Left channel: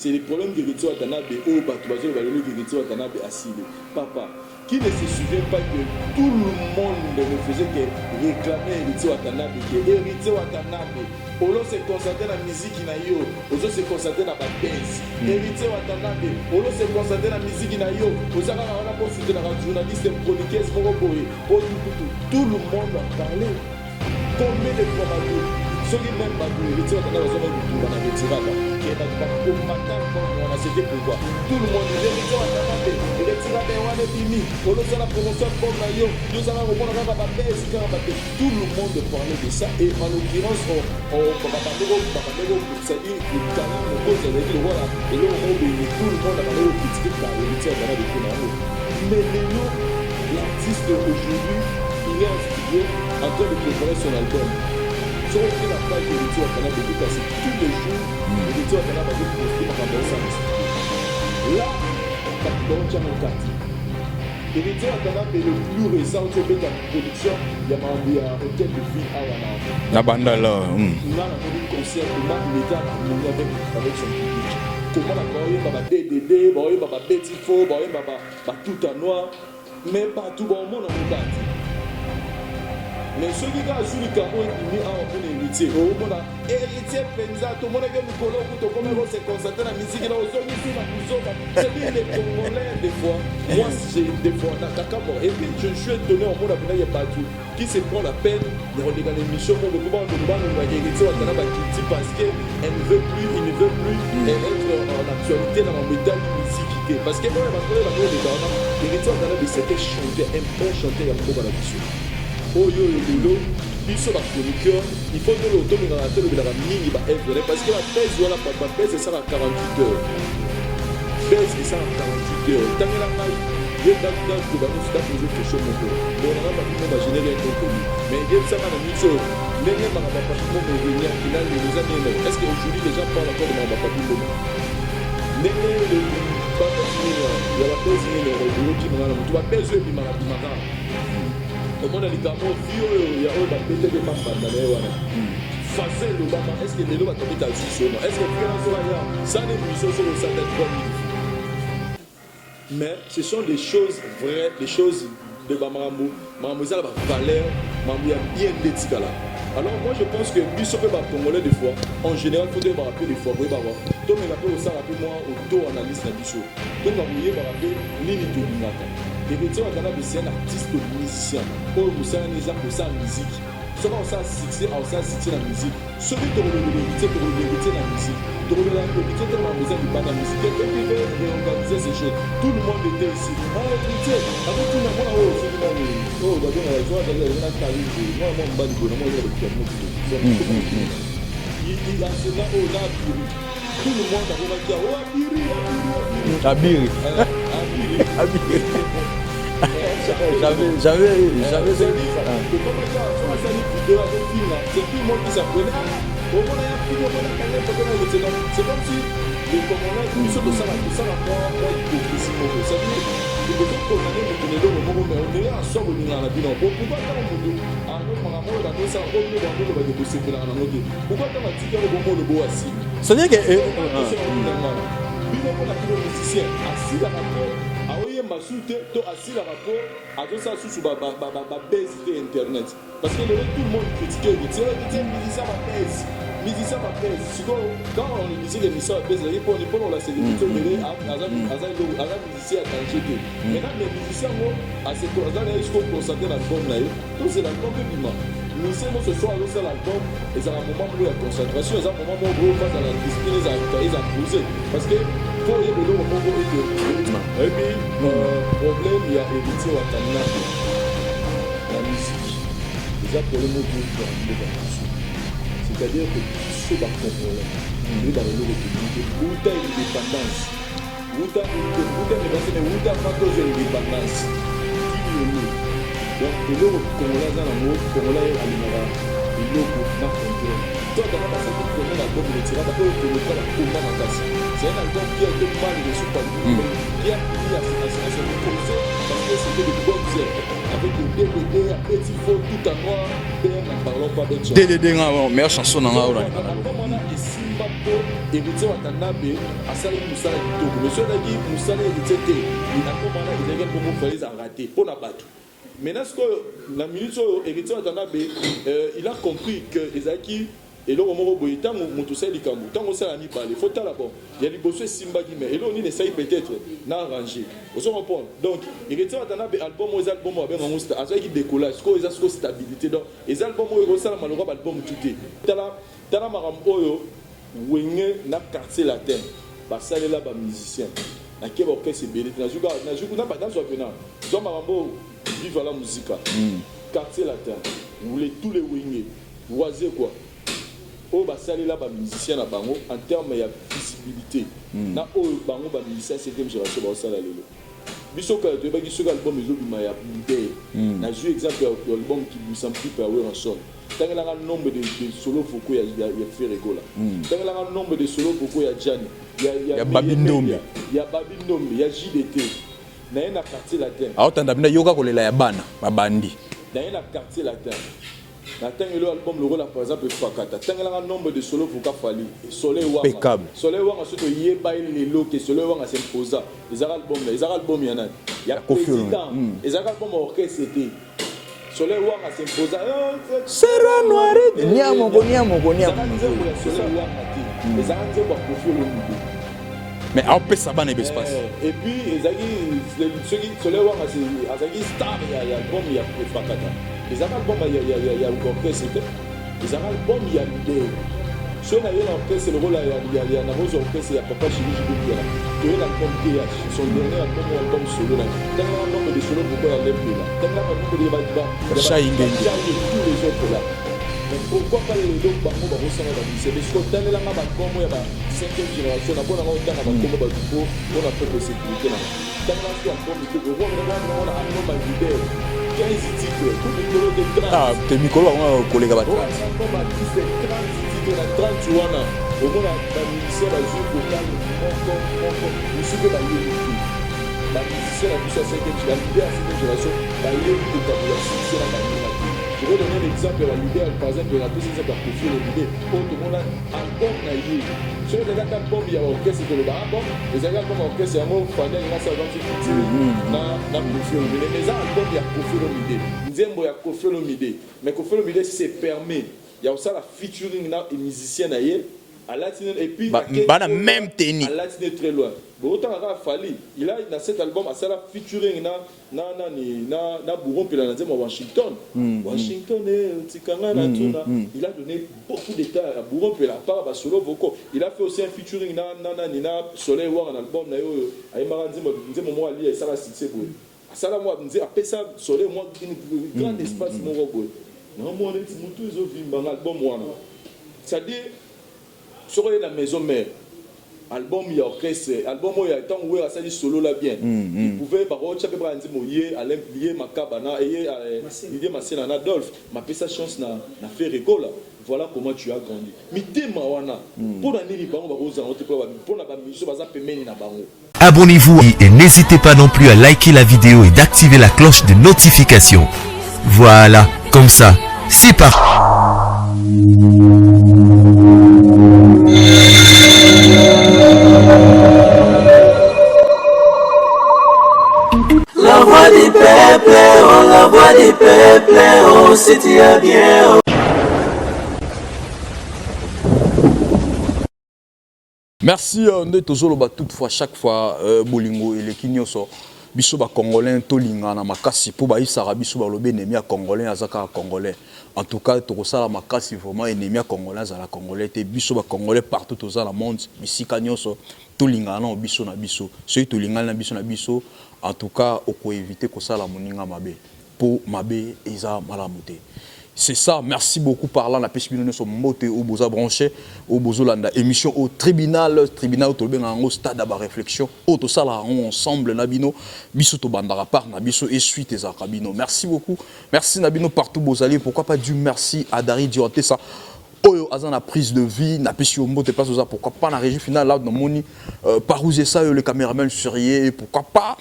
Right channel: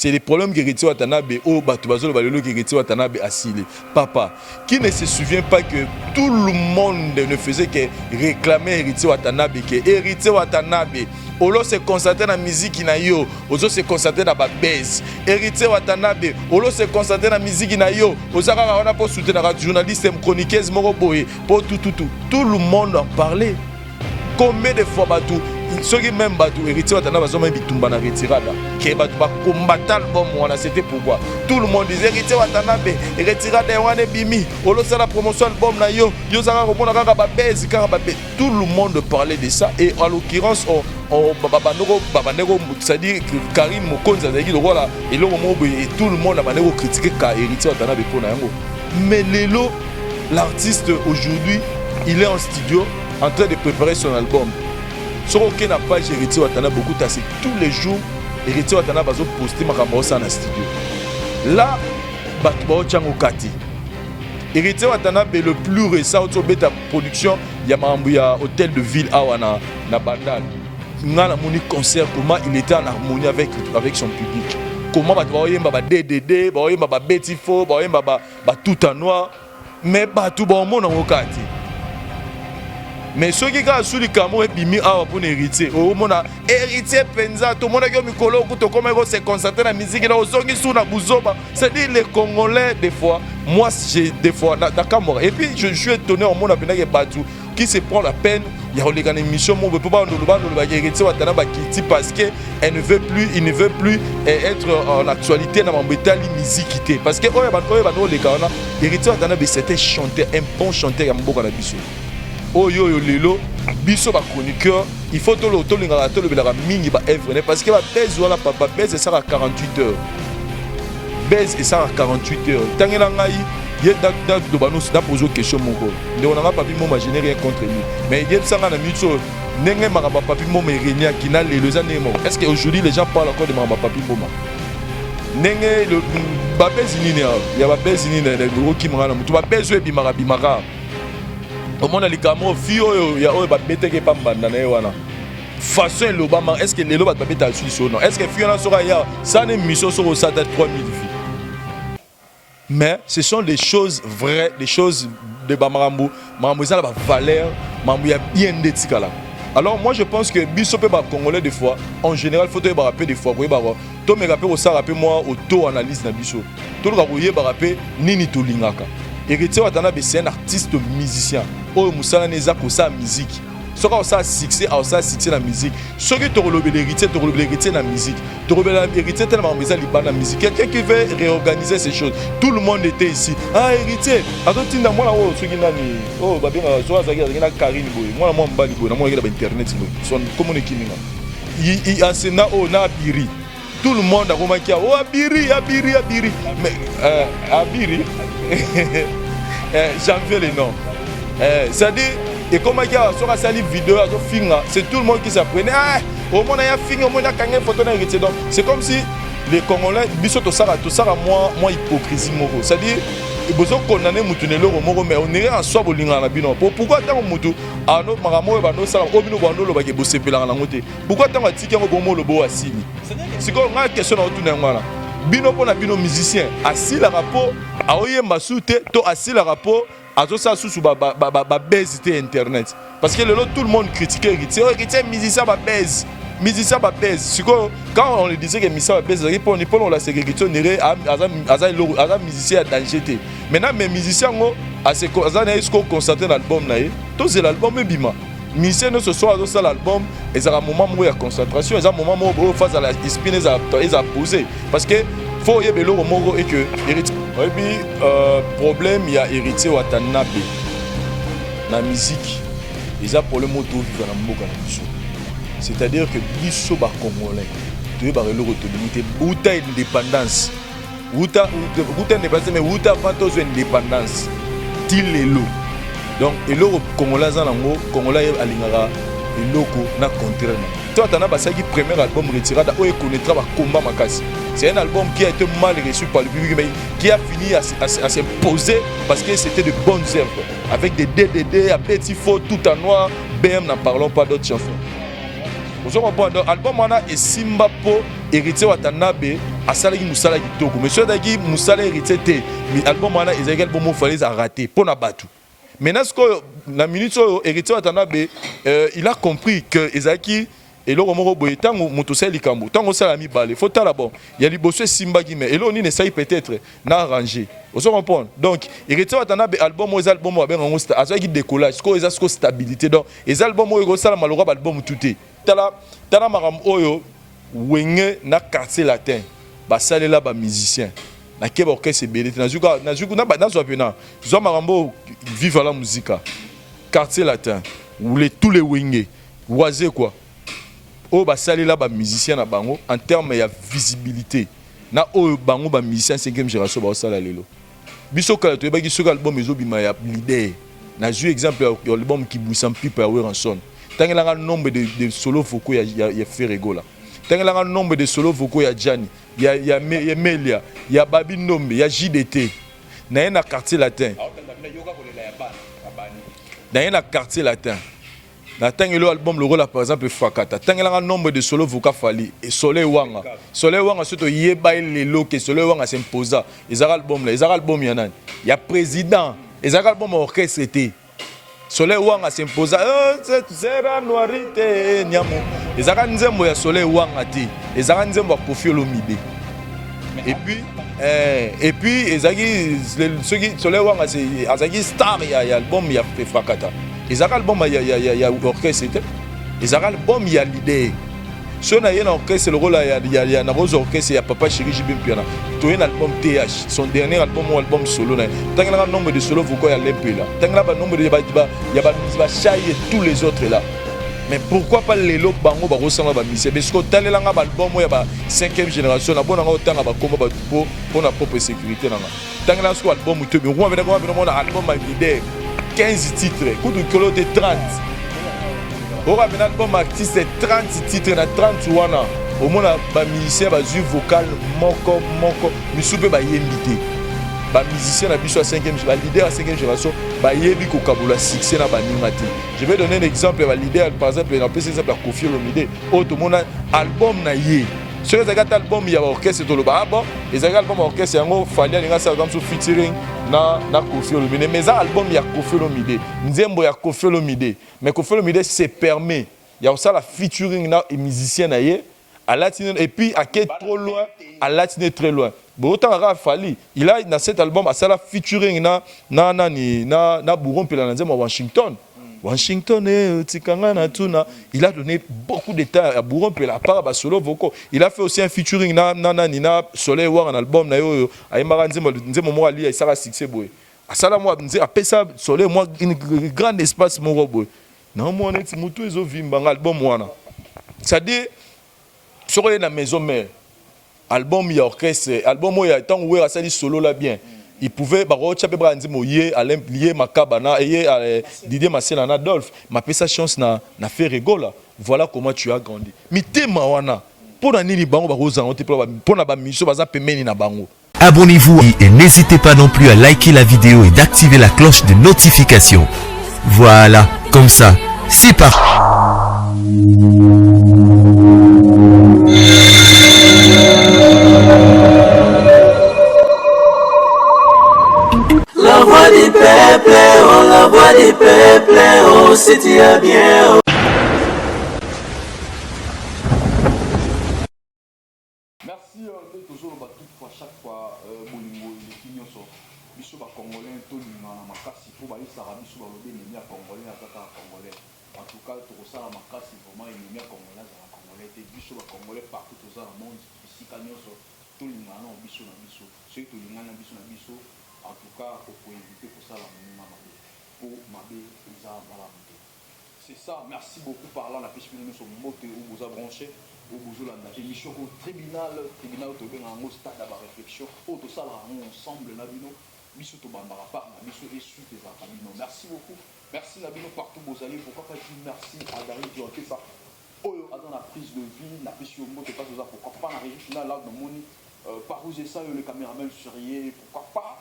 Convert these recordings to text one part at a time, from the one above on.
c'est les problèmes que Héritier Watanabe au Batoubazo Balolo qui Héritier Watanabe asile. Papa, qui ne se souvient pas que tout le monde ne faisait que réclamer Héritier Watanabe, que Héritier Watanabe Olo se concentre dans la musique na yo, Ozo se concentre dans la baisse. Héritier Watanabe, Olo se concentre dans la musique na yo, Ozo on a pour soutenir la journaliste chroniqueuse Moroboé, pour tout le monde en parlait. Combien de fois Batou, ceux qui même Batou, Héritier Watanabe, ils ont même Bitumba na retirada. Qui Batou va combattre l'album, c'était pourquoi. Tout le monde disait Héritier Watanabe, retirada et wane bimi, Olo c'est la promotion album na yo, yo ça va reprendre la baisse, tout le monde parlait de ça et en l'occurrence c'est-à-dire Karim Mokonzi a dit voilà, et tout le monde a critiqué Héritier Watanabe pour Nayango. Mais Lelo, l'artiste aujourd'hui, il est en studio en train de préparer son album. Sur aucune page Héritier Watanabe beaucoup tassé tous les jours. Héritier Watanabe a posté Makambosa dans le studio. Là, Batouba Tchango Kati. Héritier Watanabe le plus récent autour de la production, il y a hôtel de ville à Wana. Bandala. On a mon concert, comment il était en harmonie avec son public. Comment Batouba DDD, Betty Fo, tout en noir. Mais Batouba Mon en Kati. Mais ceux qui ont sous le camo et bimi à pour héritier, au monde héritier penza, tout le monde qui a mis colo, tout comme se concentrer dans la musique, là aux qui sont dans Bouzoba. C'est-à-dire les Congolais des fois, moi j'ai des fois d'accord. Et puis je suis étonné au monde avec Batou qui se prend la peine. Il y a une émission mon tout bas nous héritier Watanabe qui dit parce que il ne veut plus être en actualité dans mon bétal musique parce que héritier Watanabe c'était chanteur, un bon chanteur à Mboka na biso. Oh yo lelo biso ba chroniqueur il faut tout le ngala to le belaka mingi ba œuvre parce que ba base wala papa base ça à 48 heures base ça à 48 heures tangela ngai ye dak do banos da poser question mon ko on n'a pas vu mon générer contre lui mais il ça na mitso nenge makaba papi mo merenia qui na les années mo est-ce que aujourd'hui les gens parlent encore de makaba papi mo nenge le ba base ni ya ba base ni na le qui mangana mutu ba base e bimaka au monde a les gamins filles il y a pas mettre que pas banda na wana façon le bama est-ce que les loba ba mettre en Suisse ou non est-ce que filles là sera ya ça ne mission sur ça de 3000 filles mais ce sont des choses vraies des choses de bamarambo mambo ça la valeur mambo ya bien d'étikala. Alors moi je pense que biso pe ba congolais des fois en général faut te rappeler des fois oui ba to me rappeler ça rappeler moi auto analyse na biso to ka boye ba rappeler nini to lingaka. Héritier Watanabe c'est un artiste musicien. Oh Moussa Neza pour sa musique. Ce qu'on a succès, la musique. Ce que tu as l'héritier la musique. Tu as l'héritier tellement besoin de la musique. Quelqu'un qui veut réorganiser ces choses. Tout le monde était ici. Ah héritier. Attends tu n'as moi là oh ce qui n'a ni oh bah bien soit ça qui a Karim moi moi mbali moi moi il a internet son comme on est qui là. Il enseigne au na Biri. Tout le monde a remarqué oh Abiri. Janvier les noms. C'est-à-dire, et comme il y a sur la vidéo, c'est tout le monde qui s'apprenait. Ah, au moins il y a fini, au moins il y a une photo d'héritier. Donc c'est comme si les Congolais, biso to sala moins hypocrisie. C'est-à-dire, ils ont condamné Moutounelo, mais on est en soi bolinga na bino. Pourquoi tant Moutou a notre maramo et bano sala au bino bano lo bagé bossé pela na ngote. Pourquoi tant tika au bon le beau assis. C'est-à-dire que c'est une question dans tout le monde. Bino pona bino musicien assis la rapport a oye masute to assis la rapport a to ça sous ba baisse internet parce que tout le monde critiquait héritier musicien ba baisse quand on le disait que musicien ba baisse on la sécurité on est musicien danger maintenant mais musicien ngo a se est-ce qu'on constate l'album na to c'est l'album bima musicien ce soir dans l'album et ça un moment où il y a concentration et ça un moment où face à la espine ils a posé parce que faut y aller au moment et que héritier et puis problème il y a héritier Watanabe la musique ils a problème au tout dans le monde c'est-à-dire que biso ba congolais il ba le autorité uta indépendance uta indépendance mais uta vantos indépendance tilelo donc et le congolais za nango congolais alingara eloko na contraire. Toi t'as passé qui premier album retirada où il connaîtra ba combat makasi. C'est un album qui a été mal reçu par le public mais qui a fini à se poser parce que c'était de bonnes œuvres avec des DDD, à petit faux tout en noir. BM n'en parlons pas d'autres chansons. DDD meilleure chanson dans donc album wana et Simba po héritier Watanabe a salaki musala kitoko mais ceux qui musala héritier te l'album wana ezaki album mo fallait arrêter pour na batu. Maintenant ce que la minute héritier Watanabe il a compris que ezaki et là on boye tango motosel likambo tango sala mi balé faut tala bon il y a liboso Simba qui mais et là on ne sait peut-être na arranger vous se comprendre donc héritier Watanabe album aux albums avec un style azaki décollage ce que ezaki stabilité donc les albums oyo sala malora album touté tala maram oyo wenge na quartier latin ba salela ba musicien na keba orchestre belité na zuka na ba zo pena zo marambo vive la musique quartier latin où tous les wenge oisé quoi. Oh bah ça là bah musicien na bango en termes de visibilité na oh bango bah musicien 5e génération bah ça là lelo biso kala to ba ki sur album ezo bima ya leader na ju exemple album qui boussam pipe à Ranson tangela nombre de solo vocaux ya Ferrego là tangela nombre de solo vocaux ya Gianni ya Melia ya Babi Nombe ya JDT na quartier latin ah tanda bina yoka kolela ya bana babandi na quartier latin. Na tangelo album le rôle par exemple Fakata tangela nombre de solo vocal fali et Soleil Wanga surtout yeba lelo que Soleil Wanga s'imposa les album là les album yana ya président les album orchestre était Soleil Wanga s'imposa c'est la noirité les nzembo ya Soleil Wanga ti les nzembo ya Koffi Olomide mais en plus ça va ne et puis ceux qui Soleil Wanga c'est azaki star ya album ya Fakata. Les albums il y a orchestre les albums il y a l'idée si on a un orchestre le rôle il y a un orchestre il y a Papa Chéri Jibin Piana tu as un album TH son dernier album ou album solo là tant qu'il y a un nombre de solo pourquoi il y a l'épée là tant qu'il y a un nombre de il y a Chai et tous les autres là mais pourquoi pas les lots bango ba ressemble ba mise parce que tant là ba album il y a 5e génération na bona autant ba komba ba tuko pour la propre sécurité là tant que là ce album tu me vois maintenant on a album ba leader 15 titres, coup de colo de 30. Ah, Nicolas, on va un album artiste 30 titres, na 30 wana. Au moins ba musicien ba jeu vocal moko mi soupe ba yelité. Ba musicien na biso 5e la leader à 5e génération ba yebi ko kabula succès na ba nimati. Je vais donner un exemple ba leader par exemple on peut exemple Koffi Olomide. Auto mona album na ye. Sur les albums il y a orchestre to le ba bon les albums orchestre yango fanya ninga sa comme featuring na Koffi Olomide mais ça album il y a Koffi Olomide nzembo ya Koffi Olomide mais Koffi Olomide se permet il y a aussi la featuring na musicien na ye à latine et puis à latine très loin bon autant à Fali il a dans cet album à ça la featuring na Bouron puis na nzembo Washington et tikanga na tuna il a donné beaucoup de temps à Bouron puis la part ba solo vocaux il a fait aussi un featuring na Soleil War un album na yo ayemaka nzembo mo ali ça va succès boy à ça la moi nze après ça Soleil moi une grand espace mo boy non moi net mutu ezo vimba album wana c'est-à-dire sur la maison mère album il y a orchestre album il y a tant où il a solo là bien il pouvait baro tchape brandi moyé à lié makabana et Didier Marcel en Adolphe m'a fait sa chance na Ferrego là voilà comment tu as grandi mitema wana pour na nini bango baro za onte pour na ba mission baza pemeni na bango. Abonnez-vous et n'hésitez pas non plus à liker la vidéo et d'activer la cloche de notification. Voilà, comme ça, c'est parti. La voix du peuple, oh la voix du peuple, oh si tu es bien. Oh. Merci de toujours toutefois chaque fois bolingo et les kinyoso biso ba congolais tolinga na makasi po ba isara biso ba lobe ennemi ya congolais azaka congolais en tout cas to sala makasi vraiment ennemi ya congolais za la congolais te biso ba congolais partout dans le monde bisika nyoso tolinga na biso na biso so tolinga na biso en tout cas oko éviter ko sala moninga mabe po mabe eza malamu te C'est ça, merci beaucoup par là. On a pu se monter au Boza branché, au Bozolanda. Émission au tribunal au stade de réflexion. Au tout ça, là, ensemble, Nabino, Biso to Bandara par Nabiso et suite et Zakabino. Merci beaucoup. Merci Nabino partout, Bozali. Pourquoi pas du merci à Dari Dioté, ça. Oyo azan la prise de vie, n'a pas si au mot pas ça. Pourquoi pas la régie finale là dans Moni, parouser ça, le caméraman Surier. Pourquoi pas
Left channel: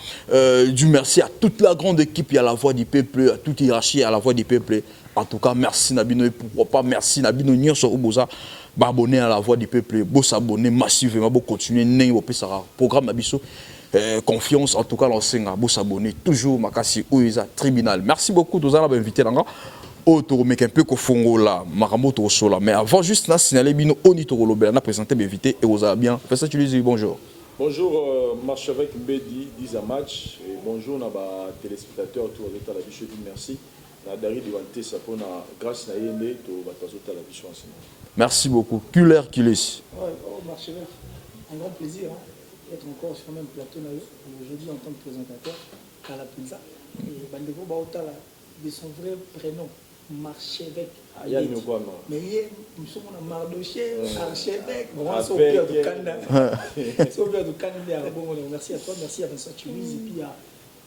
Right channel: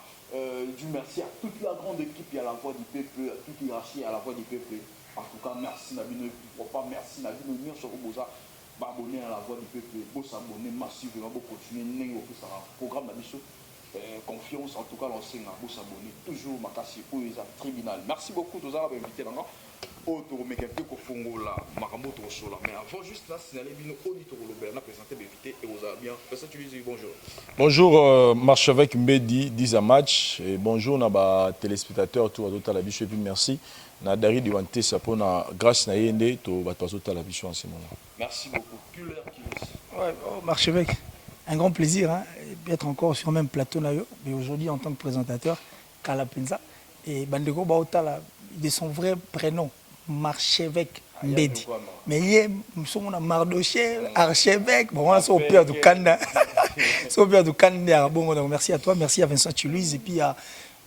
du merci à toute la grande équipe, il y a la voix du peuple, à toute hiérarchie, à la voix du peuple. En tout cas, merci Nabino et pourquoi pas merci Nabino Nier sur Oboza, abonner à la voix du peuple, beau s'abonner massivement, beau continuer, n'est pas programme Nabiso. Confiance en tout cas l'enseignant, beau s'abonner toujours Makasi Ouiza tribunal. Merci beaucoup tous à invité là. Oh, tu remets un peu qu'au fond là, Marambo tu là. Mais avant juste là, signaler Bino Oni Torolobé, on a présenté l'invité et vous avez bien. Fais ça, tu lui dis bonjour. Bonjour, marche avec Mbedi, 10 à match. Et bonjour, nos téléspectateurs, tout à la biche, merci. Nadari Diwanté, ça pour la grâce à Yende, tout va à la biche en ce moment. Merci beaucoup. Culer Kilis. Ouais, marche avec. Un grand plaisir hein, d'être encore sur le même plateau là. Mais aujourd'hui, en tant que présentateur, Kalapenza. Et Bandeko Baotala, de son vrai prénom. Marchevêque Mbedi. Mais nous sommes à Mardoché, archevêque. Bon, c'est au père du Kanda. C'est au père du Kanda. Bon, merci à toi, merci à Vincent Toulouse et puis à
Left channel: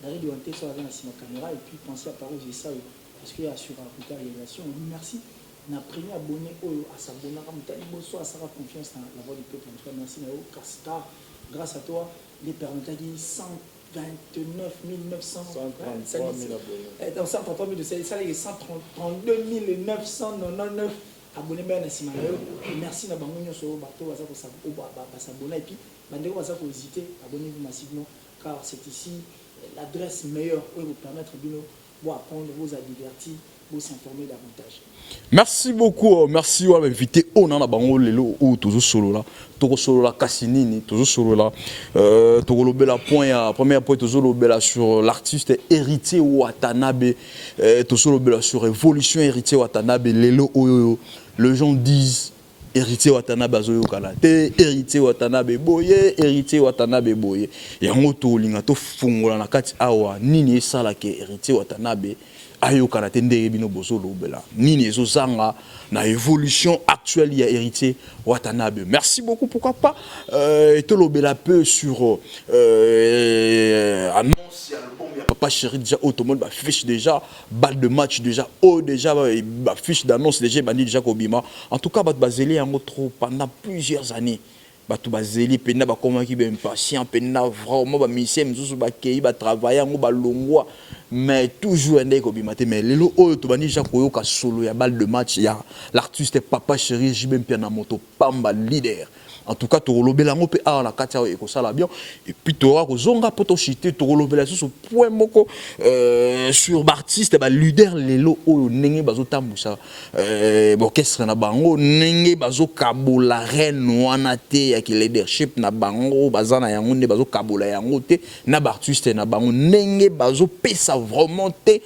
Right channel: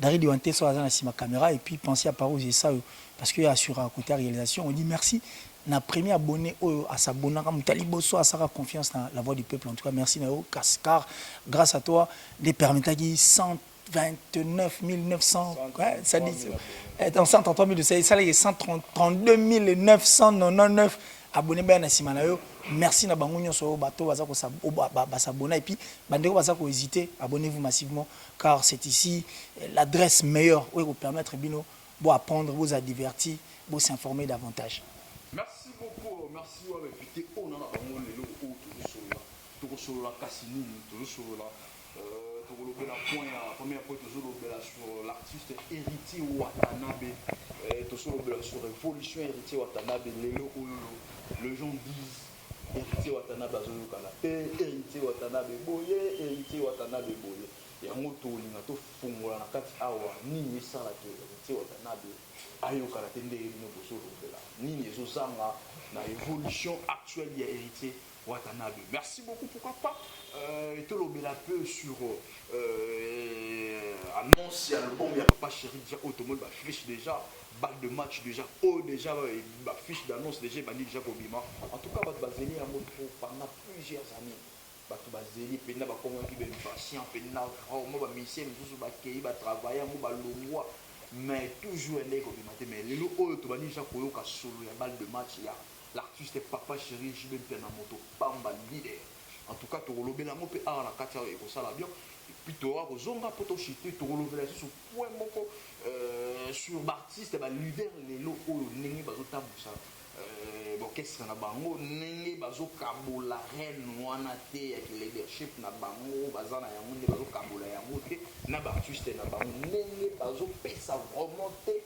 Dari Diwanté sur ma caméra. Et puis pensez à Paro, j'ai ça parce qu'il y a sur un côté réalisation. On dit merci. On a premier abonné à s'abonner. Taliboso à sa confiance dans la voix du peuple. En tout cas, merci Nao Cascar. Grâce à toi, les permettants qui 129 900, ça dit, 133 000, ça y est 132 999 abonnés bien à Simalayo. Merci na bangunyo sur bateau, s'abonner et puis bandeko baza ko hésiter, abonnez-vous massivement car c'est ici l'adresse meilleure où vous permettre bino pour apprendre, vous a divertir, pour s'informer davantage. Merci beaucoup, merci à l'invité. On a bango lelo ou toujours solo là. Toujours solo là Kassinini, toujours solo là. Toujours le bel point, premier point toujours le bel sur l'artiste héritier Watanabe. Toujours le bel sur révolution héritier Watanabe. Lelo oyo, les gens disent héritier Watanabe azoyo kalate, héritier Watanabe boye, héritier Watanabe boye. Et en auto linga to fungola na kati awa nini esala ke héritier Watanabe. Ayo karate ndenge bino bozo lobela nini ezozanga na évolution actuelle ya héritier Watanabe. Merci beaucoup. Pourquoi pas te lobela peu sur annonce album ya Papa Chéri déjà automobile ba fiche déjà balle de match déjà déjà ba fiche d'annonce déjà bandi déjà kobima. En tout cas bat bazeli yango trop pendant plusieurs années. Batu bazeli pena ba comment qui ben patient pena vraiment ba mission mzuzu ba kei ba travailler ngo ba longwa. Mais toujours un des cobimaté mais les lots to bani jakoyo ka solo ya balle de match ya l'artiste Papa Chéri jibem pia na moto pamba leader. En tout cas, tu relobela ngo pe a la katia e ko sala bien et puis tu auras ko zonga poto chité tu relobela sur point moko sur artiste ba leader lelo o nenge bazo tambusa orchestre na bango nenge bazo kabola reine wana te ya ki leadership na bango bazana yango ne bazo kabola yango te na artiste na bango nenge bazo pesa vraiment te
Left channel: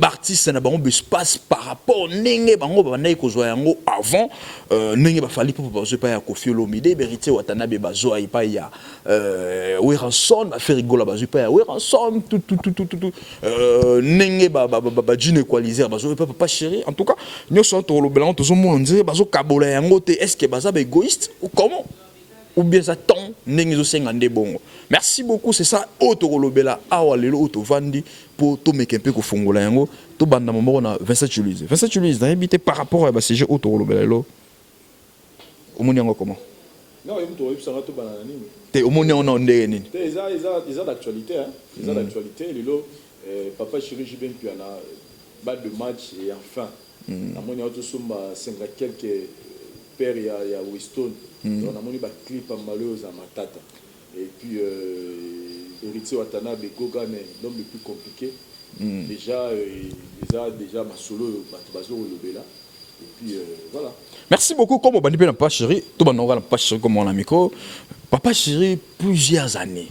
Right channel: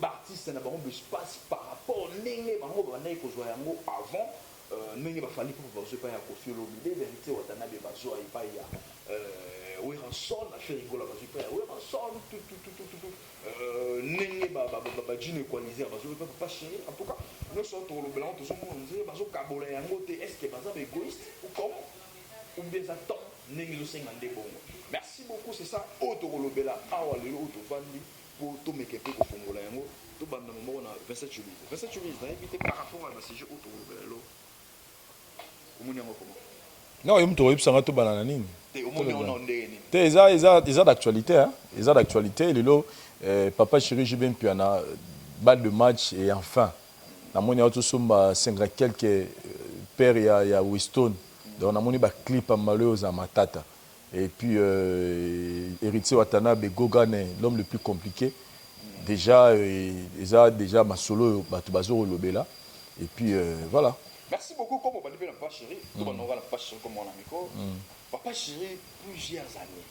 artiste na bango espace par rapport nenge bango ba na ko zo yango avant nenge ba fali pour bazo pa ya Koffi Olomide héritier Watanabe bazo ay pa ya Weranson ba fait rigola bazo pa ya Weranson tout nenge ba djine equaliser bazo pa Papa Chéri. En tout cas nous sommes to lobela to zo mo ndire bazo kabola yango te est-ce que baza ba égoïste ou comment ou bien ça tant nenge zo senga nde bongo. Merci beaucoup, c'est ça auto lobela awa lelo auto vandi pour to meke pe ko fongola yango to banda mo na Vincent Toulouse na habité par rapport à ba CG auto lobela lelo. Omoni yango comment? Non, il me trouve que ça va tout banana nini. Te omoni on ndenge nini? Te ils d'actualité hein. Ils ont d'actualité lelo Papa Chéri jibem piana balle de match et enfin na moni auto somba 50 quelques père ya Winston. On a moni ba clip à malheureusement à Matata. Et puis héritier Watanabe Gogane, l'homme le plus compliqué. Déjà ils ont déjà ma solo batubazo lobela. Et puis voilà. Merci beaucoup. Comme on va dire Papa Chéri, tout le monde va Papa Chéri comme on a micro. Papa Chéri, plusieurs années.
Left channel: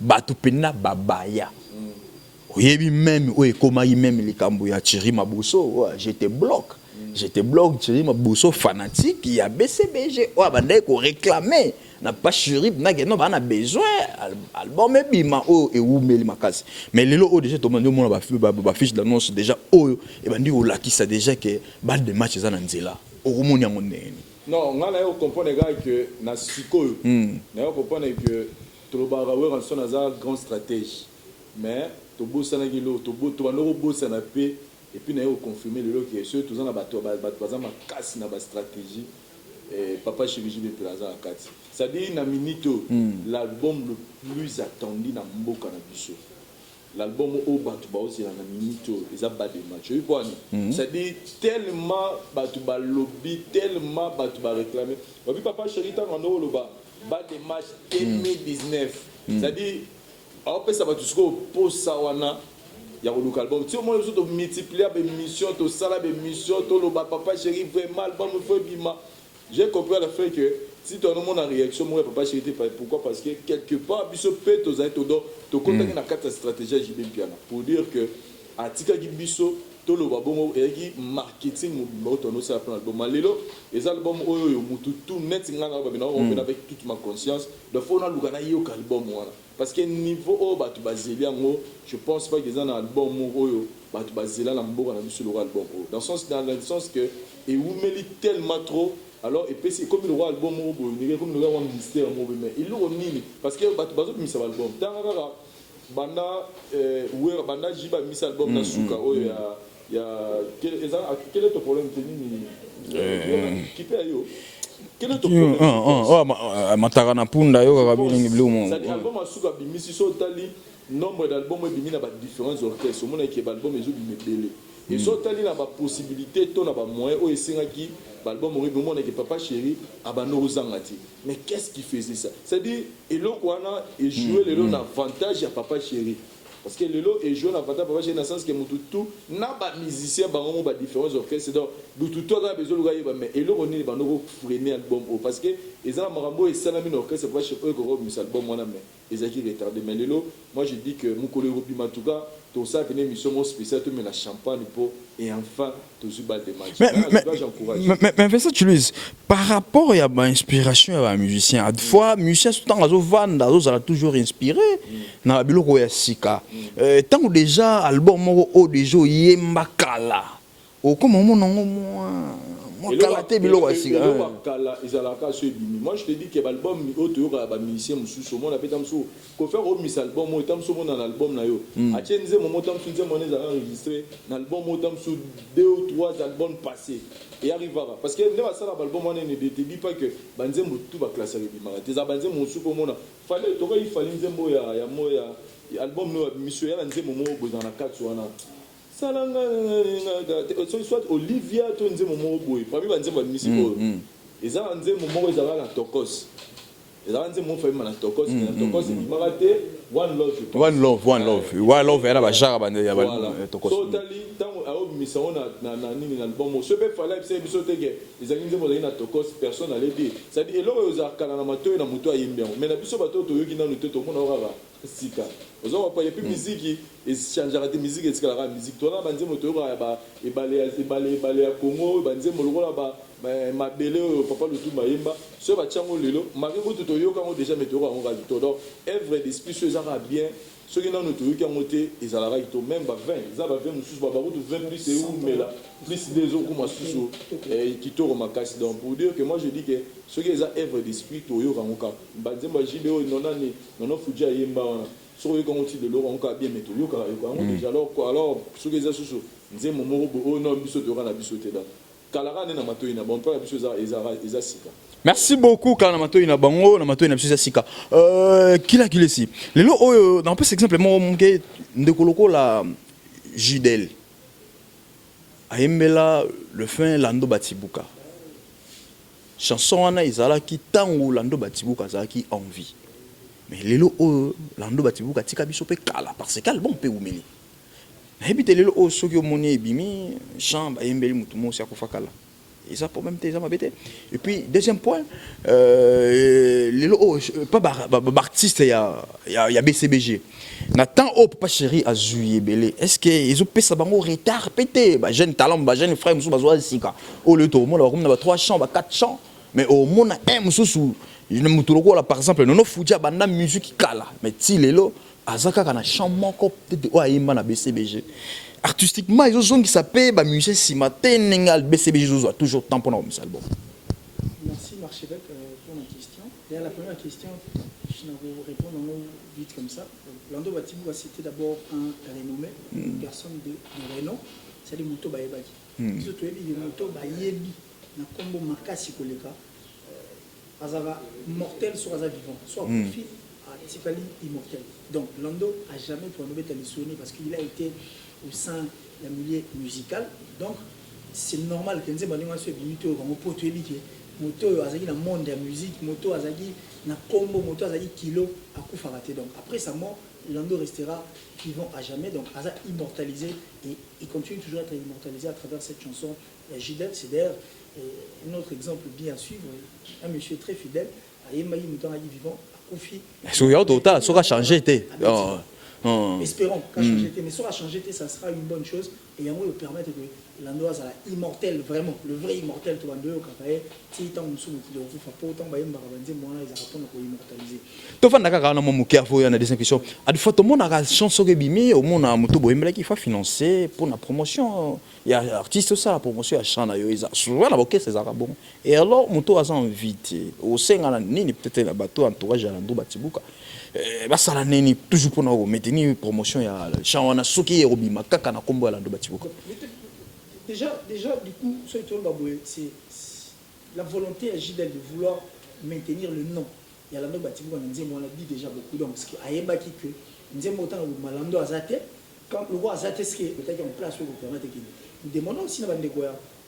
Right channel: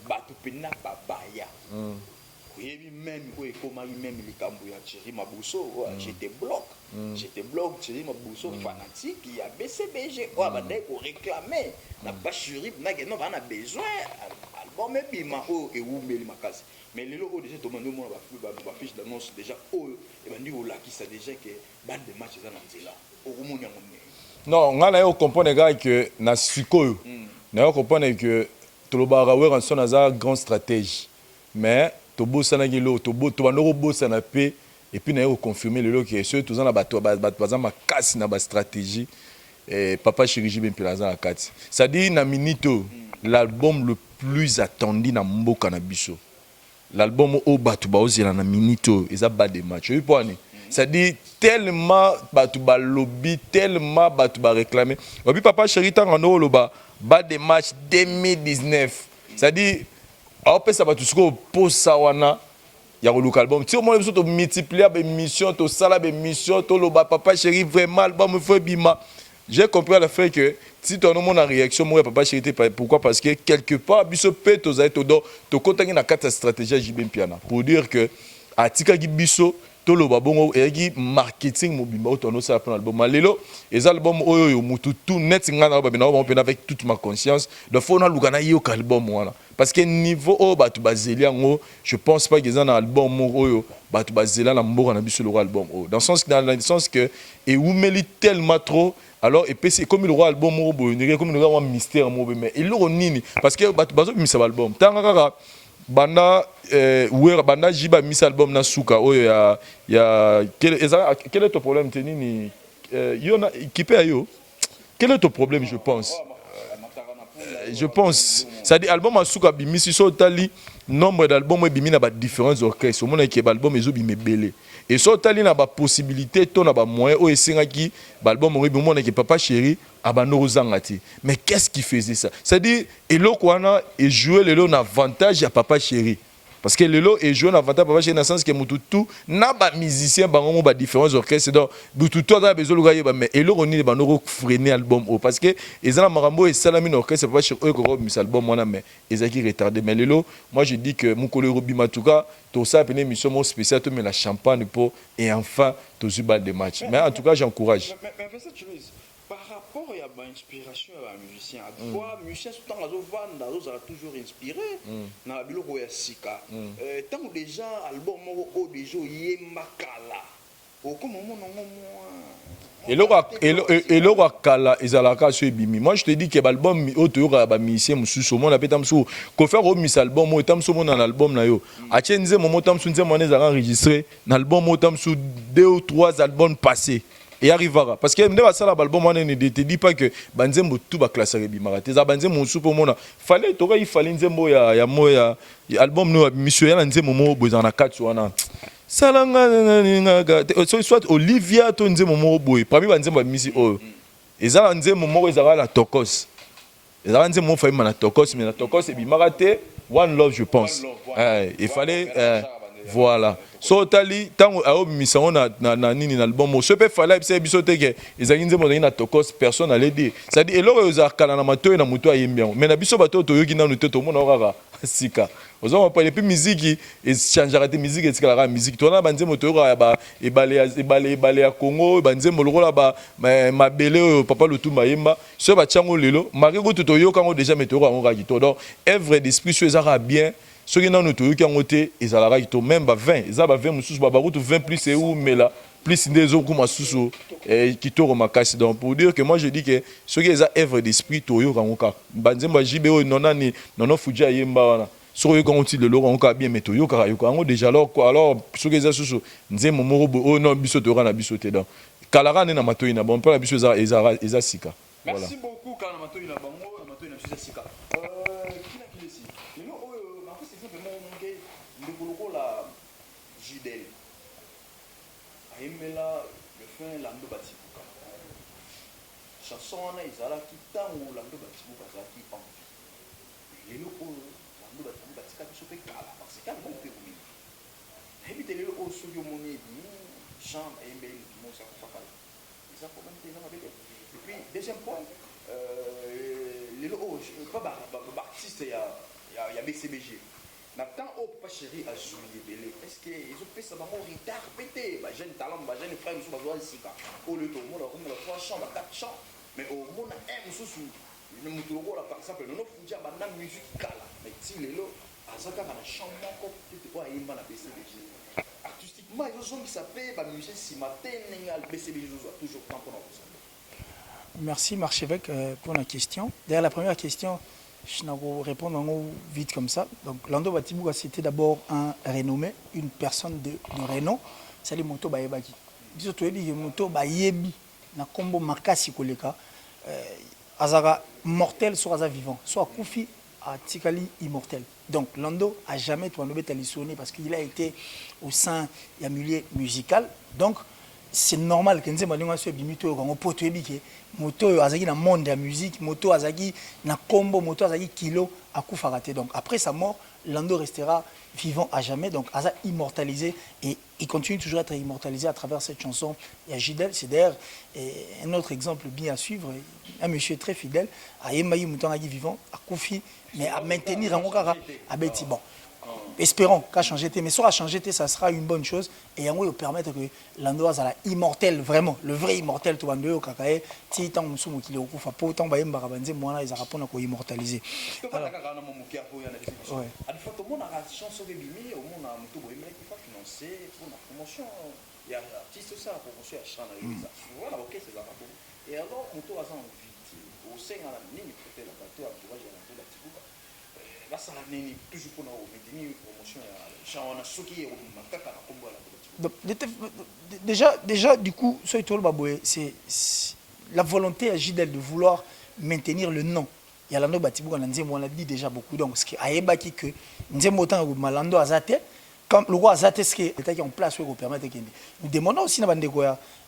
Batu pena babaya. Oui, même, oui, comment il même les Cambouya Chéri Mabousso, j'étais bloc. J'étais bloc Chéri Mabousso fanatique, il y a BCBG. Ouais, bandé qu'on réclamait. n'a pas chéri n'a que non on a besoin album et bima oh et où meli makasi mais les lots déjà tout le monde ba fiche d'annonce déjà oh et ben dit au là qui ça déjà que bal de match ça na nzela au moni ya monene non ngana yo comprendre gars que na sikoyo na yo comprendre que tout le barawé en son azar grand stratégie mais to bossa na gilo to banoro bossa na paix et puis na yo confirmer le lot que ceux tous en bato baza makasi na ba stratégie Papa Chéri JB Plaza akati ça dit na minito l'album le plus attendu na mboka na biso l'album au batu ba ozela na minito eza ba de match oui point ça dit tellement batu ba lobby tellement batu ba réclamer et puis Papa Chéri tanga no loba ba de match 2019 ça dit a pesa batu siko posa wana ya koluka album ti omona biso to multiplier ba émission to sala ba émission to loba Papa Chéri vraiment album faut bima. J'ai compris à la fin que si tu as une réaction, moi, Papa Chéri, pourquoi? Parce que quelque part, biso pe to zai to do to contacter na carte stratégie JB Piana pour dire que atika gi biso to lo babongo e gi marketing mobimba to no ça album malelo les albums oyo mutu tout net ngana ba bina ba avec toute ma conscience de faut na lugana yo album wana parce que niveau o batu bazelia ngo je pense pas qu'ils en album oyo batu bazelia na mboka na biso le album dans le sens que et oumeli tellement trop. Alors, et puis c'est comme le roi album, comme le roi mystère, mais il l'aura nini. Parce que bazo mis cet album. Tangara, banda, banda jiba mis album na suka. Oh ya, quel est ton problème teni? Qui paye yo? Quel est ton problème? Je pense. Ça dit album à suka bimi si so tali nombre d'albums bimi na ba différents orchestres. Au monde qui album ezo bimi belé. Et so tali na ba possibilité to na ba moyen o esengaki album oribi mon que Papa Chéri abano zangati. Mais qu'est-ce qui faisait ça? C'est-à-dire eloko wana et jouer le lot avantage à Papa Chéri. Parce que le lot est joué en avantage Papa Chéri dans le sens que mututu na ba musicien bango ba différents orchestres donc mututu a besoin de gagner mais elo oni ba no freiner album parce que ezana marambo et salami orchestre Papa Chéri ko mis album wana mais ezaki retardé mais le lot moi je dis que mukolo robi matuka tout ça une émission spéciale tu mets la champagne pour et enfin tout ce bal de match mais en tout cas j'encourage mais ça tu dis par rapport à ma inspiration à un musicien à fois musicien tout temps azo vanda azo a toujours inspiré na biloko ya sika tant déjà album moko déjà yemba kala o comment mon nom et le wakala ezalaka sur bimi moi je te dis que l'album auto ba musicien mususu mon appelle tamsu ko faire au mis album mo tamsu mon dans album na yo a tienze moment tamsu nze mon ezara enregistré dans album mo tamsu 2 ou 3 albums passés et arrivera parce que ndeba sala album on ne te dit pas que banzembo tout ba classer bimara te za banzembo mususu pour mona fallait to il fallait nzembo ya moya album no monsieur ya nzembo mo bozana 4 wana salanga soit Olivia to nzembo mo boy parmi banzembo misi o ezala nzembo mo ezala la tokos ezala nzembo mo faima na tokos mais na tokos e bimara te One Love je pense One Love era ba jara bande ya voilà so tali tango a obimisa na nini na album mo se pe fala biso biso teke ezali nzembo na tokos personne allait dire ça dit eloko ezakala na matoyi na muto ayembiango mais na biso bato toyoki nanu te to mona okaka sika ozoma pa depuis musique et changera de musique et tikala musique tona banzembo toyoka ba ebale ya Congo banzembo lokola ba mabele papa lutumba yemba so ba chango lelo mariko toyoka ngo déjà metoro ngo kakito donc œuvre d'esprit so ezara bien ce qui nanu toyoki ngo te ezala kakito même ba 20 ezaba 20 mususu ba barutu 20 plus et ou mela plus des autres comme susu kitoro makasi donc pour dire que moi je dis que ce qui est œuvre d'esprit toyoka ngo ka banzembo JBO nonani nono fuja yemba wana so yo quand il le loro on bien mais toyo ka yo ko déjà alors quoi alors ce que ça susu nzembo morobo oh non biso to na biso te donc kalara na matoyi na bon pas la biso eza sika. Merci beaucoup quand na matoyi na bango na matoyi na biso sika kila kilesi lelo oyo dans peu exemple mo monke ndekoloko la Jidel ayembela le fin Lando Batibuka chanson wana izala ki tango Lando Batibuka za ki envie mais lelo Lando Batibuka tika biso pe kala parce que album pe umeli na ebite lelo soki omoni ebimi chambre ayembeli mutu mo sia kofa kala et ça pour même tes ça m'abete et puis deuxième point lelo pas artiste ya BCBG na temps Papa Chéri a joué belé est-ce que ils ont pesa bango retard pété ba jeune talent ba jeune frère musu bazo sika o le to mo la comme na 3 chants ba 4 chants mais au mona un musu par exemple nono fuja banda musique kala mais ti lelo azaka kana chambre peut-être o ayimba na BCBG artistiquement ils ont qui s'appelle ba musicien simate ningal BCBG zo toujours temps pour nos album. Merci Marchevêque pour la question. D'ailleurs la première question je n'ai pas répondre vite comme ça. Donc Lando Batibouka c'était d'abord un renommé, une personne de renom, c'est les motos ba yebaki. Biso to yebi moto ba yebi na kombo makasi koleka azara mortel soit aza vivant, soit Kofi à Tikali immortel. Donc Lando a jamais tourné télévisionné parce qu'il a été au sein du milieu musical. Donc c'est normal que nous ayons ce bimito quand on peut te dire moto azaki na monde de la musique, moto azaki na combo, moto azaki kilo à coup faraté. Donc après sa mort, Lando restera vivant à jamais. Donc Aza immortalisé et il continue toujours à être immortalisé à travers cette chanson. Il y a Gidel, c'est d'ailleurs un autre exemple bien à suivre. Un monsieur très fidèle, à Yemaï Mouton vivant, à Kofi. Ça a changé. Espérons qu'à changer, mais ça a changé, ça sera une bonne chose. Et on va permettre que l'endroit soit immortel, vraiment, le vrai immortel, tu vas nous dire, si tant que nous sommes au faut tant que moi ils répondent à immortaliser. Tu vas d'accord avec mon cœur, il y a des questions. À des fois, tout le monde a une chanson qui est au monde a moto bohème qui faut financer pour la promotion. Il y a artistes ça la promotion à chana yo ils a souvent la boquette c'est ça bon. Et alors moto a invité au sein ni peut-être la bateau entourage à Lando Batibouka. Ça la neni toujours pour nous maintenir promotion ya chana soki robima kaka na kombo à Lando Batibouka. Déjà du coup ce tout le baboé c'est la volonté à Gidel de vouloir maintenir le nom. Il y a Lando Batibouka on l'a dit déjà beaucoup donc ce qui a ébaki que Nzembo autant Malando azate quand le roi Azate ce qui est en place pour permettre que nous demandons aussi dans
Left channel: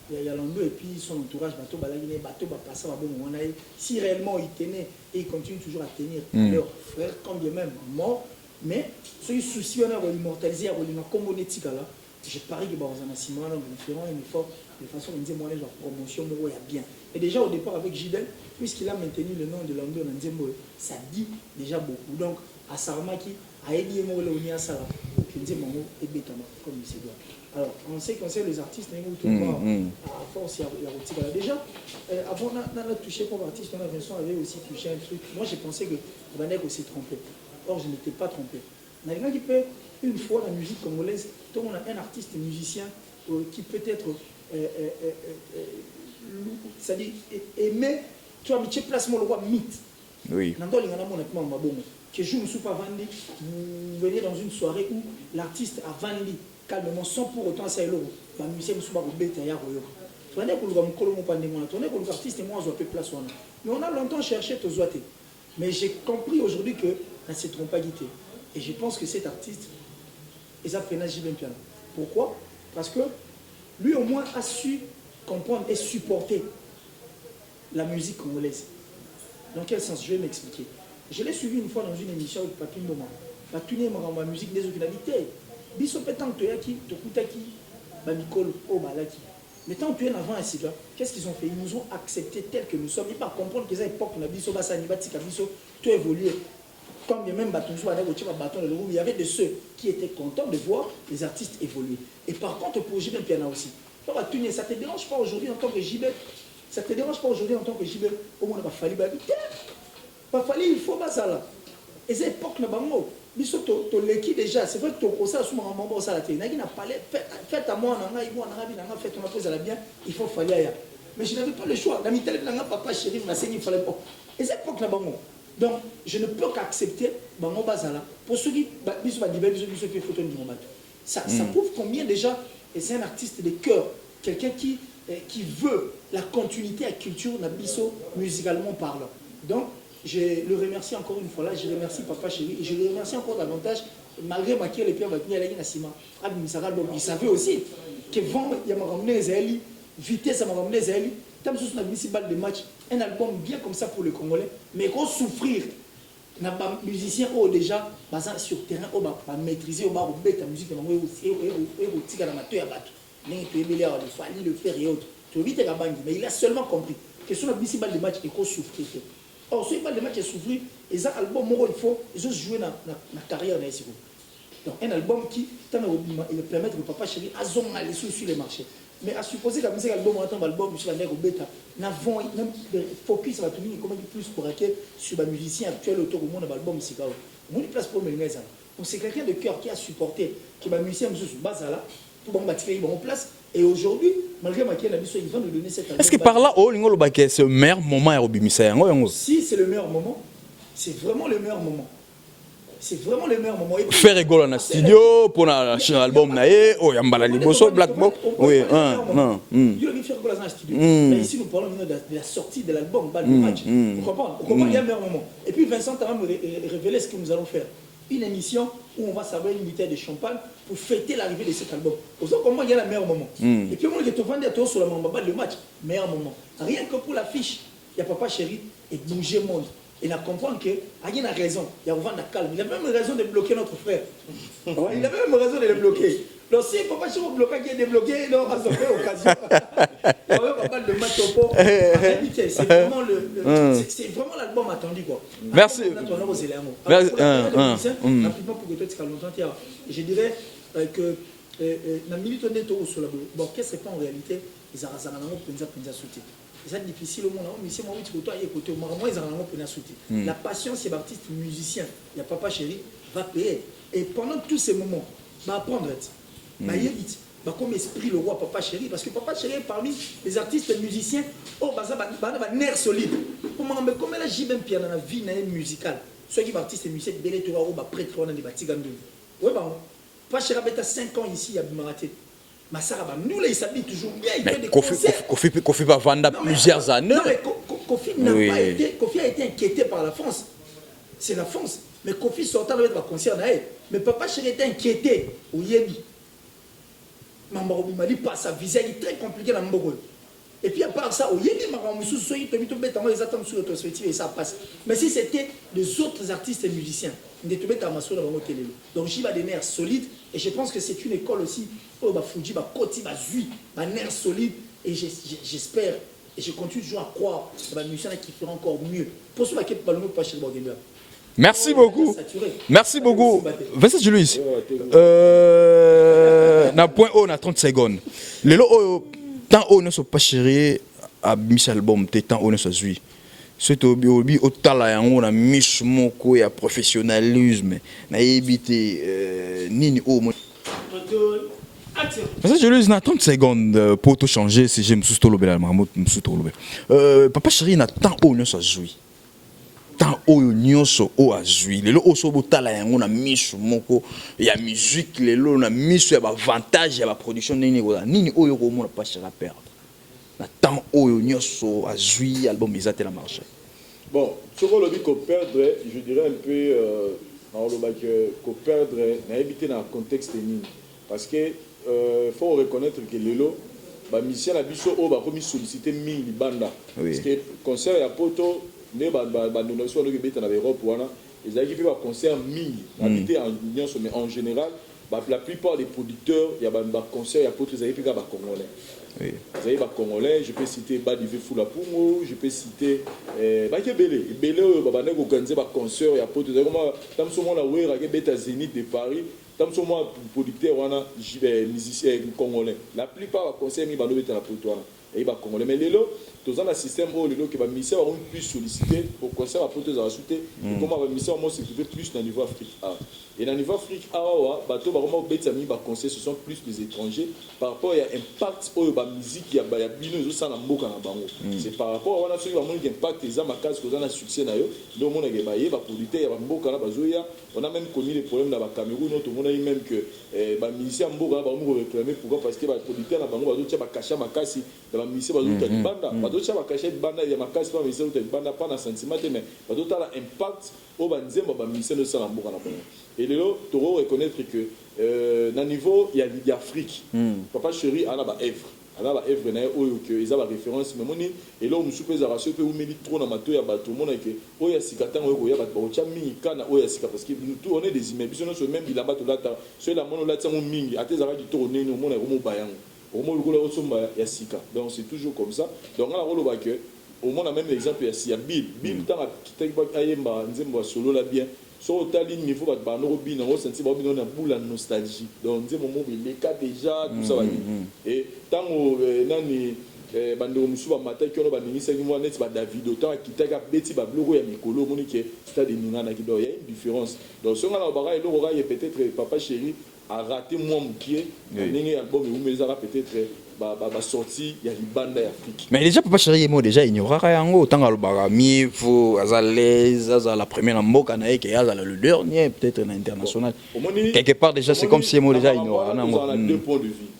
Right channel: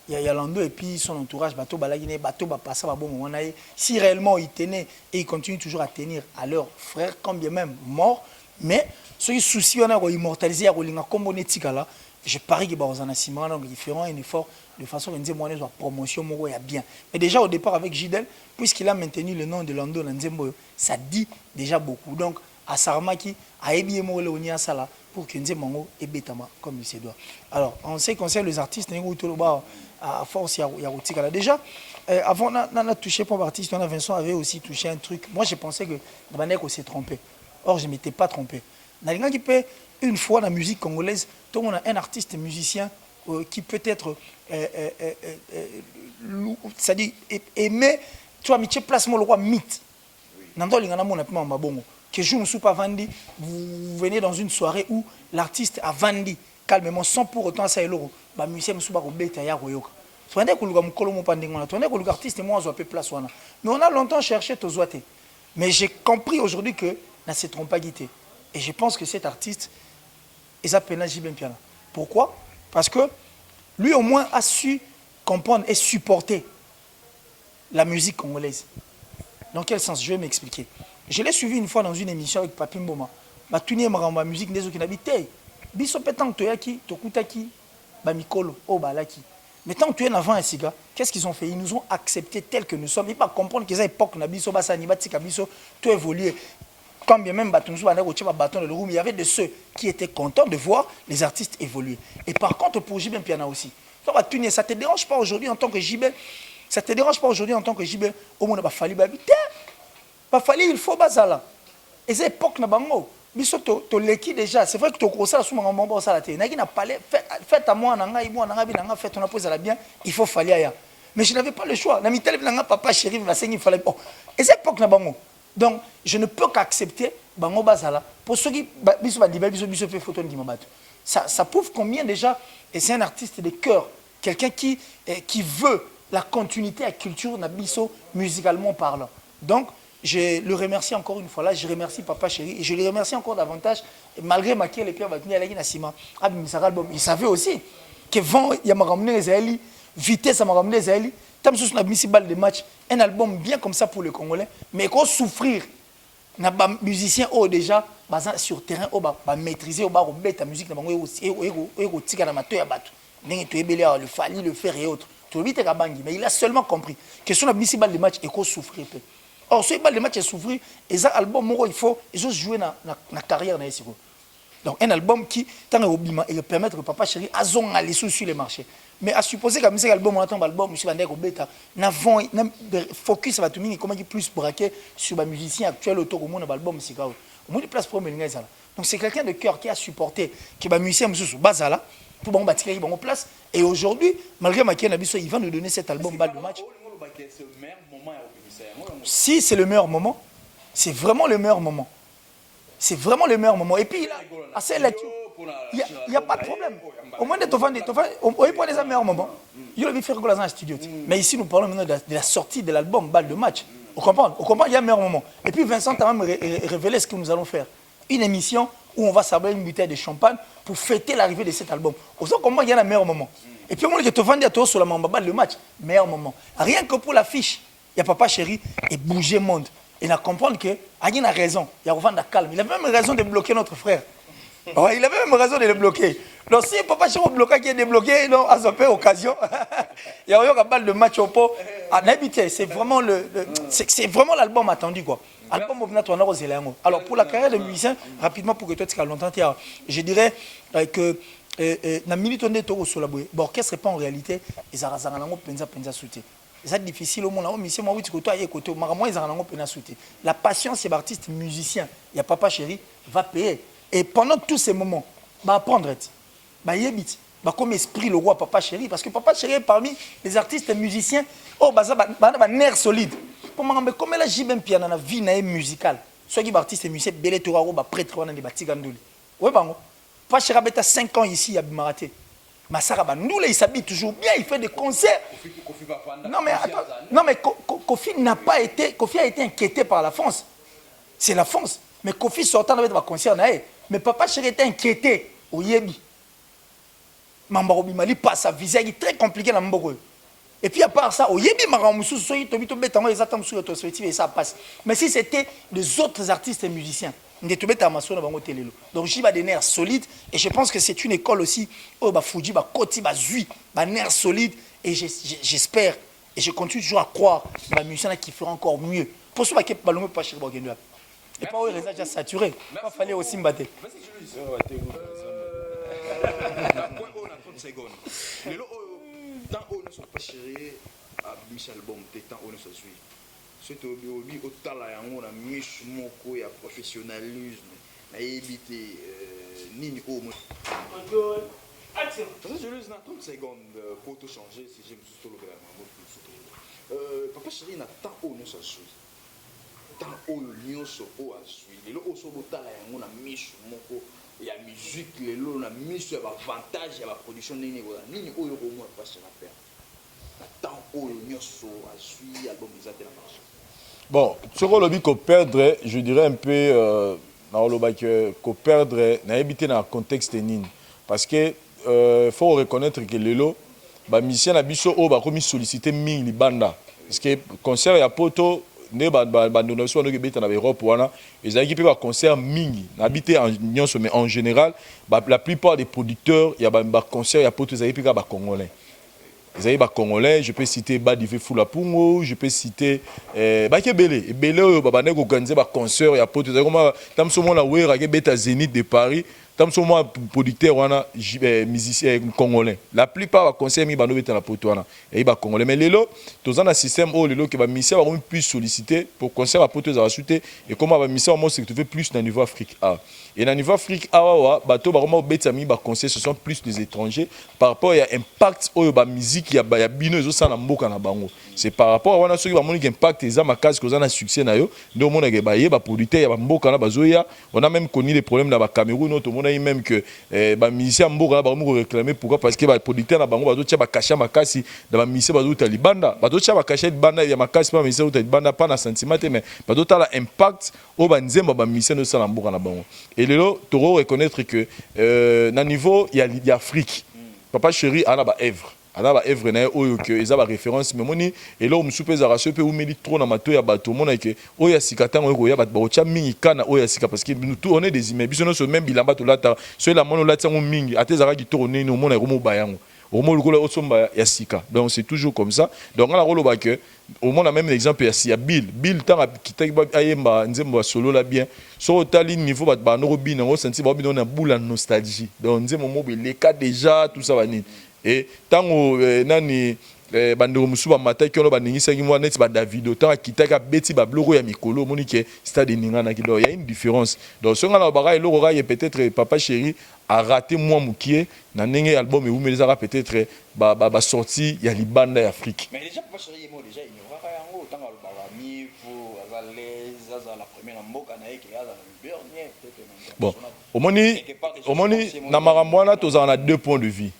il y a Lando et puis son entourage bateau balagine bateau va passer à bon moment si réellement il tenait et il continue toujours à tenir à leur frère quand bien même mort mais ceux qui soucient on a immortalisé à Rolinga comme on est là je parie que dans un ciment donc ils feront un effort de façon à dire moi la promotion moi il y a bien mais déjà au départ avec Gidel puisqu'il a maintenu le nom de Lando Nzembo ça dit déjà beaucoup donc à Saramaki à Ebi Mo Leonia Sala pour que Nzemango et Betama comme il se doit. Alors en ce qui concerne les artistes, à force il y a Rotika là déjà. Avant on a touché pour artiste, on a Vincent avait aussi touché un truc. Moi j'ai pensé que Nabaneko s'est trompé. Or je ne m'étais pas trompé. Nalinga qui peut une fois la musique congolaise, donc on a un artiste musicien qui peut être c'est-à-dire aimé, tu as mis placement le roi mythe. Oui. Que je ne suis pas vendu, vous venez dans une soirée où l'artiste a vendu calmement sans pour autant ça euro. Ba musicien musuba ko beta ya koyoka. Soinde ko luka mukolo mo pandingo na. Soinde ko luka artiste moi zo pe place wana. Mais on a longtemps cherché to zoate. Mais j'ai compris aujourd'hui que na se trompe pas guité. Et je pense que cet artiste il s'appelle Jibem Piana. Pourquoi? Parce que lui au moins a su comprendre et supporter la musique congolaise. Dans quel sens? Je vais m'expliquer. Je l'ai suivi une fois dans une émission avec Papi Mboma. Ma tuni ma musique des autres qui n'habitent. Biso pétant toyaki, tokutaki, ba mikolo, oh balaki. Mais tant que tu es avant un siga, qu'est-ce qu'ils ont fait? Ils nous ont acceptés tels que nous sommes. Ils ne pas comprendre qu'ils ont époque na biso basa ni batika biso tout évolué. Quand bien même batonzo ba na bâton de roue, il y avait de ceux qui étaient contents de voir les artistes évoluer. Et par contre pour JB Piana aussi. Ça va tuni, ça te dérange pas aujourd'hui en tant que JB? Ça te dérange pas aujourd'hui en tant que JB? Au moins, il fallu il faut bazala. Et c'est époque na bango. Biso to leki déjà. C'est vrai que to kosa sous mon mambo ça la té. Naki na parlé fait à moi nanga ibo nanga bi nanga fait on a posé la bien. Il faut fallir ya. Mais je n'avais pas le choix. Na mi télé nanga papa chéri va saigner il fallait. Et c'est époque na bango. Donc je ne peux qu'accepter bango bazala. Pour ceux qui biso ba diba biso fait photo de mabato. Ça prouve combien déjà et c'est un artiste de cœur, quelqu'un qui veut la continuité à la culture na biso musicalement parlant. Donc je le remercie encore une fois là, je remercie Papa Chéri et je le remercie encore davantage malgré ma qui les pierres venir aller na ciment. Il savait aussi que vent il y a ramené les Israéliens, vitesse ça m'a ramené les Israéliens. Tam sous na mis balle de match, un album bien comme ça pour les Congolais, mais qu'on souffrir na ba musicien oh déjà basant sur terrain oh ba maîtriser oh ba ta musique na bango et tika na mato ya bato. Ndenge to ebele le fali le faire et autres. Tout vite ka bangi mais il a seulement compris que sur la mis balle de match et qu'on souffrir. Or, ce les matchs s'ouvrir, et ça album, il faut jouer dans la carrière. Donc, un album qui, tant et permettre que Papa Chéri, à aller sur les marchés. mais à supposer que musique album on attend album monsieur Bandeko bêta n'avons focus va tout mini comment qui plus braquer sur les musiciens actuels autour du monde album c'est quoi au moins place pour mener ça donc c'est quelqu'un de cœur qui a supporté qui va musicien monsieur sur base là pour bon bâtir bon place et aujourd'hui malgré ma il va nous donner cet album. Est-ce que par là oh l'ingolo baké c'est le meilleur moment à Obimisa si c'est le meilleur moment c'est vraiment le meilleur moment. C'est vraiment le meilleur moment. Et puis, faire rigolo dans le studio pour l'album naé oh yambala liboso Black Box oui c'est le meilleur moment il a fait rigolo dans le studio mais ici nous parlons maintenant de la sortie de l'album le match vous comprenez il y a un meilleur moment et puis Vincent a même révélé ce que nous allons faire une émission où on va servir une bouteille de champagne pour fêter l'arrivée de cet album au sens comment il y a le meilleur moment et puis au moment que tu vendais à toi sur la mamba le match meilleur moment rien que pour l'affiche il y a Papa Chéri et bouger monde. Il a compris que Agin a raison, il y a Ovan calme. Il avait même raison de bloquer notre frère. Ouais, il avait même raison de le bloquer. Donc si Papa Chéri bloqué qui est débloqué, non, à cette occasion. Il y a eu un de match au pot. En amitié, c'est vraiment c'est vraiment l'album attendu quoi. Merci. Alors pour la carrière de musicien, rapidement pour que toi tu calmes longtemps, je dirais que la minute on est au sur la boue. L'orchestre n'est pas en réalité, ils ont penza soutien. C'est difficile au monde. La passion, c'est l'artiste musicien. Il y a Papa Chéri, va payer. Et pendant tous ces moments, va apprendre. Comme esprit le roi Papa Chéri. Parce que Papa Chéri est parmi les artistes musiciens. Oh, un nerf solide. Comme elle a dit même piano dans la vie musicale. Soit qui est artiste musicien, Belé Toraro, prêtre, on a des bâtis gandoli. Oui, Papa Chéri a 5 ans ici à Maraté. Massara nous il s'habille toujours bien, il fait des concerts. Kofi va vendre plusieurs années. Non mais Kofi n'a pas été, Kofi a été inquiété par la France. C'est la France. Mais Kofi sortant avec ma concert mais Papa Chéri était inquiété au Yébi. Mambarobi Mali passe sa visa, il est très compliqué dans Mbogo. Et puis à part ça, au Yébi Maramoussou, et ça passe. Mais si c'était les autres artistes et musiciens, donc j'ai des nerfs solides et je pense que c'est une école aussi oh bah Fuji bah Koti bah Zui bah nerfs solides et j'espère et je continue toujours à croire bah musiciens qui feront encore mieux pour ceux qui pas pas chez Bordeaux. Merci beaucoup. Merci beaucoup. Vincent Julius. Na point haut na 30 secondes. Les lots tant haut ne sont pas chéris à Michel Album tant haut ne sont Zui. C'est au tala yango na miche moko ya professionnalisme na éviter nini o mo. Ça je lui na 30 secondes pour tout changer si j'aime sous tolo bela mamout sous tolo. Papa Chéri na tant o ne so jouer. Tant o nyonso o azui. Lelo o so tala yango na miche moko ya musique lelo na miche ya ba avantage ya ba production nini o yo ko mo na pas Chéri perdre. Tant oyo nyonso azui album ezate la marché. Bon, ce qu'on dit qu'on perdrait, je dirais un peu qu'on perdrait, n'a évité dans le contexte nini. Parce que faut reconnaître que Lelo, bah mission na biso o ba remis solliciter mille banda. Parce que concert ya poto ne ba donation no beta na Europe wana, ils ont équipé ba concert mille. Habité en nyonso mais en général, bah la plupart des producteurs, il y a ba concert ya poto ils ont équipé ba congolais. Vous avez des Congolais, je peux citer Badivé Foulapungo, je peux citer Bakebele. Belé, Babane, organisé des concerts, il y a pour tout ça. Comme ça, on a vu Beta Zénith de Paris. Comme ça, moi, producteur, on a musicien congolais. La plupart des concerts, ils sont la poteau. Et ils sont congolais. Mais les tous un système où les musiciens ont pu solliciter pour concert à poteau, ils ont acheté. Et comment les musiciens ont se trouvé plus dans le niveau Afrique A. Et dans le niveau Afrique A, ce sont plus des étrangers par rapport à l'impact de la musique, il y a bino c'est par rapport à ceux qui ont un impact, ils ont un succès. Donc, on a même connu des problèmes dans le Cameroun, on a même que les musiciens ont réclamé pourquoi parce que les producteurs ont caché dans la musicien de banda. Ils ont caché banda, il y a caché dans la banda, pas dans sentiment, mais ils ont un impact au musicien de et là, tu dois reconnaître que dans le niveau, il y a Afrique. Papa Chéri, il y a œuvre. Il y a œuvre, il y a référence. Mais et là, on me soupèse à racheter, on me dit trop dans ma toile, il y a tout le monde qui est sikata, il y a mini kana, parce que nous tous on est des immeubles. Nous sommes même bilamba tout là, ceux là, on l'a dit, on mingi, à tes arrêts qui tournent, nous on est romo bayang. Donc c'est toujours comme ça. Donc on a rôle que au moins, on a même l'exemple, il y a Bill. Bill, tant qu'il a solo là bien. Sur le niveau, on a senti une boule de nostalgie. Donc, on a les cas déjà, tout ça. Et tant que bandeko musu ba matai kolo bandingisa ki mwana ba David autant kitaka beti ba bloko ya mikolo moni ke stade ningana ki do il y a une différence donc ce ngala ba elo ra peut-être papa chéri a raté moi mukie na ndenge album e umeleza peut-être ba sorti ya libanda Afrique mais déjà papa chéri mo déjà ignorera yango autant alobaka mi faut azalez azala la première na mboka na ke azala le dernier peut-être na international quelque part déjà c'est comme si mo déjà on a deux points de vue.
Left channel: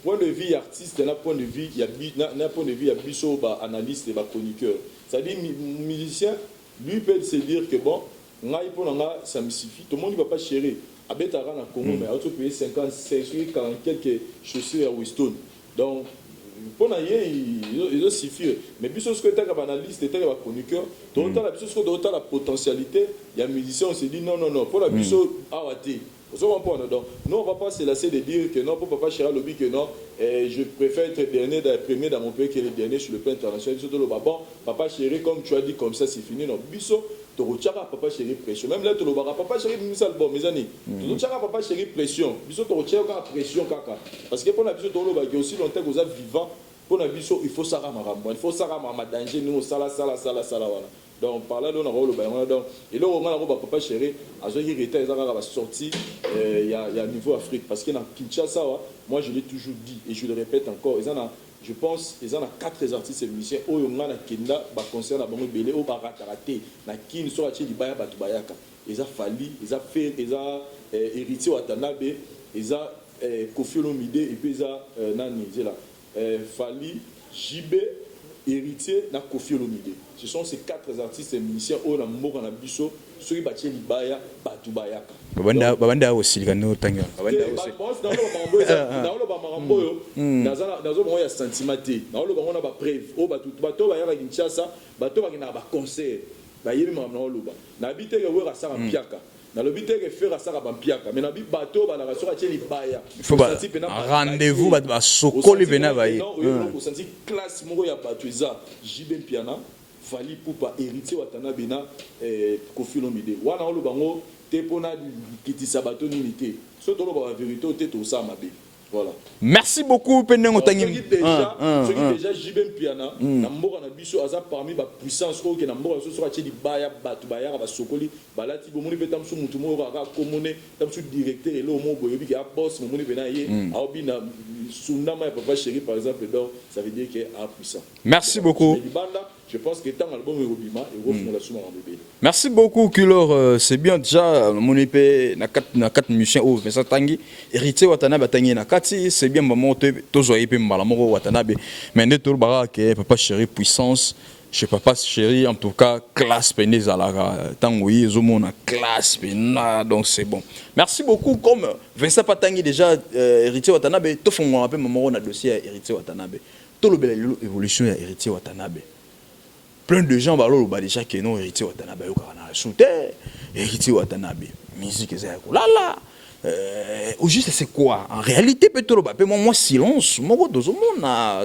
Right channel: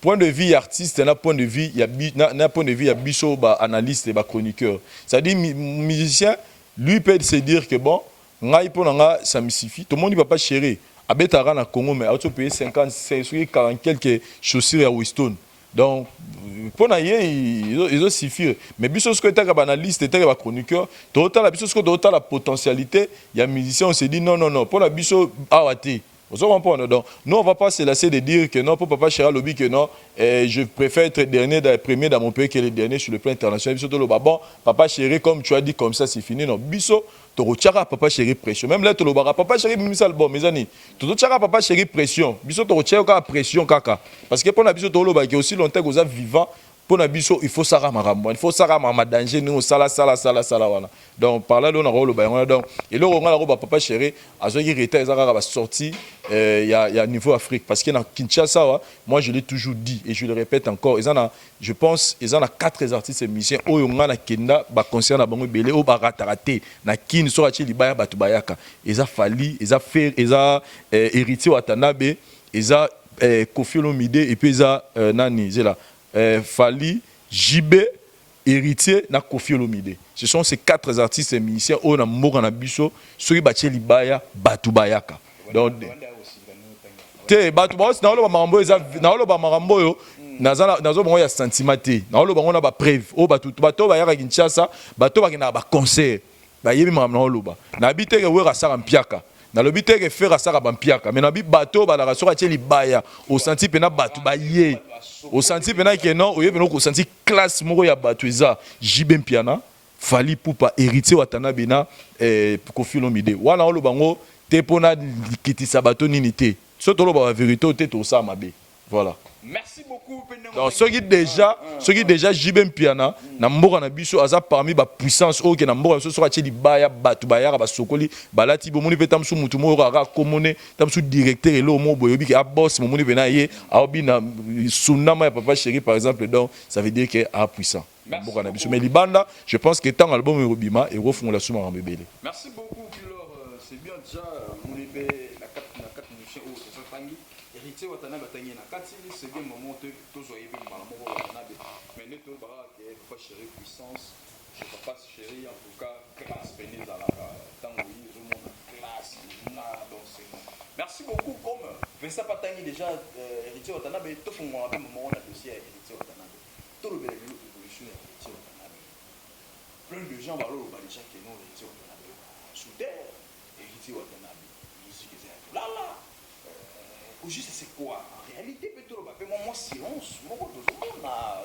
Point de vue artiste, na point de vue, il y a point de vue, il y a biso analyste et chroniqueur. C'est-à-dire musicien, lui peut se dire que bon, ngai pour nga ça me suffit. Tout le monde ne va pas chérir. Abetara na Congo mais auto payer 50, 40 quelques chaussures à Winston. Donc pour na ils ont suffi. Mais biso ce que tu as analyste, tu as chroniqueur, total la biso ce que total la potentialité, il y a musicien on se dit non pour la biso awati. Vous comprenez donc nous on va pas se lasser de dire que non pour papa Chéri lobby que non je préfère être premier dans mon pays que le dernier sur le plan international biso to bon papa Chéri comme tu as dit comme ça c'est fini non biso to rochara papa Chéri pression même là to lobara papa Chéri mimi album mes amis to rochara papa Chéri pression biso to rochara pression kaka parce que pour la biso to loba qui aussi longtemps que vous êtes vivant pour la biso il faut ça il faut ça ma danger nous sala voilà donc par là on a rôle donc et là on a la papa Chéri a zo irrité ça va sortir il y a niveau Afrique parce que dans Kinshasa moi je l'ai toujours dit et je le répète encore je pense ils en a 4 artistes et musiciens au na kenda ba concert na bango belé au ba raté na kin so ati libaya batu bayaka ils a fallu ils a fait ils a héritier Watanabe ils a Koffi Olomide et puis ils a nani c'est là Fali, JB, héritier na Koffi Olomide. Ce sont ces 4 artistes et musiciens au na Morana Biso, ceux qui battent Libaya, Batu Bayaka. Babanda aussi gano tanga. Te Batu Bayaka na lo ba marambo eza na lo ba marambo yo nazo bango ya sentimate. Na lo bango na ba preuve. O Batu bato ba ya Kinshasa, bato ba na ba concert. Ba yebi marambo na lo ba. Na bite ke wera sara mpiaka. Na lobi te ke faire ça ba mpiaka mais na bi bateau ba la sora tie libaya pour sentir pena rendez-vous ba sokoli sentir pena ke non oye pena ko sentir classe moko ya bato eza jibe mpiana Fali Pupa héritier Watanabe na Koffi Olomide wana olo bango te pona kitisa bato nini te so to lo ba vérité te to sa mabe voilà. Merci beaucoup Penengo Tangi. Ceux qui déjà Jibem Piana na mboka na biso aza parmi ba puissance o ke na mboka so sera ti baya batu baya ba sokoli balati bo moni petam su mutu mo ra komone tam su directeur et lo mo boyobi ke a boss mo moni bena ye a obi na sunama ya papa Chéri par exemple donc ça veut dire que a puissant. Merci beaucoup. Mais Libanda, je pense que tant album Rubima et refont la souma en bébé. Merci beaucoup Kulor, c'est bien déjà mon épée na 4 musiciens au mais ça Tangi héritier Watanabe Tangi na kati c'est bien maman tozoye pe mbala moko Watanabe mais ne tout bara que papa Chéri puissance chez papa Chéri en tout cas classe penez à la tango yezomona classe pena donc c'est bon. Merci beaucoup comme Vincent Patangi déjà héritier Watanabe to fongo un peu maman na dossier héritier Watanabe. Tout le évolution est héritier Watanabe. Plein de gens parlent déjà que non héritier Watanabe au Canada. Shooter héritier Watanabe. Musique c'est là là. Au juste c'est quoi en réalité peut-être bah moi silence moi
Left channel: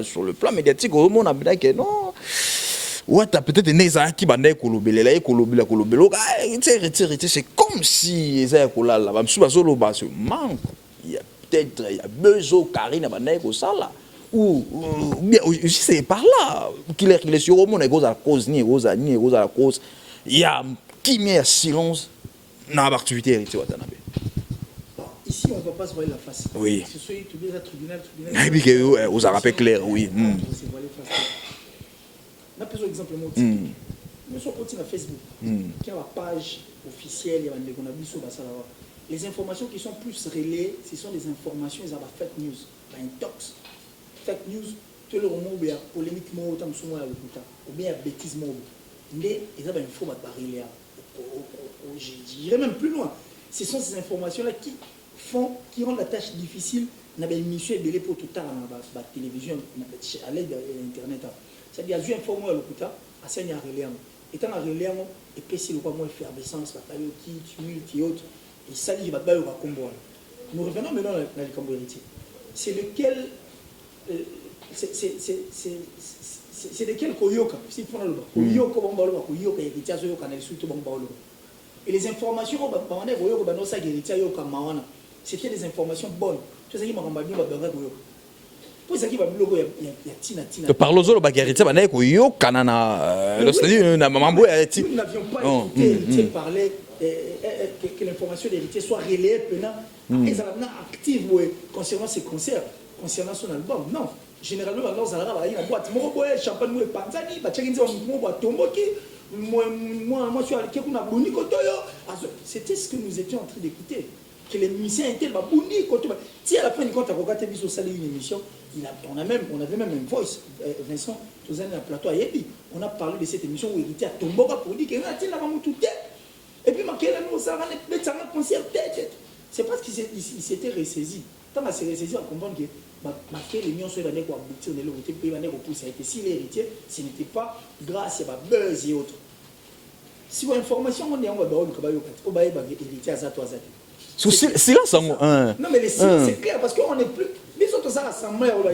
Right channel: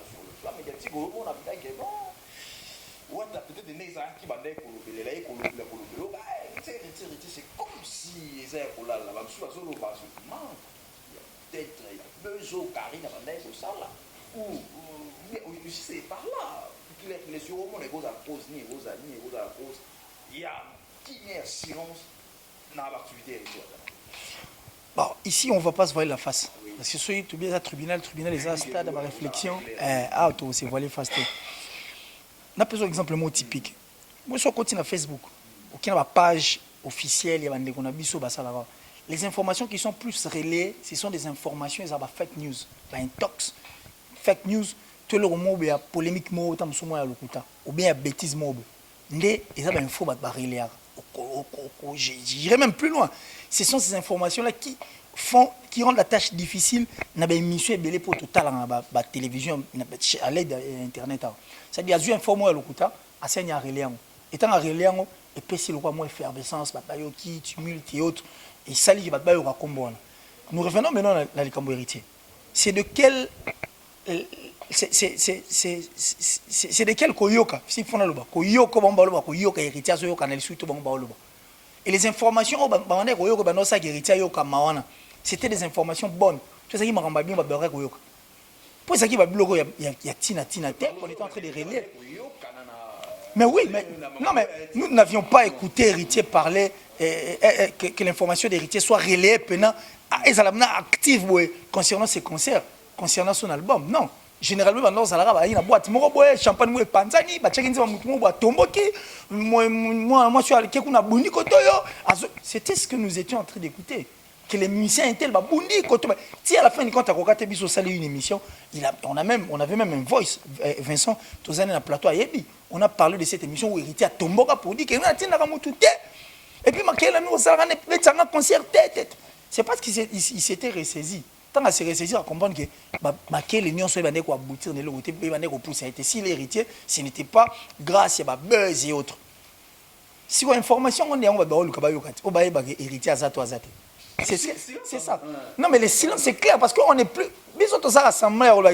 sur le plan médiatique au monde a que non. Ouais t'as peut-être né ça qui bandait kolobela héritier c'est comme si ça là là ba msuba solo ba manque il y a peut-être il y a besoin Karine bandait ko ça là. Ou bien c'est par là qu'il est sur le monde à cause ni à la cause il y a qui met silence dans l'activité héritier Watanabe. Bon, ici on ne va pas se voiler la face. Oui. C'est sûr que bien tribunal vous a rappelé clair oui. Ah toi c'est voiler face. On a besoin d'exemple mot typique. Moi sur continue à Facebook. Qui a une page officielle il y a des biso basala. Les informations qui sont plus relayées, ce sont des informations ça va fake news, la intox. Fake news, tout le monde il y a polémique mot tam souma ya lokuta ou bien ya bêtise mot. Ndé ils ont info ba barrière. J'irai même plus loin. Ce sont ces informations là qui rendent la tâche difficile na ba émission belé pour tout à la télévision à l'aide d'internet. C'est-à-dire il y a info ya lokuta enseigne à relais. Étant à relais et puis c'est le quoi moins effervescence bataille qui tumulte et autres et ça li va ba yo combo. Nous revenons maintenant dans les camps héritiers. C'est de quel c'est de quel koyoka si fona loba koyoka bomba loba koyoka héritier so yoka na lisu to bomba loba et les informations au bande koyoka bano sa héritier yoka mawana c'était des informations bonnes tu sais qui m'a bien ba bere koyoka pour ça qui va bloquer il y a tina parlons zo ba héritier bana koyoka na na maman nous n'avions pas écouté héritier parler que l'information d'héritier soit relayée pendant active concernant ses concerts concernant son album. Non. Généralement, dans la boîte, champagne, panzani, c'était ce que nous étions en train d'écouter. Que les musiciens étaient là. Si à la fin du compte, une émission, on avait même un voice, Vincent, tous les plateau à Yebi. On a parlé de cette émission où Héritier a tombé pour dire qu'il y a un et puis, un concert. C'est parce qu'il s'était ressaisi. Tant qu'il s'est ressaisi, on comprend que les nions sont aboutir de l'autre côté, si l'héritier, ce n'était pas grâce à buzz et autres. Si on a information, on va héritier à Zato. Silence, non, mais le silence, c'est clair parce qu'on n'est plus. Mais on a rassemblé, on a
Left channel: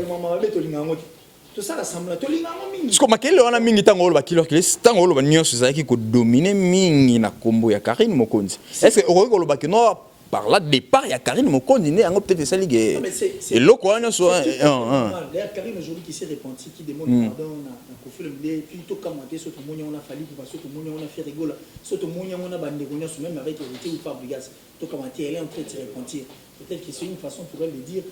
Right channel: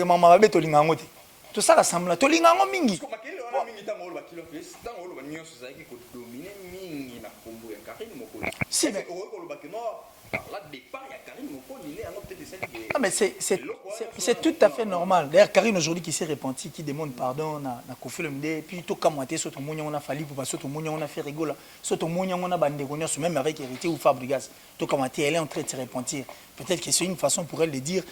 tout ça rassemble. Parce que makele wana mingi tango olo bakilo kile tango olo banyoso zaki ko dominer mingi na kombo ya Karine Mokonzi. Est-ce que olo bakino par là départ il y a Karine Mokonzi né ngo peut-être ça ligue. Non mais c'est le quoi wana so c'est tout à fait normal. D'ailleurs Karine aujourd'hui qui s'est repenti qui demande pardon na Kofi Olomide puis tout kamate so to monya on a fallu pour so to monya on a fait rigola so to monya on a bandé konyoso même avec Héritier ou Fabregas tout kamate elle est en train de se repentir. Peut-être que c'est une façon pour elle de dire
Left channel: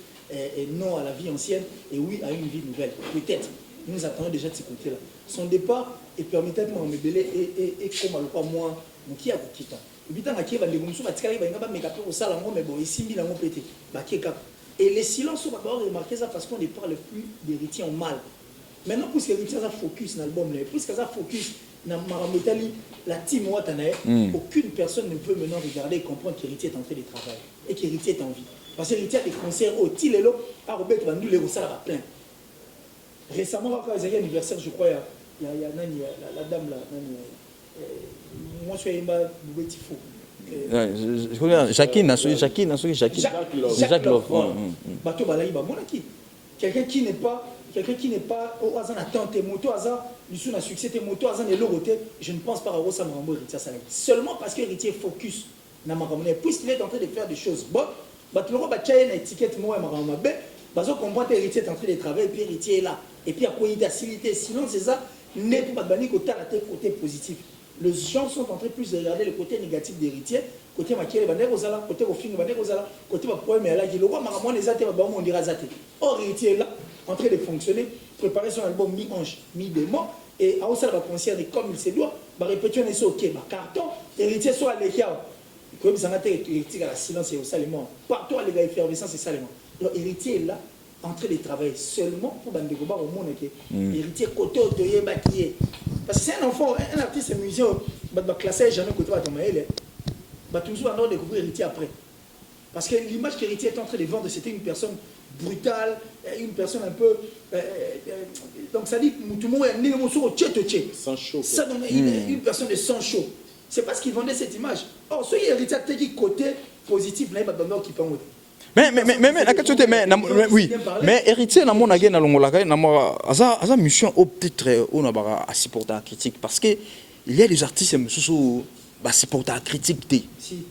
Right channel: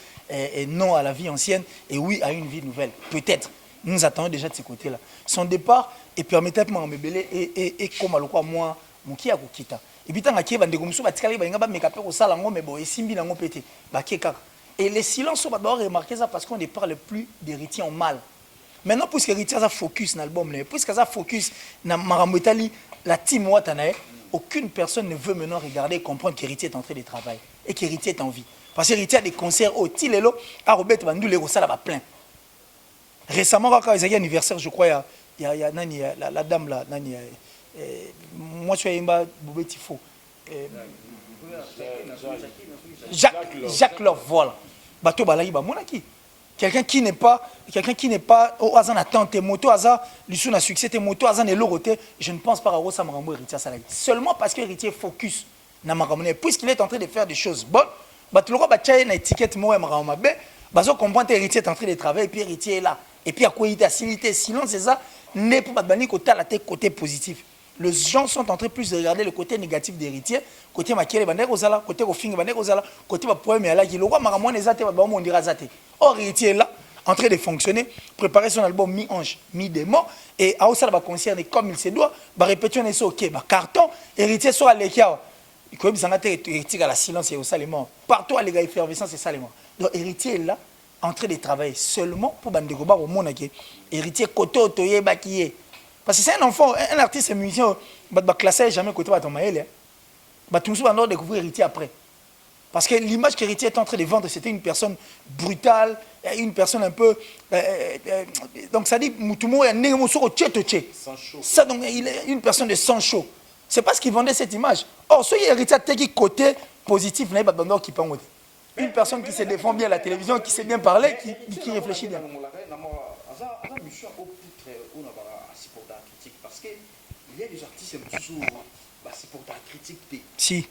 non à la vie ancienne et oui à une vie nouvelle. Peut-être. Nous attendons déjà de ce côté-là. Son départ, et permettez-moi de me belé, et comme à l'eau, moi, mon qui a quitté. Et puis, tant que tu vas me dire, et les silences, on va devoir remarquer ça parce qu'on ne parle plus d'héritier en mal. Maintenant, puisque l'héritier a focus dans l'album, puisque ça focus dans Marambotali, la team Watanae, aucune personne ne veut maintenant regarder et comprendre qu'héritier est en train de travailler et qu'héritier est en vie. Parce que l'héritier a des concerts au Tilelo, à Robert Vandou, les Rossala va plein. Récemment, quand il y a un anniversaire, je crois, il y a la dame là, moi je suis un Boubetifo. Jacques Love, voilà. Bateau Balaï, Monaki. Quelqu'un qui n'est pas au hasard attente moto hasard lui a succès moto hasard et l'autre je ne pense pas à Rosa Marambo héritier ça seulement parce que héritier focus na Marambo puisqu'il est en train de faire des choses bonnes bato loko ba tchaye na étiquette moi Marambo mabe bazo comprendre héritier est en train de travailler et puis héritier est là et puis à quoi il est sinon c'est ça n'est pas bani côté la tête côté positif. Les gens sont en train plus de regarder le côté négatif d'héritier, côté maquillé bané ozala, côté rofing bané ozala, côté poème et là qui le roi maramon les athées on dira zaté. Or héritier est là en train de fonctionner, préparer son album mi-ange, mi-démon et à ça va concert comme il se doit, va répéter on est OK, va carton, héritier soit l'ékia. Il faut bien héritier à la silence et au salement. Partout à les gars effervescence et salement. Donc héritier est là en train de travailler seulement pour Bandekoba au monde héritier côté otoyé bakié. Parce que c'est un enfant, un artiste, un musicien, il va classer jamais côté de Maël. Il va tout le monde découvrir héritier après. Parce que l'image qu'héritier est en train de vendre, c'était une personne brutale, une personne un peu. Donc ça dit, tout le monde est né au tché. Sans chaud. Ça, donc, il est une personne de sang chaud. C'est parce qu'il vendait cette image. Or, ce héritier a qui côté positif, il n'y a pas de qui peut en mais héritier na mon agé na longolaka na moi asa mission peut-être on a à supporter la critique parce que il y a des artistes sous bah supporter la critique si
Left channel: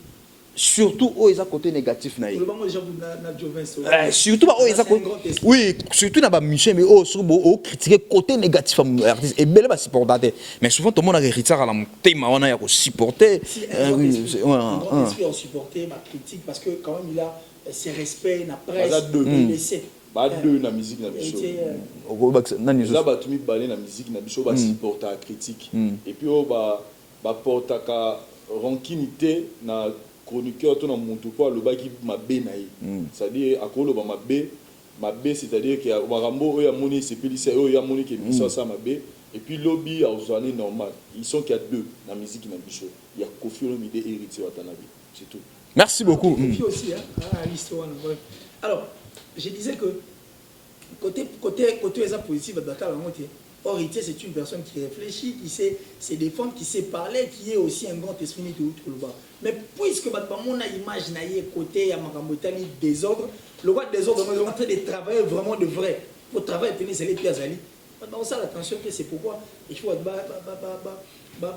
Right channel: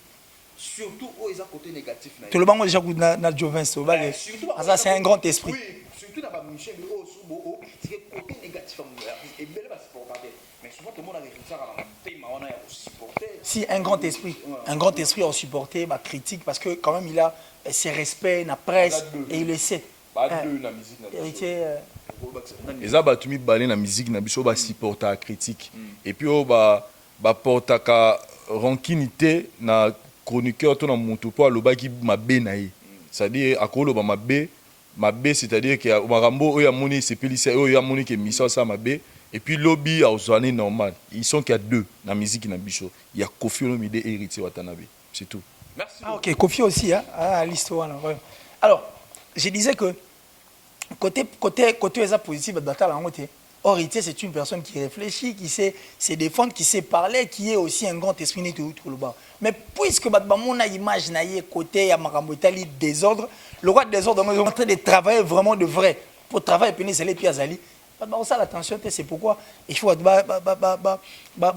surtout aux ils a côté négatif na tout le monde déjà na Jovenso surtout bah c'est un grand esprit oui surtout na ba mission mais au critiquer côté négatif artiste et belle ba supporter mais souvent tout le monde a héritier à la thème on a ya supporter si un grand esprit à supporter ma critique parce que quand même il a ses respects na presse et il le sait ba deux na musique na biso là ba tumi balé na musique na biso ba supporter la critique et puis ba portaka rankinité na chroniqueur to na mutu po alobaki mabe na ye c'est-à-dire akoloba mabe c'est-à-dire que marambo oya moni sepelisa oya moni que mission ça mabe et puis lobby a ozane normal ils sont qu'il y a deux na musique na biso il y a Kofi Olomide et Héritier Watanabe c'est tout. Merci beaucoup. Kofi aussi, hein, à l'histoire. Alors, je disais que côté positif, or, Héritier, c'est une personne qui réfléchit, qui sait se défendre, qui sait parler, qui est aussi un grand esprit net tout le bas. Mais puisque on a image côté Yamakamotali désordre, le roi de désordre est en train de travailler vraiment de vrai. pour travailler pénis les pieds azali ça l'attention c'est pourquoi il faut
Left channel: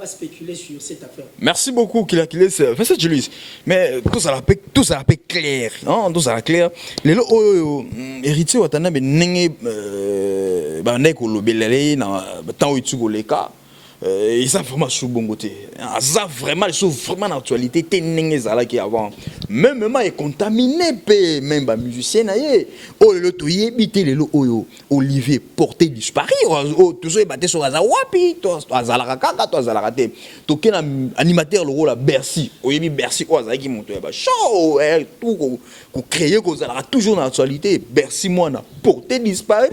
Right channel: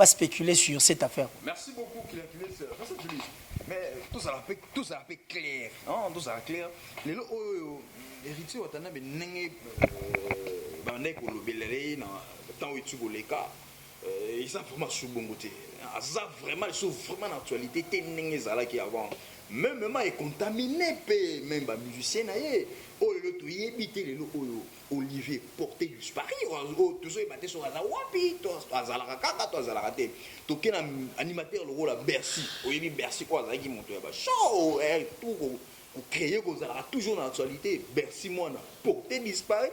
spéculer sur cette affaire. Merci beaucoup Kila Kiles. Fais ça Julius. Mais tout ça la paix clair, hein, tout ça la clair. Les lo héritier watana be nenge ba ndeko lobelele na temps où tu goleka. Et ça vraiment sous bon côté. Ça vraiment les choses vraiment d'actualité tenenge zala qui avant. Même est contaminé pe même ba musicien na ye. Oh le toye bité le oyo Olivier porté disparu. Oh tout ça batté sur Azawapi, toi azala kaka toi azala raté. To ken animateur le rôle à Bercy. Oyebi Bercy quoi azala qui monte ba show tout ko créer ko azala toujours dans l'actualité. Bercy moi na porté disparu.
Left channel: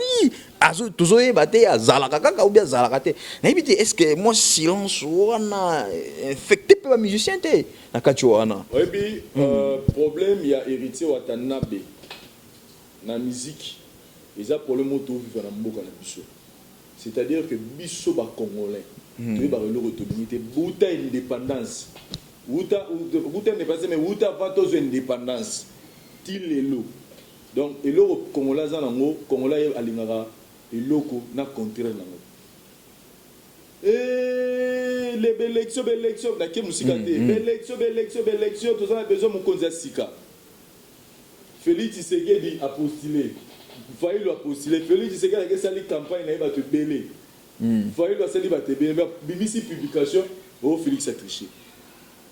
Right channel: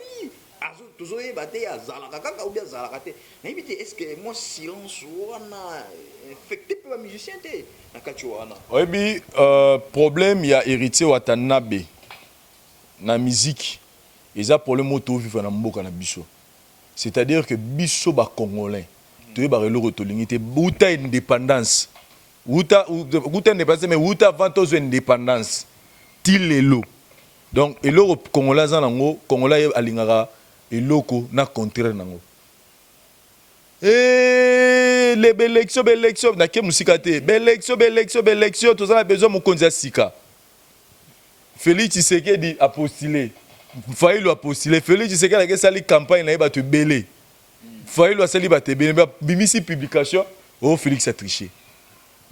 Azo toujours batté azala kaka ou bien azala raté. Na bité est-ce que moi silence wana infecté par musicien té na kachuana. Oyebi problème il y a héritier Watanabe na musique. Ils ont problème auto vivre na mboka na biso. C'est-à-dire que biso ba congolais tu ba relo retolinité buta indépendance. Buta indépendance mais buta vantos indépendance. Tilelo. Donc eloko congolais zanango congolais alingara eloko na contraire nango. Les élections na ke musika te. Élection tous on a besoin mokonzi sika. Félix Tshisekedi a postulé. Faïlo a postulé. Félix Tshisekedi a sali campagne na ba te belé. Faïlo a sali ba te belé. Bimisi publication, oh Félix a triché.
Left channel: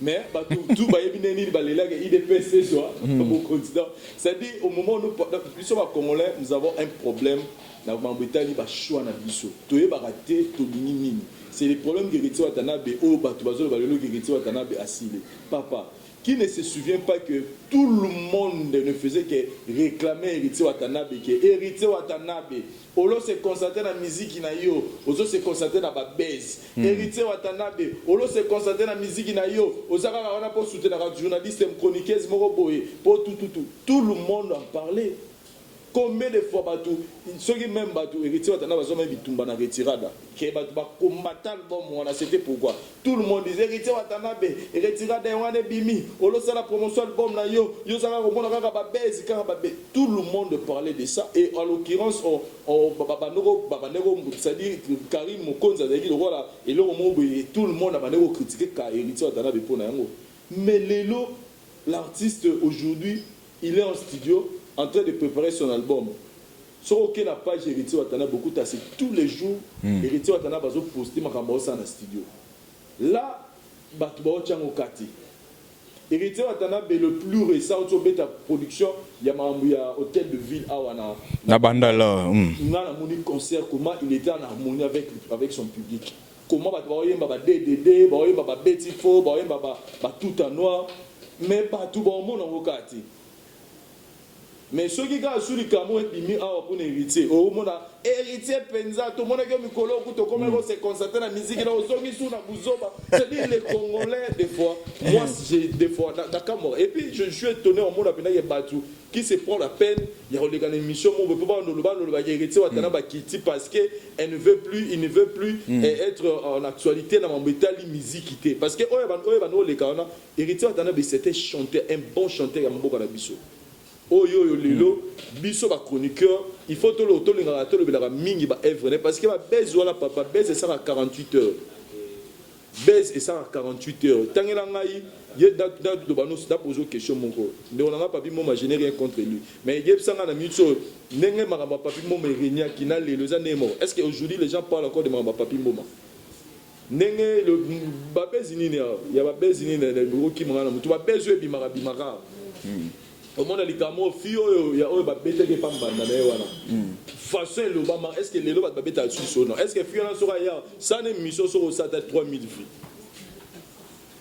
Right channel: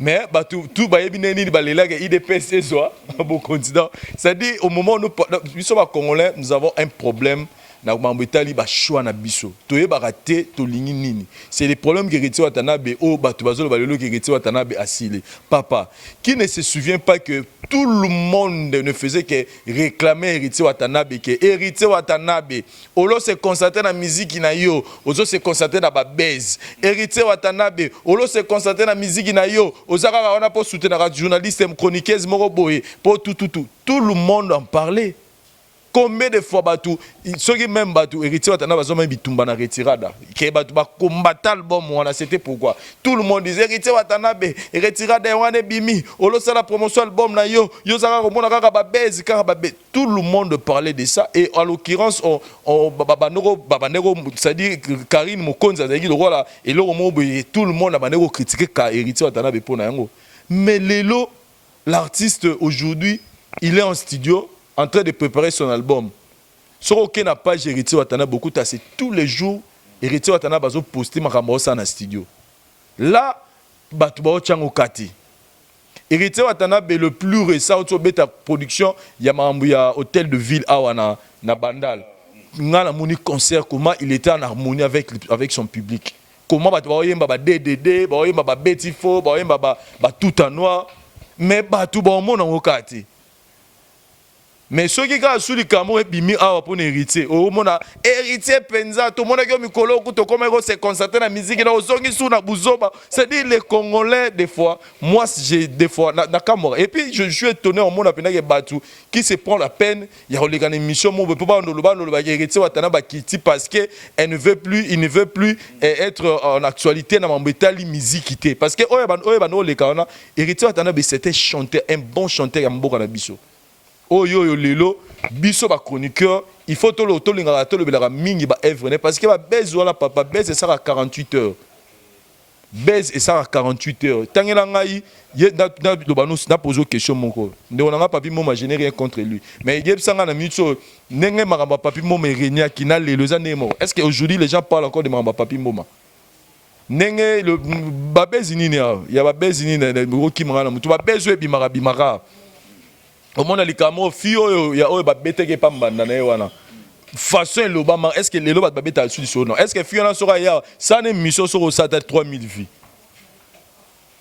Mais tout ba yebi neni ba lela que IDPC soit bon candidat. C'est-à-dire au moment où nous sommes congolais, nous avons un problème. Na mambetali ba choix na biso toye ba raté to lingi nini c'est les problèmes que Héritier Watanabe o bato bazolo balelo que Héritier Watanabe asile papa qui ne se souvient pas que tout le monde ne faisait que réclamer Héritier Watanabe que Héritier Watanabe olo se concentre na musique na yo ozo se concentre na ba base Héritier Watanabe olo se concentre na musique na yo ozaka on a pour soutenir la journaliste chroniqueuse moko boye pour tout le monde en parlait. Combien de fois Batou, ceux qui même Batou, Héritier Watanabe a même bitumba na retirada. Que Batou ba combattre l'album, c'était pourquoi tout le monde disait Héritier Watanabe, retirada wane bimi, olo sa la promotion album na yo saka komona kaka ba base kaka ba tout le monde parlait de ça et en l'occurrence on babanero c'est-à-dire Karine Mokonza zaki le roi et le tout le monde a banero critiquer Héritier Watanabe pour na yango. Mais lelo l'artiste aujourd'hui, il est en studio en train de préparer son album. Sur aucune page Héritier Watanabe beaucoup tassé tous les jours Héritier Watanabe a posté makambo ça na studio. Là batu ba ochango kati. Héritier Watanabe le plus récent auto beta production ya mambu ya hôtel de ville awana na Bandala. Ngana moni concert comment il était en harmonie avec son public. Comment batu ba oyemba ba DDD, ba oyemba ba Betty Fo, ba oyemba ba tout en noir mais batu ba omona ngokati. Mais ceux qui ont sous le Cameroun et bimi a pour héritier au monde héritier penza tout le monde qui a mikolo kuto comme se concentrer na musique na osongi sous na buzoba c'est-à-dire les Congolais des fois moi j'ai des fois na Cameroun et puis je suis étonné au monde apena que Batu qui se prend la peine il y a les émission mon peut pas no héritier Watanabe Kiti parce que il ne veut plus être en actualité na mambetali musique parce que oyeba no le kana héritier Watanabe c'était chanteur un bon chanteur ya mboka na biso. Oh yo lelo biso ba chroniqueur il faut to linga to le belaka mingi ba œuvre parce que ba base wala papa base ça à 48 heures base et ça à 48 heures tangela ngai ye na banos na poser question moko nde on a papi moma généré contre lui mais yeb sanga na mitso nenge makamba papi moma renia qui na lelo za ndemo est-ce que aujourd'hui les gens parlent encore de makamba papi moma nenge le ba base nini ya ba base nini na ki mangana mutu ba base e bimara au monde les Cameroun fio ya o ba beteke pambanda na wana façon le ba est-ce que les lo ba beta sur non est-ce que fio na sera ya ça ne mission sur ça 3000 vues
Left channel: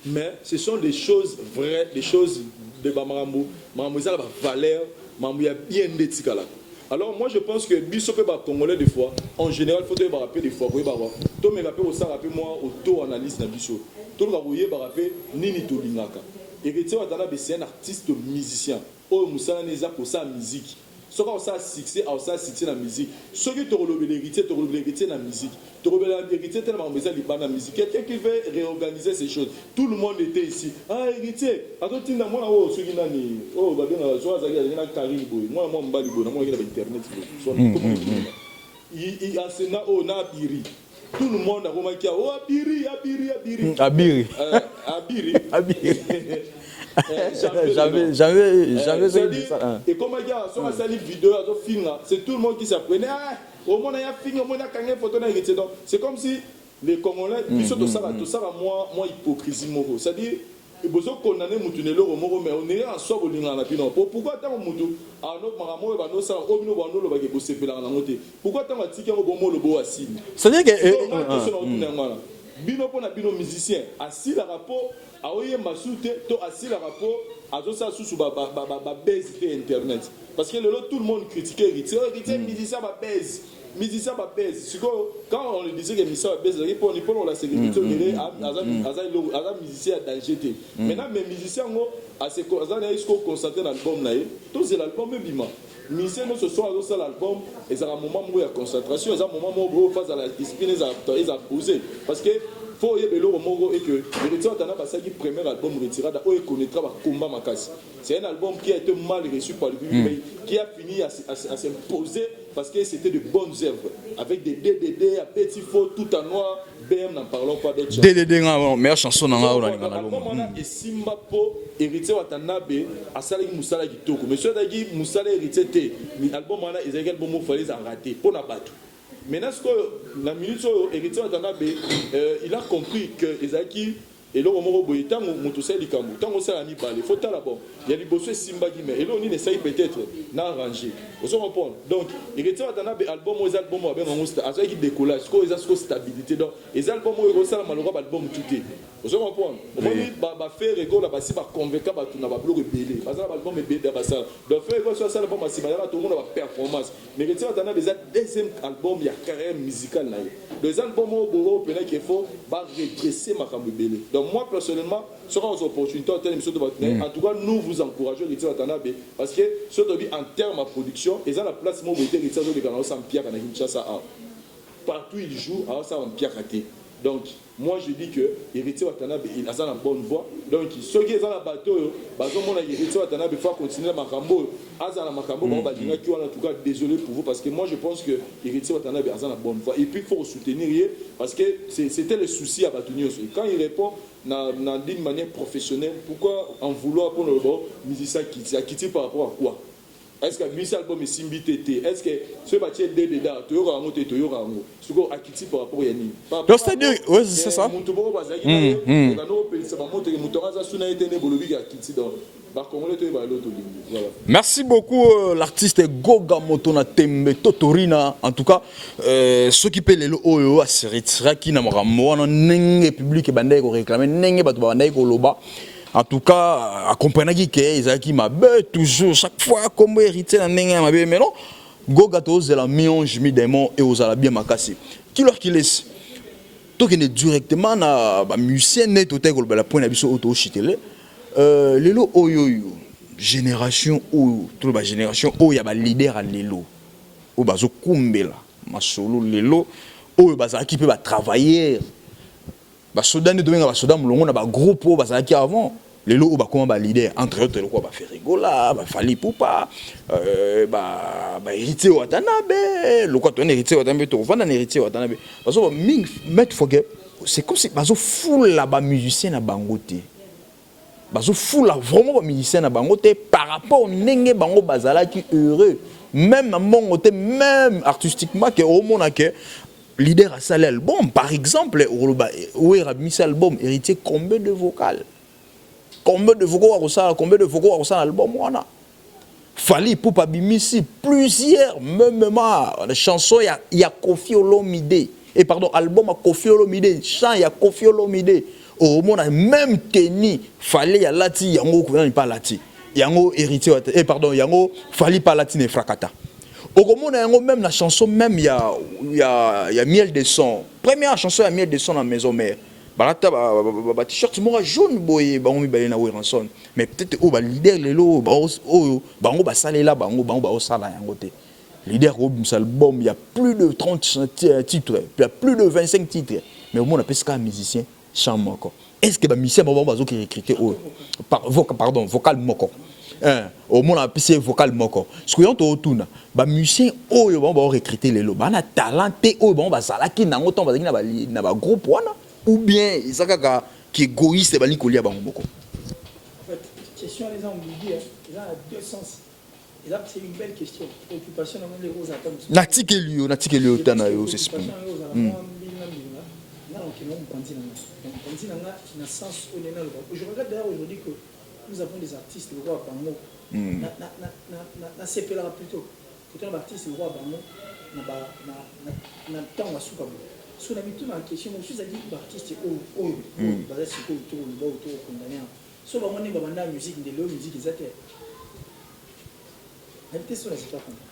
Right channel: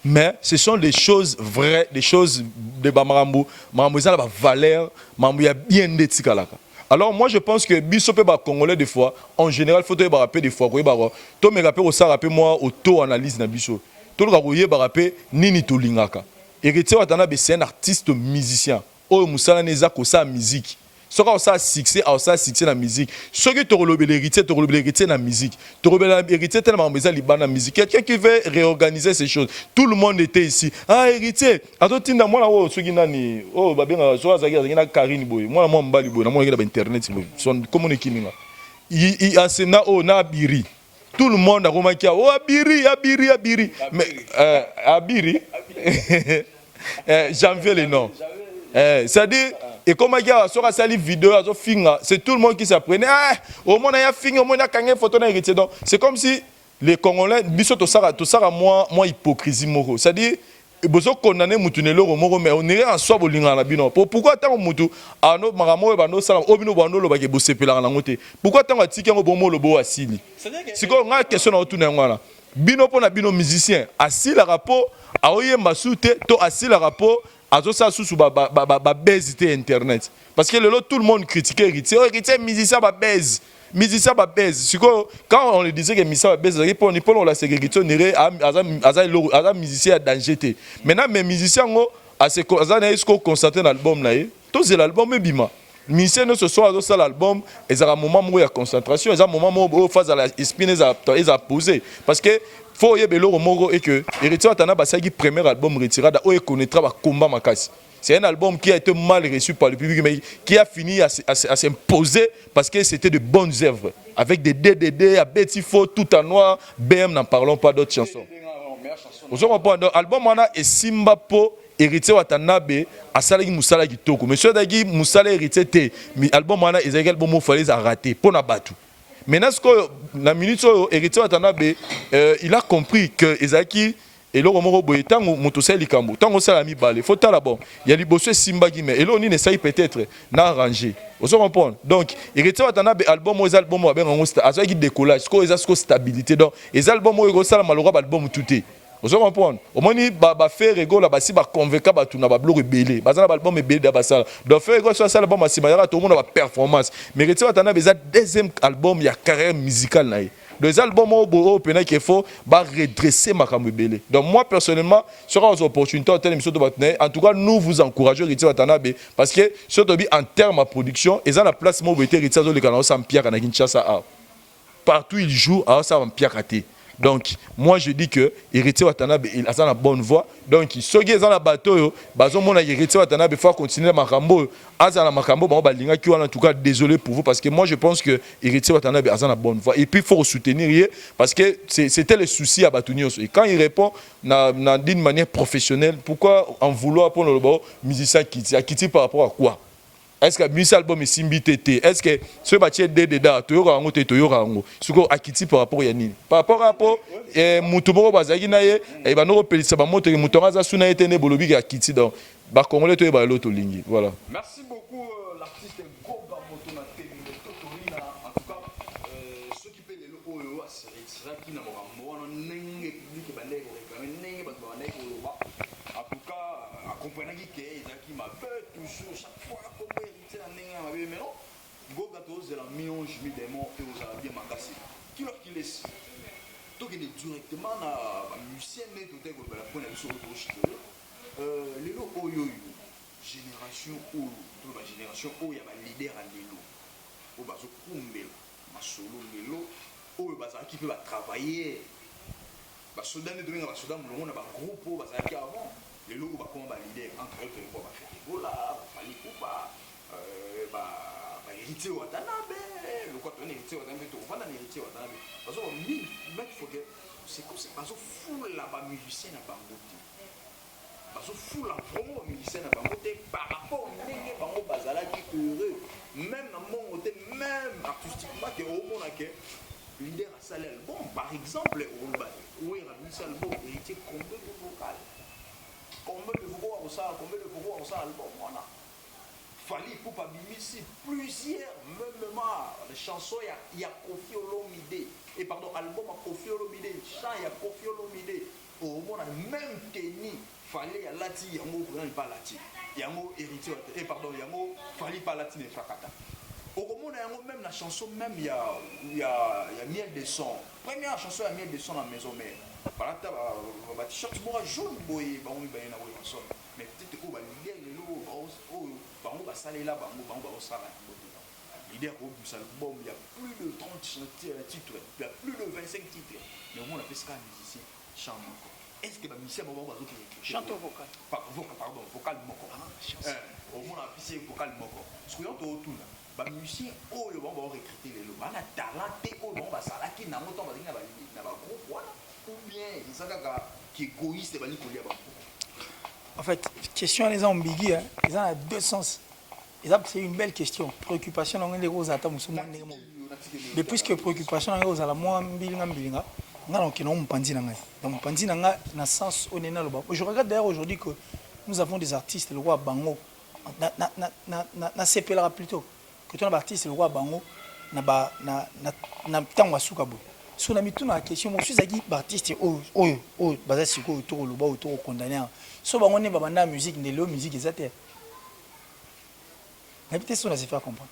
mais ce sont des choses vraies des choses de bamarambo mambo ça la valeur mambo ya bien ndetsikalaka. Alors moi je pense que biso pe ba congolais des fois en général faut te ba rappeler des fois ko ba to me rappeler ça rappeler moi auto analyse na biso to ka ko ba rappeler nini to lingaka Héritier Watanabe c'est un artiste musicien. Oh musala neza ko sa musique soki osala succès na musique soki tokolobela héritier na musique tokolobela héritier tellement makambo eza libanda na musique quelqu'un qui veut réorganiser ces choses tout le monde était ici héritier atotinda mwana oyo soki nani oyo babengaka soki azalaki na Karine boye mwana mwa mobali boye namonaki na bainternet komona ekinima asena oyo na abiri tout le monde akomaki abiri janvier les noms. C'est-à-dire, et comme il y a sur la vidéo, c'est tout le monde qui s'apprenait. Au moins, il y a fini, au moins, il y a une photo. C'est comme si les Congolais, tout ça, moins hypocrisie. C'est-à-dire, besoin condamner mutunelo moko mais on est en soi bolinga na bino pourquoi tant mutu ano maramo ba no sala obino ba no lo ba ke bosepela na ngote pourquoi tant atiki ngo bomo lo bo asili c'est-à-dire que c'est une question na otuna ngwana bino pona bino musicien asili rapport aoye masute to asili rapport azo sa susu ba bezité internet parce que le tout le monde critiquait héritier musicien ba base musicien ba baise quand on le disait que musicien ba baise pour on la ségrégation néré aza musicien danger té maintenant mais musicien ngo azana est-ce qu'on constate l'album na to c'est l'album bima musicien ne ce soir dans ça l'album et ça un moment où il y a concentration et ça un moment où phase à la spin et à poser parce que faut y belo moko et que héritier atana ba qui premier album retirada o connaîtra ba combat makasi. C'est un album qui a été mal reçu par le public, mais qui a fini à s'imposer parce que c'était de bonnes œuvres. Avec des DDD, à Betty Fo, tout en noir, BM, n'en parlons pas d'autres chansons. DDD, meilleure chanson dans l'album, on a et Simba Po, héritier Watanabe, à Salagi Moussala Gitoko. Monsieur Dagi Moussala héritier T, mais l'album, on a Ezekiel Bomo fallait rater, pour Nabatu. Maintenant, la minute où héritier Watanabe, il a compris que Ezaki. Et là, on boye tant motosel likambo tant osala mi balé faut tala bon il y a liboso simba gime et là on essaye peut-être na arranger on se comprend donc héritier watana be album aux albums ba benga ngosta azo ki décollage ko eza ko stabilité donc les albums o sala malora album touté on se comprend au moni ba faire rigolo ba si ba convaincre ba tuna ba bloc belé ba za album belé da ba sala donc faire rigolo sur ça album si ba ya to na ba performance mais héritier watana be za deuxième album il y a carrière musicale na les albums au pénal qu'il faut redresser ma camubélé. Donc moi personnellement, sur une opportunité en tout cas nous vous encourageons Héritier Watanabe parce que surtout en termes de production, ils ont la place où Héritier les canaux sans Pierre à Kinshasa. Partout il joue à ça en Pierre raté. Donc moi je dis que Héritier Watanabe il a la bonne voie. Donc ceux qui sont dans le bateau, mon Héritier Watanabe faut continuer Makambo, Azana Makambo, en tout cas désolé pour vous parce que moi je pense que Héritier Watanabe a la bonne voie et puis il faut soutenir parce que c'était le souci à Batounios. Et quand il répond d'une manière professionnelle, pourquoi en vouloir pour le musicien Kitty par rapport à quoi? Est-ce que musique album est simbité? Est-ce que ce bâtiment dedans toyora ngo te toyora ngo suko akiti par rapport à yani par rapport à mutumo bazaki na ye et ba no pelisa ba moto mutonga za suna etene bolobi akiti donc ba congolais to ba loto lingi voilà. Merci beaucoup l'artiste Goga Motona Tembe Totorina en tout cas ceux qui paient les oyo a seritira qui na mrambo na nenge public bandai ko réclamer nenge batu bandai ko loba. En tout cas, accompagné que Ezaki m'a toujours chaque fois comme héritier dans n'engue m'a mais non Goga tous de la mionge mi démon et aux ala bien makasi. Qui leur qui laisse toi qui est directement na ba musicien net au tel la point abiso auto chitele lelo oyo génération ou toute la génération o ya ba leader à lelo o bazo kumbela masolo lelo o baza qui peut ba travailler ba soda ne dominga ba soda mulongo na ba groupe o baza qui avant les lots ba comment ba leader entre autres le quoi ba faire rigola ba fali poupa ba héritier Watanabe le quoi ton héritier Watanabe to vendre un héritier Watanabe parce que ming mettre forget c'est comme si bazo full la ba musicien na bangote bazo full la vraiment ba musicien na bangote par rapport ndenge bango bazala qui heureux même à mon côté même artistiquement que au monde que leader à salé album par exemple où est mis album héritier combien de vocales combien de vocaux à l'album wana Fali Poupa Bimisi plusieurs même les chansons il y a Kofi Olomide et pardon album à Kofi Olomide chant il y a Kofi Olomide au monde même Kenny Fali ya lati yango ko pas lati yango héritier et pardon yango Fali pas lati ne frakata au monde yango même la chanson même il y a miel de son première chanson il y a miel de son à maison mère balata ba t-shirt moko jaune boye bango mibale na Weranson mais peut-être o ba leader lelo bango basalela bango baosala yango te leader au album il y a plus de 30 titres il y a plus de 25 titres mais au moins on appelle ça musicien chant moko est-ce que ba musicien bazo qui recruter pardon vocal moko au moins on appelle ça vocal moko ce que on tuna ba musicien oyo ba recruter lelo ba na talenté oyo ba bazala ki nango ton bazaki na ba groupe wana ou bien ezaka qui égoïste ba likolia bango moko en fait question les ambiguës ils ont deux sens. C'est une belle question. Préoccupation dans les roses attends. Natikeli tana yo. Préoccupation dans les roses la moi mbilinga. Ngalo ki non pandi nanga. Donc pandi nanga na sens onena loba. Je regarde d'ailleurs aujourd'hui que nous avons des artistes le roi Bango. Na sepela plutôt que ton artiste le roi Bango na tango sukabu. So na mitu na question mo suis aki artiste baza siko to loba to condamner. So bango ne babanda musique ne lo musique ezate. Peut-être ça se faire comprendre.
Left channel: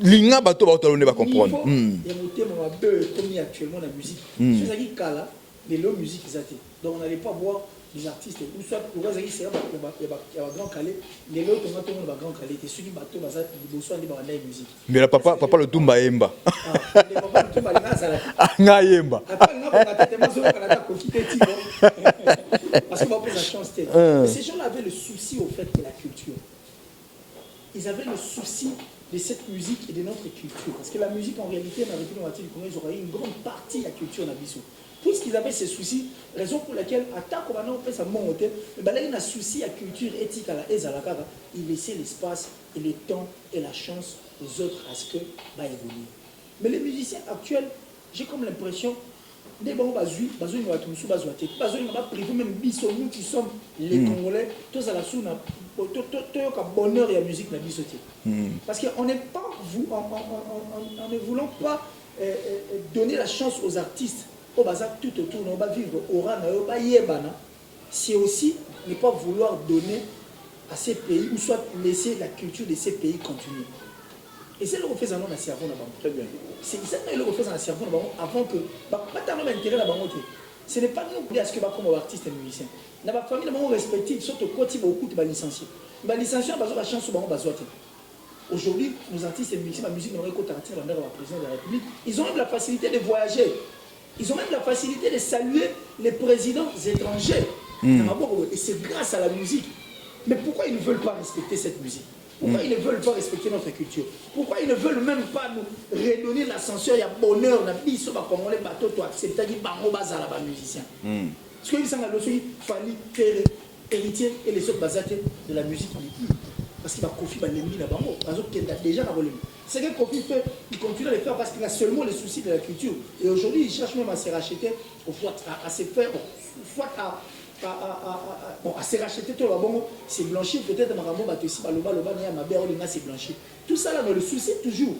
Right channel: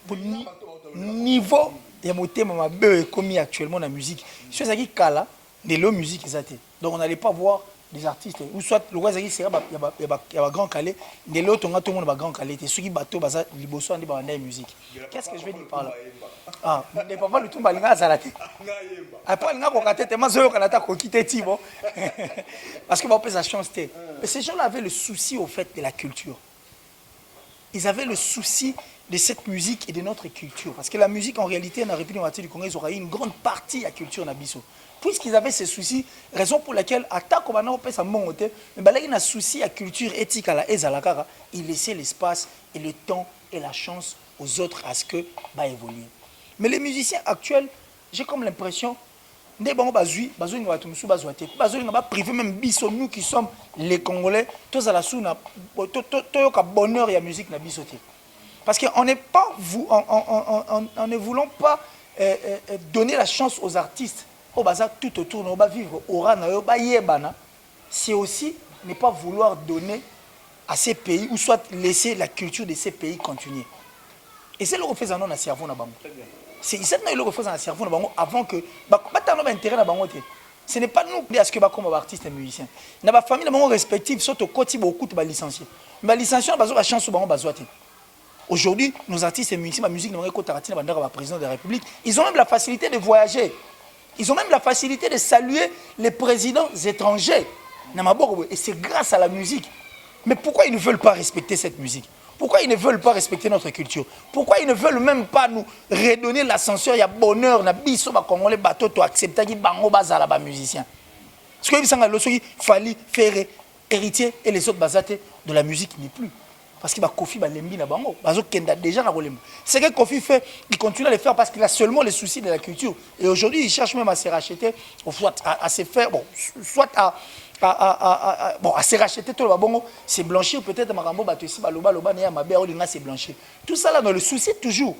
Linga bato ba ne pas comprendre. Il y a mon thème mabe commis actuellement dans la musique. C'est ça qui kala de la musique ezate. Donc on n'allait pas voir des artistes ou soit le roi zaki sera il y a grand calé de l'autre on a tout le monde ba grand calé ceux qui bateau baza liboso andi ba musique. Mais papa le tumba yemba. Ah, le papa le tumba linga sala. Nga yemba. Après nga ko ngata tellement so kanata ko quitter Tibo. Parce que ba peut sa chance. Mais ces gens-là avaient le souci au fait de la culture. Ils avaient le souci de cette musique et de notre culture. Parce que la musique, en réalité, dans la République démocratique du Congo, ils auraient eu une grande partie de la culture Nabiso. Puisqu'ils avaient ces soucis, raison pour laquelle, à tant qu'on a fait ça, mais il y a un souci à la culture éthique à la Ezalakara, ils laissaient l'espace et le temps et la chance aux autres à ce que va évoluer. Mais les musiciens actuels, j'ai comme l'impression, nous privé même nous qui sommes les Congolais, tous à la soune, bonheur et la musique na bisoté. Parce qu'on n'est pas on ne voulons pas donner la chance aux artistes au bazar tout autour on va vivre aura na yo ba yebana c'est aussi ne pas vouloir donner à ces pays ou soit laisser la culture de ces pays continuer. Et c'est le refait en a cerveau na bango. Très bien. C'est ça le refait en cerveau na bango avant que ba tant intérêt la bango. Ce n'est pas nous à ce que comme artiste et musicien. Dans ma famille, dans respectif, surtout côté beaucoup de licenciés. Mais licenciés, on a la chance souvent besoin. Aujourd'hui, nos artistes et musiciens, la musique, nous avons président de la République. Ils ont même la facilité de voyager. Ils ont même la facilité de saluer les présidents étrangers. Et c'est grâce à la musique. Mais pourquoi ils ne veulent pas respecter cette musique? Pourquoi ils ne veulent pas respecter notre culture? Pourquoi ils ne veulent même pas nous redonner l'ascenseur? Il y a bonheur, na biso ba congolais bateau to accepter qui bango bazala ba musicien. Parce que il fallait faire héritier et les autres basatés de la musique n'est plus. Parce qu'il va Kofi ba lembi na bango. Bazo kenda déjà na bolem. C'est que Kofi fait, il continue à le faire parce qu'il a seulement les soucis de la culture. Et aujourd'hui, il cherche même à se racheter, à se faire, bon, soit à se racheter tout le bon, c'est blanchir peut-être Marambo Batessi, Baloba, c'est blanchir. Tout ça là dans le souci toujours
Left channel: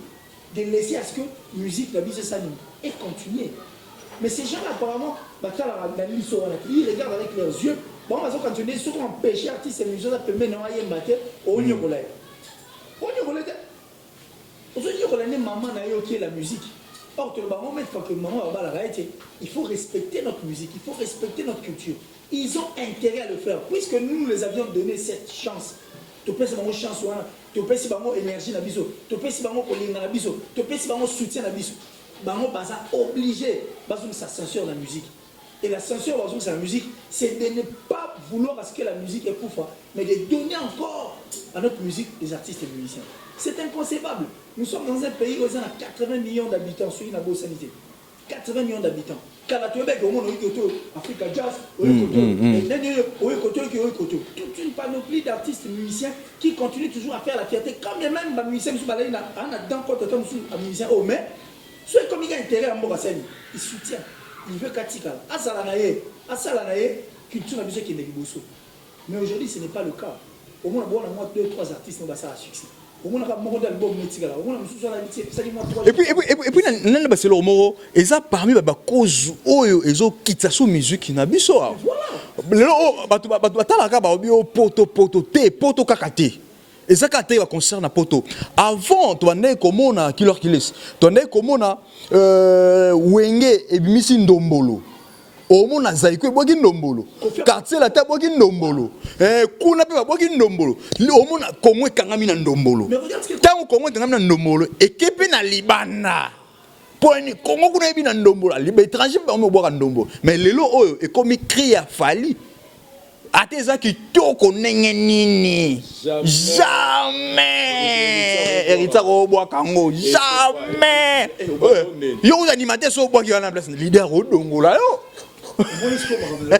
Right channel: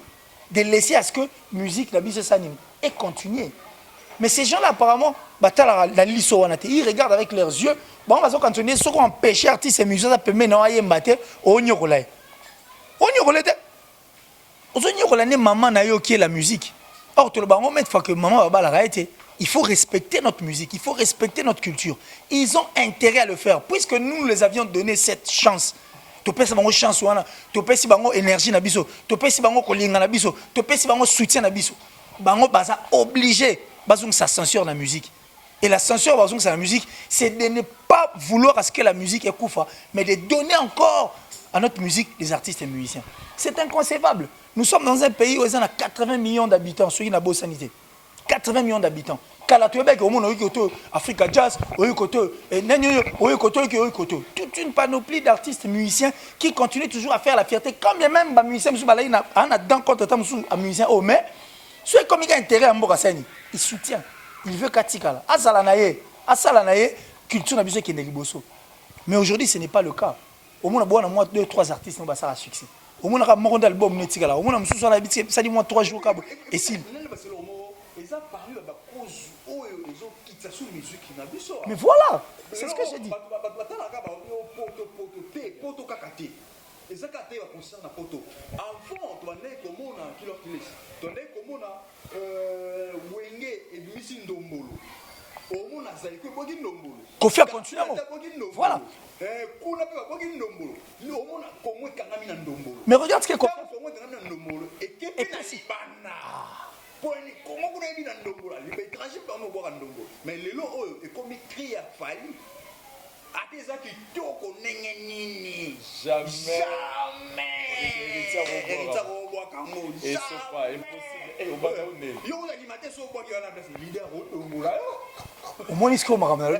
de laisser à ce que musique, la musique s'anime et continuer. Mais ces gens-là apparemment, ils regardent avec leurs yeux. Bon, on va continuer, ceux qui ont empêché artistes et musiciens, ça peut maintenant aller mater au Nyogolai. Au Nyogolai, maman n'a eu qui est la musique. Or, tout le monde, une fois que maman va la réalité, il faut respecter notre musique, il faut respecter notre culture. Ils ont intérêt à le faire, puisque nous les avions donné cette chance. Tu peux avoir une chance, tu peux avoir une énergie, tu peux avoir une énergie, tu peux avoir un soutien. Ils sont obligés de s'ascension dans la musique. Et la censure dans la musique, c'est de ne pas vouloir à ce que la musique est koufa, mais de donner encore à notre musique des artistes et musiciens. C'est inconcevable. Nous sommes dans un pays où il y a 80 millions d'habitants, sur une bonne sanité. 80 millions d'habitants. Africa Jazz, toute une panoplie d'artistes et musiciens qui continuent toujours à faire la fierté. Comme les mêmes musiciens, mais ceux comme il a intérêt à Mbokasani, il soutient. Il veut Katikala. Asalanaye, culture na biso qui est liboso. Mais aujourd'hui, ce n'est pas le cas. Au moins, on a 2-3 artistes qui ont un succès. Au moins, on a un album Netigala. Au moins, on a un ça dit 3 jours. Et puis, c'est le mot. Et ça, parmi les causes, ils ont quitté la musique na biso. Mais voilà. Poto kakate. Et ça, quand il concerne Poto, avant, tu as comme on a Killer Kiles, tu as comme on a Wenge et Missy Ndombolo. omona zaiko eboki ndombolo quartier la ta boki ndombolo kuna pe boki ndombolo omona Congo ekangami na ndombolo Mais regarde ce que tango Congo ekangami na ndombolo ekepe na libana poni Congo kuna ebi na ndombolo liba étranger ba omeboka ndombolo mais lelo oyo ekomi cri ya fali ate eza kitoko ndenge nini jamais héritier obwaka yango jamais yo animateur so obwaki wana place leader odongola yo moi est-ce qu'on m'a ramené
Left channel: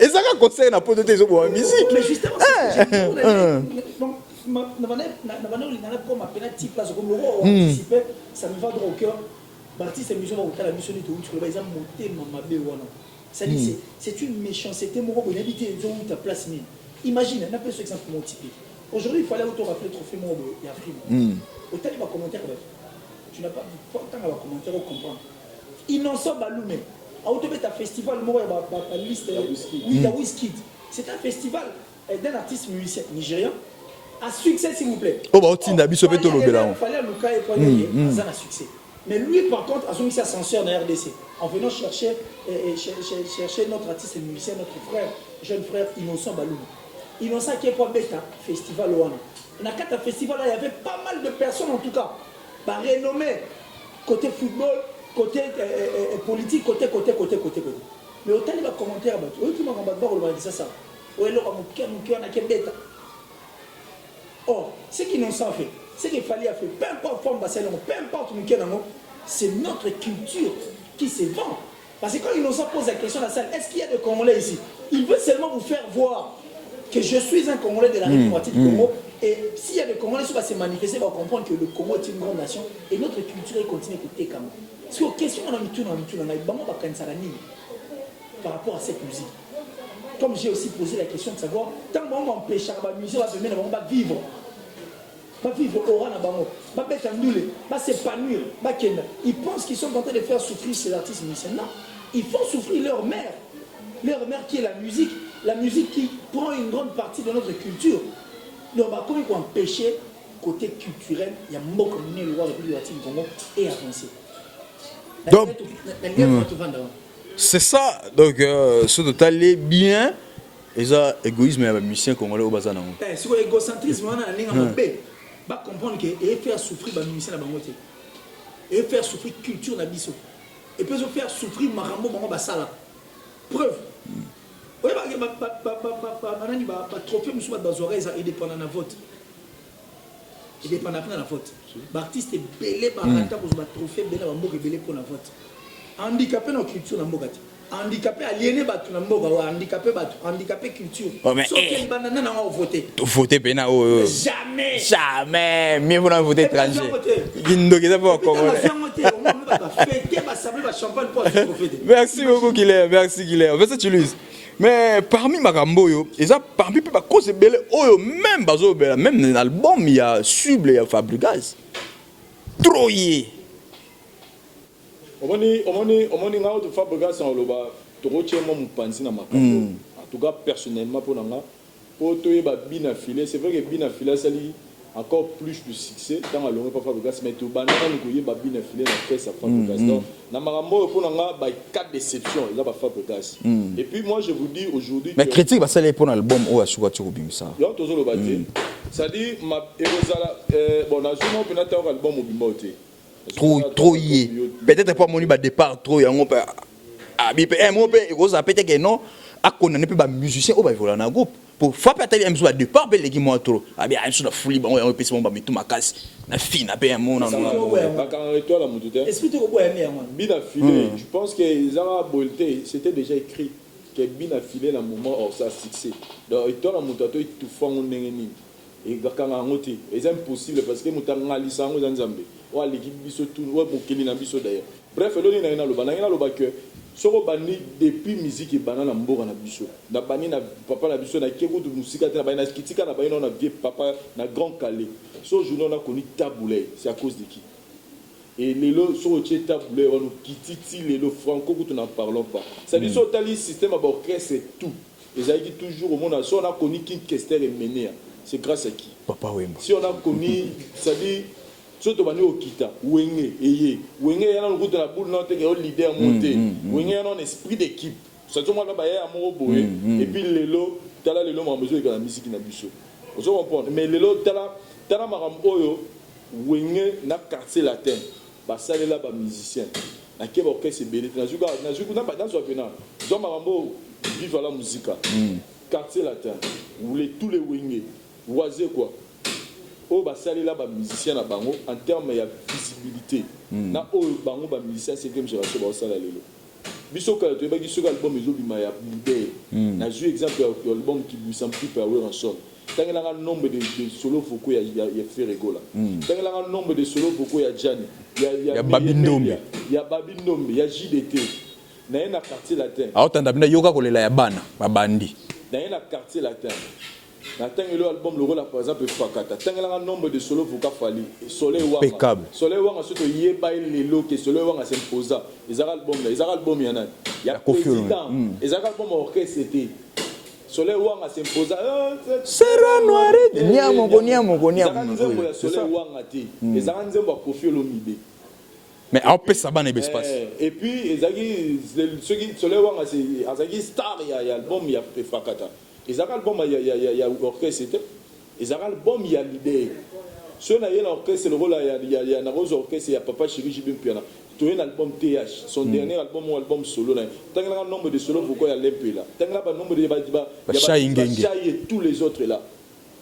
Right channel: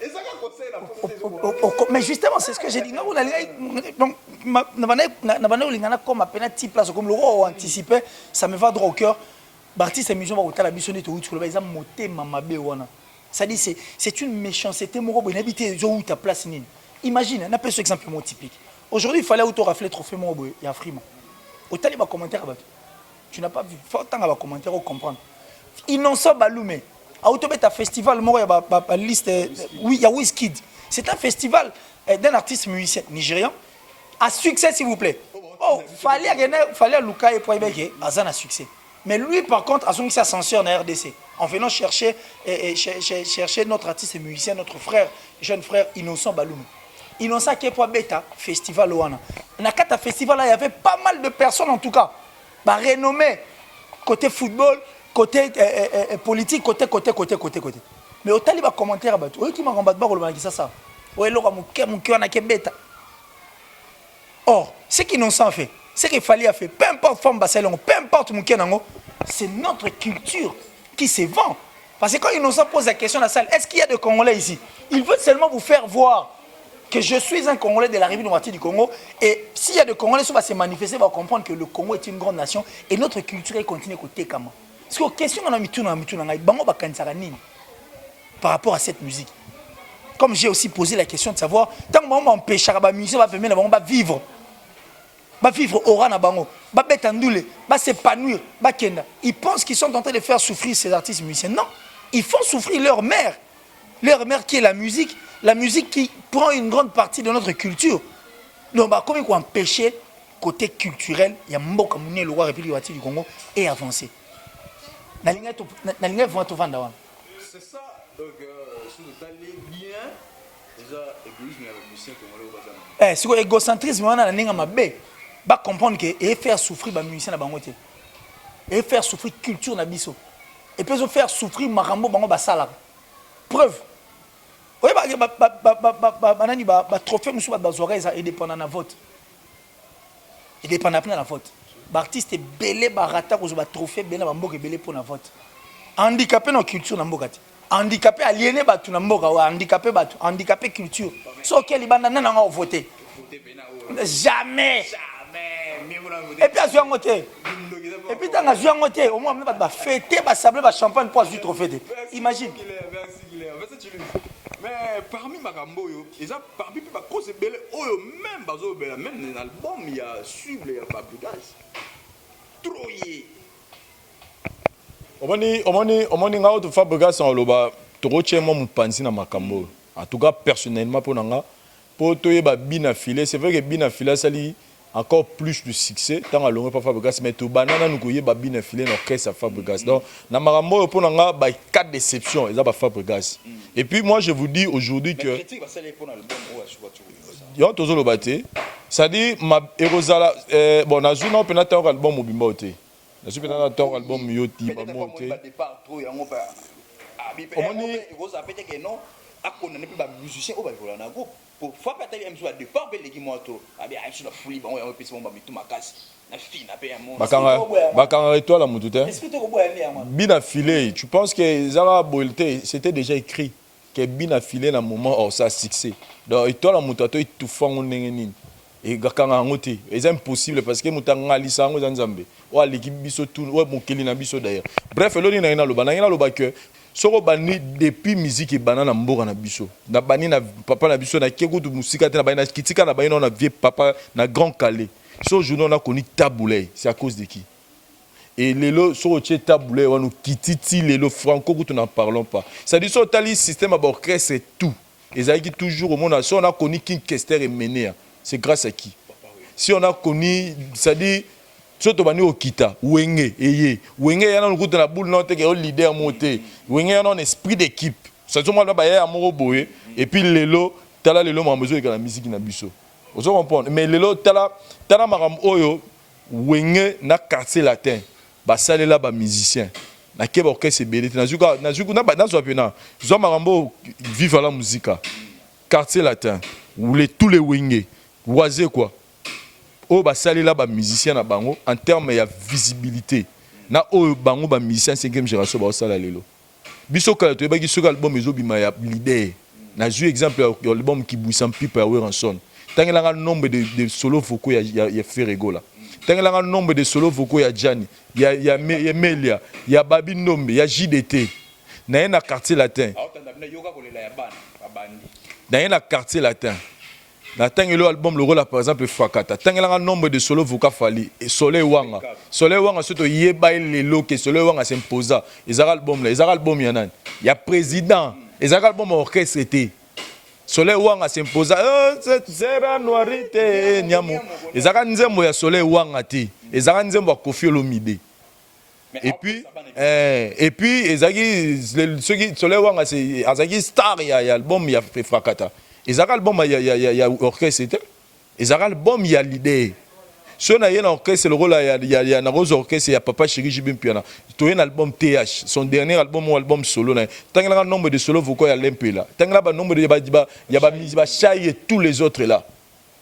et ça conseil na poto tezo bo mais justement c'est ce que j'ai dit donc na bana olingana comme appena type place comme le roi anticipé ça me va droit au cœur l'artiste amusant va otala biso de tout le exemple motema mabe wana ça dit c'est une méchanceté mon robot inhabité où ta place ni imagine on appelle ce exemple mon typique aujourd'hui il fallait auto rafler trophée mon robot il y a frima otali ba commentaire tu n'as pas vu tant va commentaire au comprendre innocent balume auto beta festival mon ba liste oui il y a Wizkid c'est un festival d'un artiste musicien nigérian à succès s'il vous plaît oh bah otinda biso beto il fallait Luka et Poibé à succès. Mais lui, par contre, a son ascenseur dans la RDC. En venant chercher notre artiste et musicien, notre frère, jeune frère Innocent Baloum. Innocent qui est pour Beta, festival Ouana. Dans le festival, il y avait pas mal de personnes en tout cas. Bah, renommées, côté football, côté politique, côté. Mais au taliban commentaire, oui, qui m'a combattu, ça. Oui, mon cœur n'a qu'à Beta. Or, ce qu'Innocent fait, ce qu'il fallait faire, peu importe forme Barcelone, peu importe mon Kenango, c'est notre culture qui se vend. Parce que quand Innocent pose la question à la salle, est-ce qu'il y a des Congolais ici? Il veut seulement vous faire voir que je suis un Congolais de la République du Congo. Et s'il y a des Congolais qui vont se manifester, ils vont comprendre que le Congo est une grande nation et notre culture continue à côté comme parce que la question par rapport à cette musique. Comme j'ai aussi posé la question de savoir, tant que on empêchera la musique, on va permettre de vivre. Va vivre aura na bango, va betandoule, va s'épanouir, va kenda. Ils pensent qu'ils sont en train de faire souffrir ces artistes musiciens. Non, ils font souffrir leur mère qui est la musique qui prend une grande partie de notre culture. Donc, bah, comment empêcher côté culturel, il y a beaucoup comme le roi République du Congo et avancer. Donc, c'est ça. Donc, ce total est bien. Et ça, égoïsme et musicien congolais au bazar. C'est l'égocentrisme, on a un peu. Va comprendre que et faire souffrir les musiciens na bango te et faire souffrir culture na biso et puis faire souffrir marambo bango basala preuve oui ba trophée musu ba zoreille ça dépend na vote il dépend na la vote ba artiste belé ba rata ko ba trophée belé ba mboka belé pour na vote handicapé na culture na mboka te handicapé aliéné batu na mboka wa handicapé culture so que libanda na nga voter pena jamais mieux vous voter étranger merci beaucoup Guilherme en fait tu lui mais parmi makambo yo eza parmi pe ba cause belé oyo même bazo bela même dans l'album il y a Suble il y a Fabregas trop yé omoni ngao to Fabregas en loba to chemo mupanzi na makambo en tout cas personnellement pour nga pour toyeba bina filé c'est vrai que bina filé sali encore plus de succès dans la longue pas Fabregas mais to banana nous koyeba bina filé na caisse Fabregas donc na makambo pour nga ba quatre déceptions ils a ba Fabregas et puis moi je vous dis aujourd'hui que mais critique ba sali pour l'album o asuka tu robimisa yo tozo lo baté ça dit ma erozala bon na journée on peut n'attendre album mobimba té trop peut-être pas mon départ trop yango pa abi pe mo pe rosa peut-être que non a condamné pe ba musicien o ba vola na groupe pour fois peut-être un jour départ be legi mo trop abi a sur la folie ba on peut se ba mitu makasi na fina pe un monde bakanga étoile la mutu té explique ko boya mais bina filé tu penses que zara bolté c'était déjà écrit que bina filé na moment au ça succès donc étoile la mutu to tout fango ndenge nini et gakanga ngoti c'est impossible parce que mutanga lisango za nzambe ou l'équipe biso tout ou mokeli na biso d'ailleurs bref eloni na ina loba que soko bani depuis musique et banana mboka na biso na bani na papa na biso na kekutu musika te na bani na kitika na bani na vieux papa na grand calais ce jour on a connu taboulé c'est à cause de qui et lelo soko tie taboulé on nous kititi lelo franco que nous n'en parlons pas ça dit so tali système à orchestre et tout ils a qui toujours au monde si on a connu King Kester et Ménéa c'est grâce à qui papa oui si on a connu ça dit surtout bani okita wenge eye wenge yana nkuta na boule non te ke leader monté wenge yana un esprit d'équipe ça tout monde ba ya moko boye et puis lelo tala lelo ma besoin de la musique na biso vous comprenez mais lelo tala maram oyo wenge na quartier latin ba salela ba musicien na ke ba orchestre belé na zuka na zo pena zo marambo vive la musique quartier latin où tous les wenge oisé quoi o ba salela ba musicien na bango en termes ya visibilité na o bango ba musicien 5e génération ba sala lelo biso kala to ba ki suka album ezobima ya leader na ju exemple ya album qui boussam pipa ya Ranson tangela nombre de solo vocaux ya Ferrego là tangela nombre de solo vocaux ya Gianni ya Melia ya Babi Nombe ya JDT na quartier latin aotanda bina yoka kolela ya bana babandi na quartier latin na tangelo album le rôle par exemple Frakata tangela nombre de solo vocaux fali et Soleil Wanga surtout yeba lelo que Soleil Wanga s'imposa les album ya nani ya président les album orchestre était Soleil Wanga s'imposa sera noirité ezaka nzembo ya Soleil Wanga ti ezaka nzembo ya Koffi Olomide mais en plus ça bana et puis ezaki ceux qui Soleil Wanga c'est azaki star ya album ya Frakata ezaka album ya orchestre était ezaka album ya leader si on a un orchestre le rôle il y a un orchestre il y a Papa Chéri Jibim Piana tu as un album TH son dernier album ou album solo tant qu'il y a un nombre de solos vocaux il y a l'MP là tant qu'il y a un nombre de il y a Chai et tous les autres là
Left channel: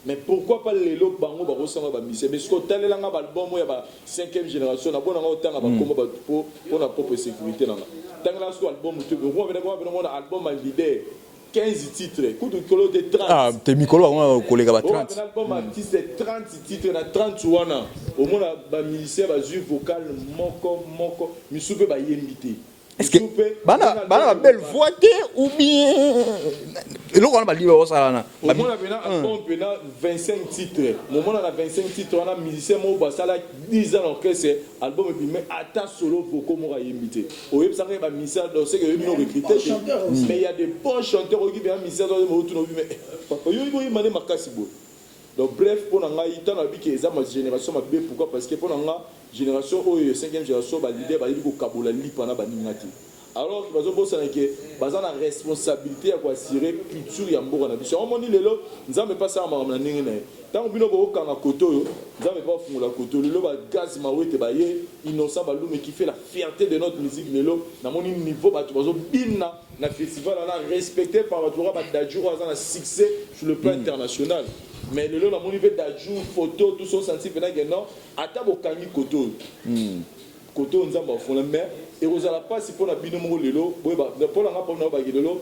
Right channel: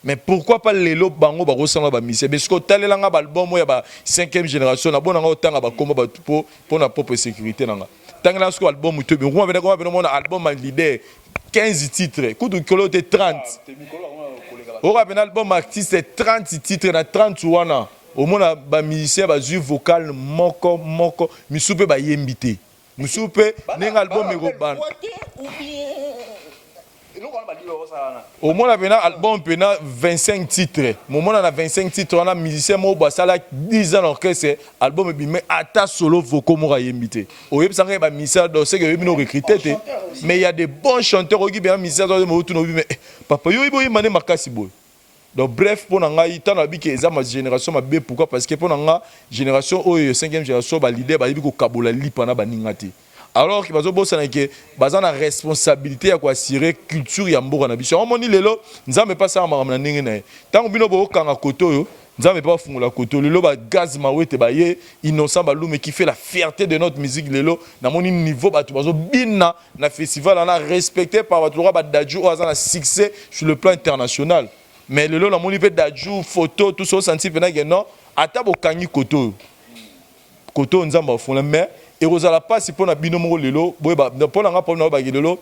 mais pourquoi pas les lots bango ba ressemble ba mise parce que tel là album il y a 5e génération na bona autant ba komba ba pour la propre sécurité là tant qu'il y a un album tu bien on a album leader 15 titres, coup de colo de 30. Ah, t'es Mikolo, on a collègue. On a un album artiste, c'est 30 titres, na 30 wana. Au moins, un musicien, un jeu vocal, moko, misoupe, ba yembité. Misoupe, un album de voité ou bien. Et là, on a dit, au moins, on a un album, 25 titres. Au moins, on a 25 titres, on a un musicien, ça a 10 ans d'orchestre, album, mais à ta solo, vocal, on a yembité. Au lieu de ça, il y a un musicien, c'est que nous recruter, mais il y a des bons chanteurs qui ont un musicien, mais papa, il y a un makasi boy. Donc bref, pour nous, il y a ma génération, pourquoi? Parce que pour nous, génération, 5e génération, l'idée, il y a un kabola lipana baningati. Alors que nous avons la responsabilité à assurer la culture ya mboka na biso. On moni lelo, nzambe pas ça na ndenge na. Tant que bino bo kanga koto yo, nzambe pas fungula koto lelo ba gaz mawete ba ye innocent balume qui fait la fierté de notre musique lelo. Na moni niveau ba bazo bina na festival na respecté par ba ba daju o azana succès sur le plan international. Mais lelo na moni pe daju photo tout ça senti pena que non, ata bo kangi koto. Koto nzamba fungula mais et Rosala pas si pour na binomo lelo pour na pour na ba lelo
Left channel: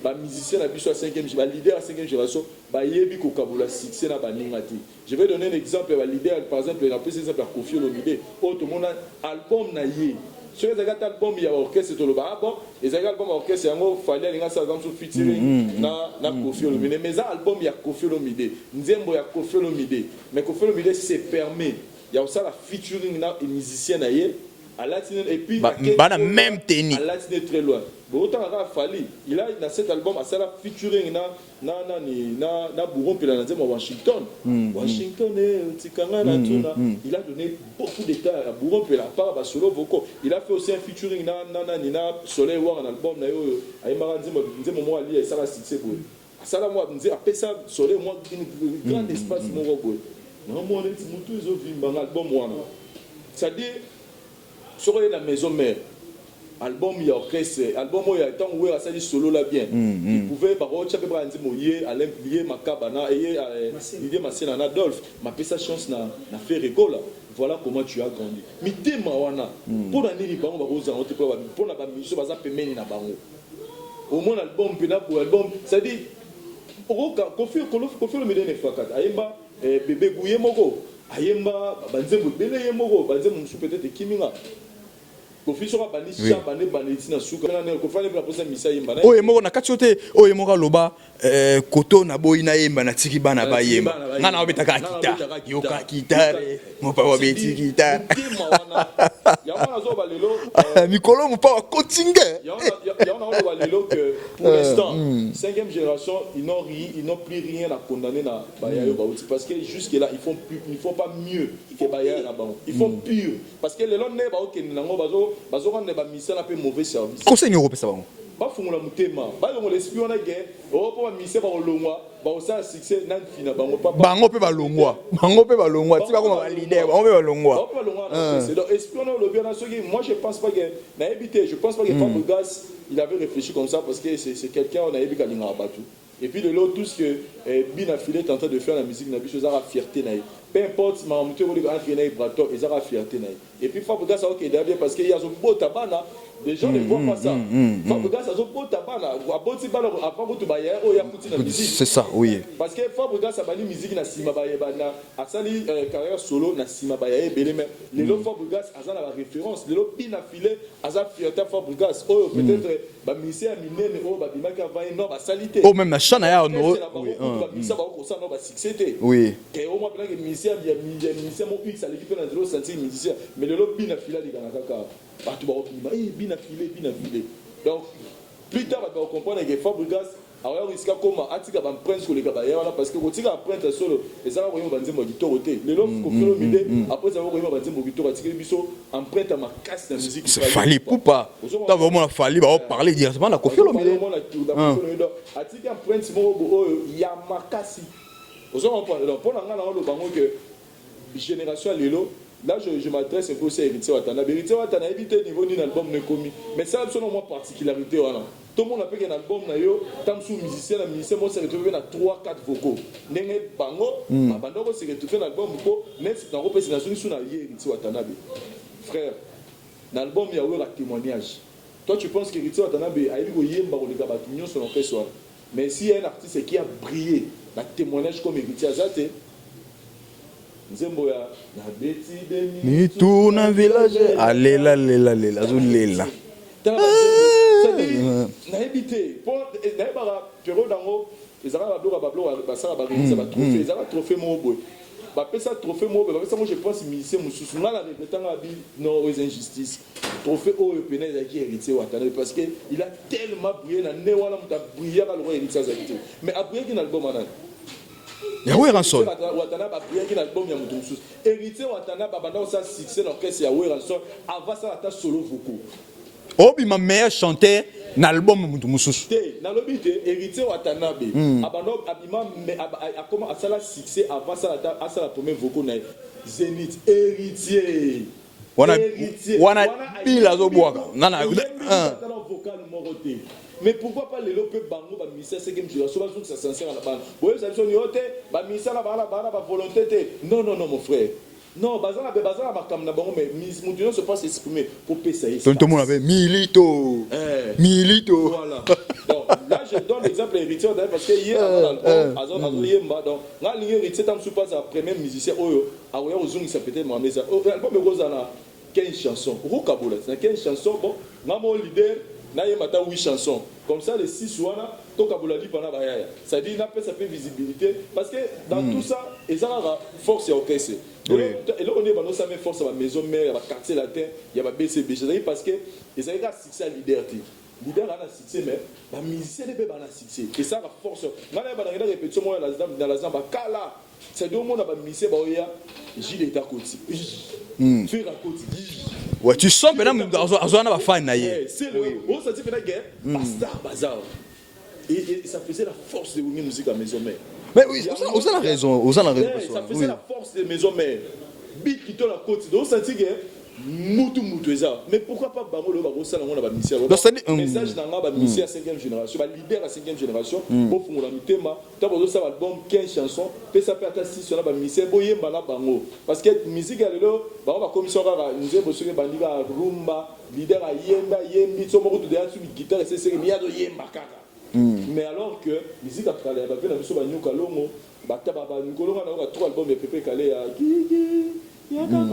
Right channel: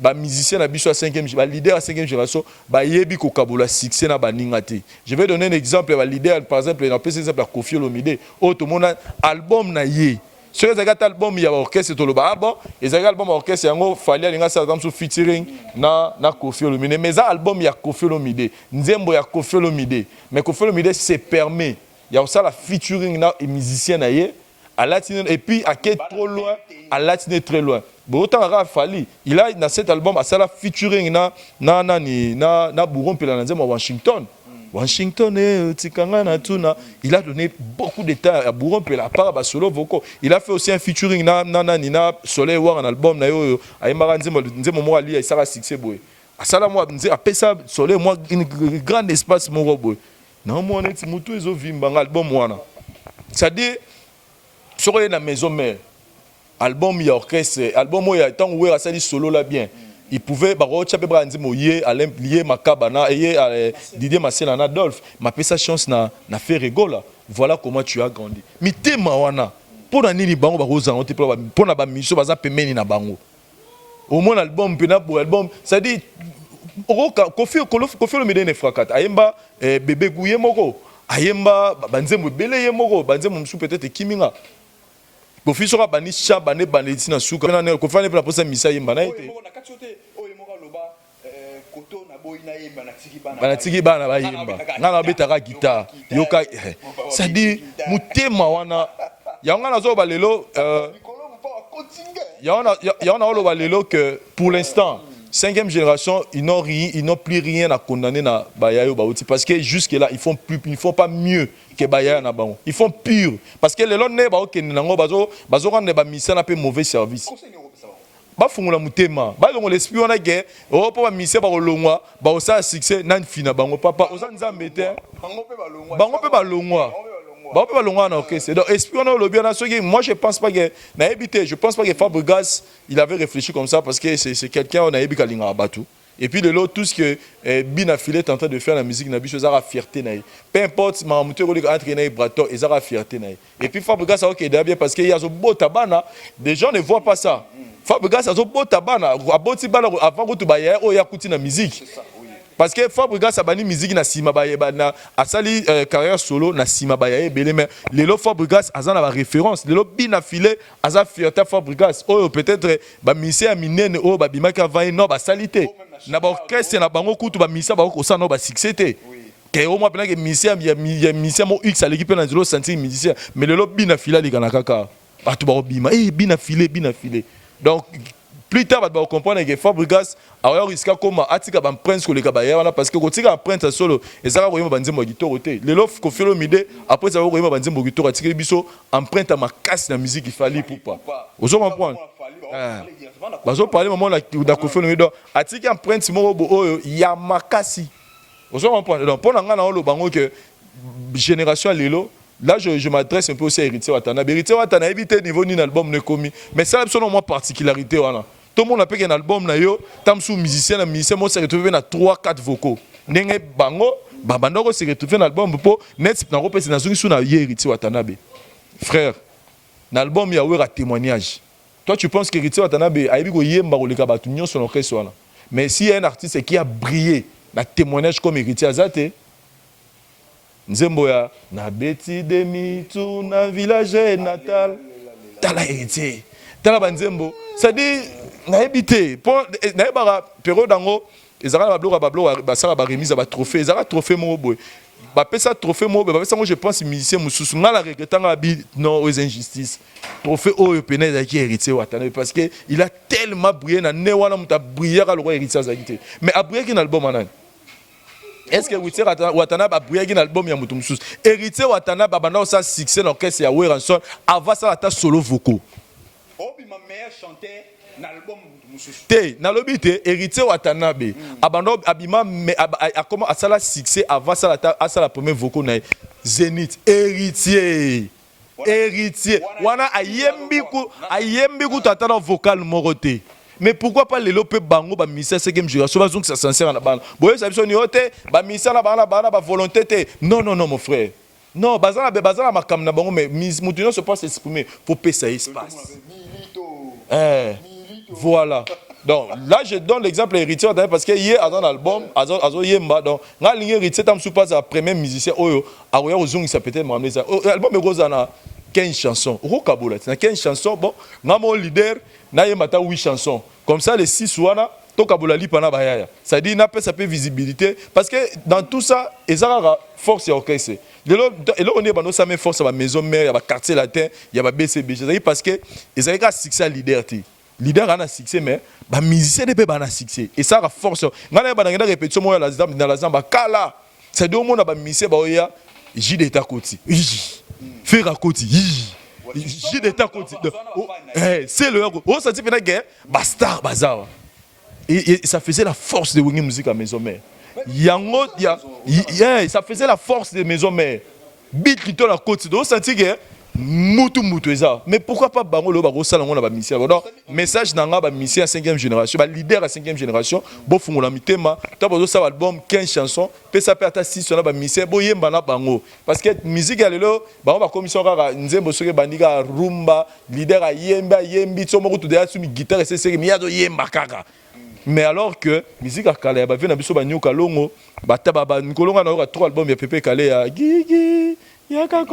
ba musicien na biso à 5e ba leader à 5e génération ba yebi ko kabola succès na ba ningati. Je vais donner un exemple ba leader par exemple na PC exemple Koffi Olomide o to mona album na ye sur les album il y a orchestre to le ba bon les album orchestre yango fali alinga sa comme featuring na Koffi Olomide mais ça album il y a Koffi Olomide nzembo ya Koffi Olomide mais Koffi Olomide c'est permet il y a aussi la featuring na musicien na ye à latine et puis à latine très loin. Bon autant à Fali, il a dans cet album à ça la featuring na Bouron puis la Washington. Washington et Tikanga na tuna. Il a donné beaucoup de temps à Bouron puis la part ba solo vocaux. Il a fait aussi un featuring na Soleil War un album na yo ayemba nzemo mo ali ça va succès boy. À ça la moi après ça Soleil moi un grand espace mo boy. Non moi net mutu ezo vimba album wana. C'est-à-dire sur la maison mère album il y a orchestre album il y a tant où ça dit solo là bien il pouvait baro tchape brandi moyer à lié makabana et Didier Massena na Adolphe m'a fait sa chance na fait rigola voilà comment tu as grandi mité mawana pour na nini bango baro za on te pour na ba mission baza pemeni na bango au moins album pena pour album ça dit Koffi Olomide ne Frakata ayemba bébé gouye moko ayemba banzemo belé moko banzemo msu peut-être kiminga Koffi sera bani chabane baneti na suka na kofane pour la posa misa yemba na oye moko na katiote oye moko loba koto na boyi na yemba na tiki bana ba yemba na betaka guitar c'est dit mutema wana yanga na zo balelo mikolo mu pa kotinge yanga na balelo que pour l'instant 5e génération ils n'ont plus rien à condamner na bayayo baouti parce que jusque là ils font pas mieux que baya na bango ils font pur parce que les lots ne ba okende nango bazo rendre ba misa na pe mauvais service conseil européen ça bango bafungula mutema balongola esprit wana ke po bamise bakolongwa baosala succès nani fina bango papa bango pe balongwa na orchestre. Donc esprit wana olobi wana soki moi je pense pas que je pense pas que Fabregas il avait réfléchi comme ça parce que c'est quelqu'un on a yebi kalinga batu. Et puis de l'autre, tout ce que Bina Filé est en train de faire la musique, ils ont la fierté. Peu importe, ma moteur entraîné Brato, ils ont la fierté. Et puis Fabregas, ça ok, bien parce qu'il y a un beau tabac, des gens ne voient pas ça. Fabregas, a un beau tabac, avant que tu bailles, il y a la musique. C'est ça, oui. Parce que Fabregas a banni musique na sima baye a sali carrière solo na sima baye belé mais lelo Fabregas a la référence. Lelo Bina Filé a la fierté Fabregas. Oh peut-être ba misé a minene oh ba bimaka va non ba salité. Oh même na chana orchestre na bango kutu ba misa ba ko ça non ba succès. Oui. Que au moins pendant que misé ya misé mo X à l'équipe na zelo sentir musicien mais lelo Bina Filé li kana kaka. Ba to ba bima Bina Filé. Donc plus tard va comprendre que Fabregas alors risque comme atika ban prince ko le kabaya wana parce que ko tika prince solo ezaka ko yema banzembo gitoro te lelo ko felo mide après ça ko yema banzembo gitoro atika biso empreinte makasi na musique fallait pas ozoma vraiment fallait parler directement na ko parler moment na ko felo mide atika empreinte mo bo ya makasi ozoma prendre donc pour nga na lo bango que génération lelo. Là, je m'adresse un peu aussi à Héritier Watana. Héritier Watana a évité niveau ni album ne commis. Mais c'est absolument moi particularité. Voilà. Tout le monde a payé un album, tam sous musicien, moi s'est retrouvé dans 3-4 vocaux. Nenge bango, babandoko s'est retrouvé dans l'album pour net na repese na zungi suna Héritier Watana. Frère, l'album il y a eu un témoignage. Toi tu penses que Héritier Watana a eu go yemba ko leka batu nyon son orchestre wana. Mais s'il y a un artiste qui a brillé, na témoignage comme Héritier Azate Nzembo ya na beti demi tout na village alela tala banzembo ça dit na ebité pour na ebara période dango ezaka bablo basala ba remise ba trophée ezaka trophée mo boy ba pesa trophée mo ba pesa moi je pense musicien mususu ngala regretanga bi non aux injustices trophée o penez qui héritier Watana parce que il a tellement brillé na ne wana muta briller ka le roi héritier Azakité mais a brillé qui album anan Watana a brillé un album ya mutu mususu Héritier Watana babana ça succès l'orchestre ya Ranson avant ça ta solo vocaux obi ma meilleur chanteur na album mutu mususu te na lobi te Héritier Watana be abano abima a comment à ça la succès avant ça la première vocaux na Zénith Héritier wana ayembi ku tata na vocal moroté. Mais pourquoi pas les lopes bango ba misa 5e génération va donc ça sincère na bana boye ça biso ni ote ba misa na bana ba volonté te non mon frère non bazana makam na bango mais mutu non se passe exprimer faut payer ça tout le monde avait milito voilà donc là je donne l'exemple Héritier parce que hier dans l'album azo yemba donc nga lingi Héritier tam sous pas à premier musicien oyo aroya ozongi ça peut-être m'amener ça album Rosana 15 chansons rokabola 15 chansons bon nga mon leader na yemata 8 chansons comme ça les 6 wana to kabola lipa na bayaya ça dit na ça peut visibilité parce que dans tout ça ezara force ya orchestre et là on est bano ça met force à la maison mère ya ba quartier latin ya ba BCB c'est parce que ezara ka succès leader a un succès mais ba musicien ne peut pas un succès et ça a force ngana ba na répétition moi dans la zamba kala c'est deux monde ba musicien ba oya J d'état côté faire à côté ouais, tu sens que c'est le oh ça dit que Bastar Bazar et ça faisait la force de Wingy Musique à Maison Mère mais ça faisait la force de Maison Mère beat qui tourne la côte donc ça dit que mutu eza mais pourquoi pas bango lo ba rosala ngona ba mission message nanga ba mission à 5e génération ba leader à 5e génération bo fungola mitema ta bozo sa album 15 chansons pe ça peut ata 6 na ba mission bo yemba na bango parce que musique ya lelo bango ba commission kaka nzembo soke bandika rumba leader a yembi to moko to de atumi guitare c'est mi ya do yemba kaka mais alors que musique a kala ba vena biso ba nyoka longo ba taba ba nkolonga na 3 albums ya Pepe Kale ya gigi yaka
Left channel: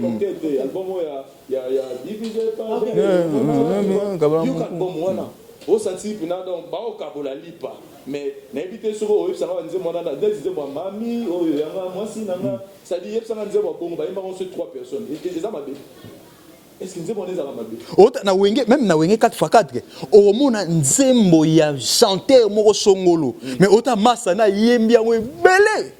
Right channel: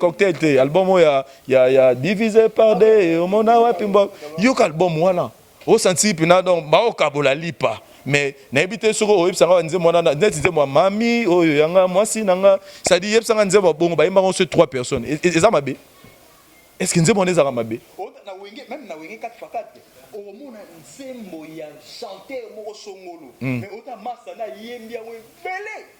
cocktail album ya divisé par des mon awapimba yo album wana au senti pina donc ba okabola lipa mais na ebité soko oyebsanga nze mwana na nze moi mami oyo yanga mwasi nanga ça dit yebsanga nze bongo ba yemba on se 3 personnes et ça mabe est-ce que nze mwana ezaka mabe na wenge même na wenge 4x4 o mona nzembo ya chanteur moko songolo mais ota massa na yembi yango belé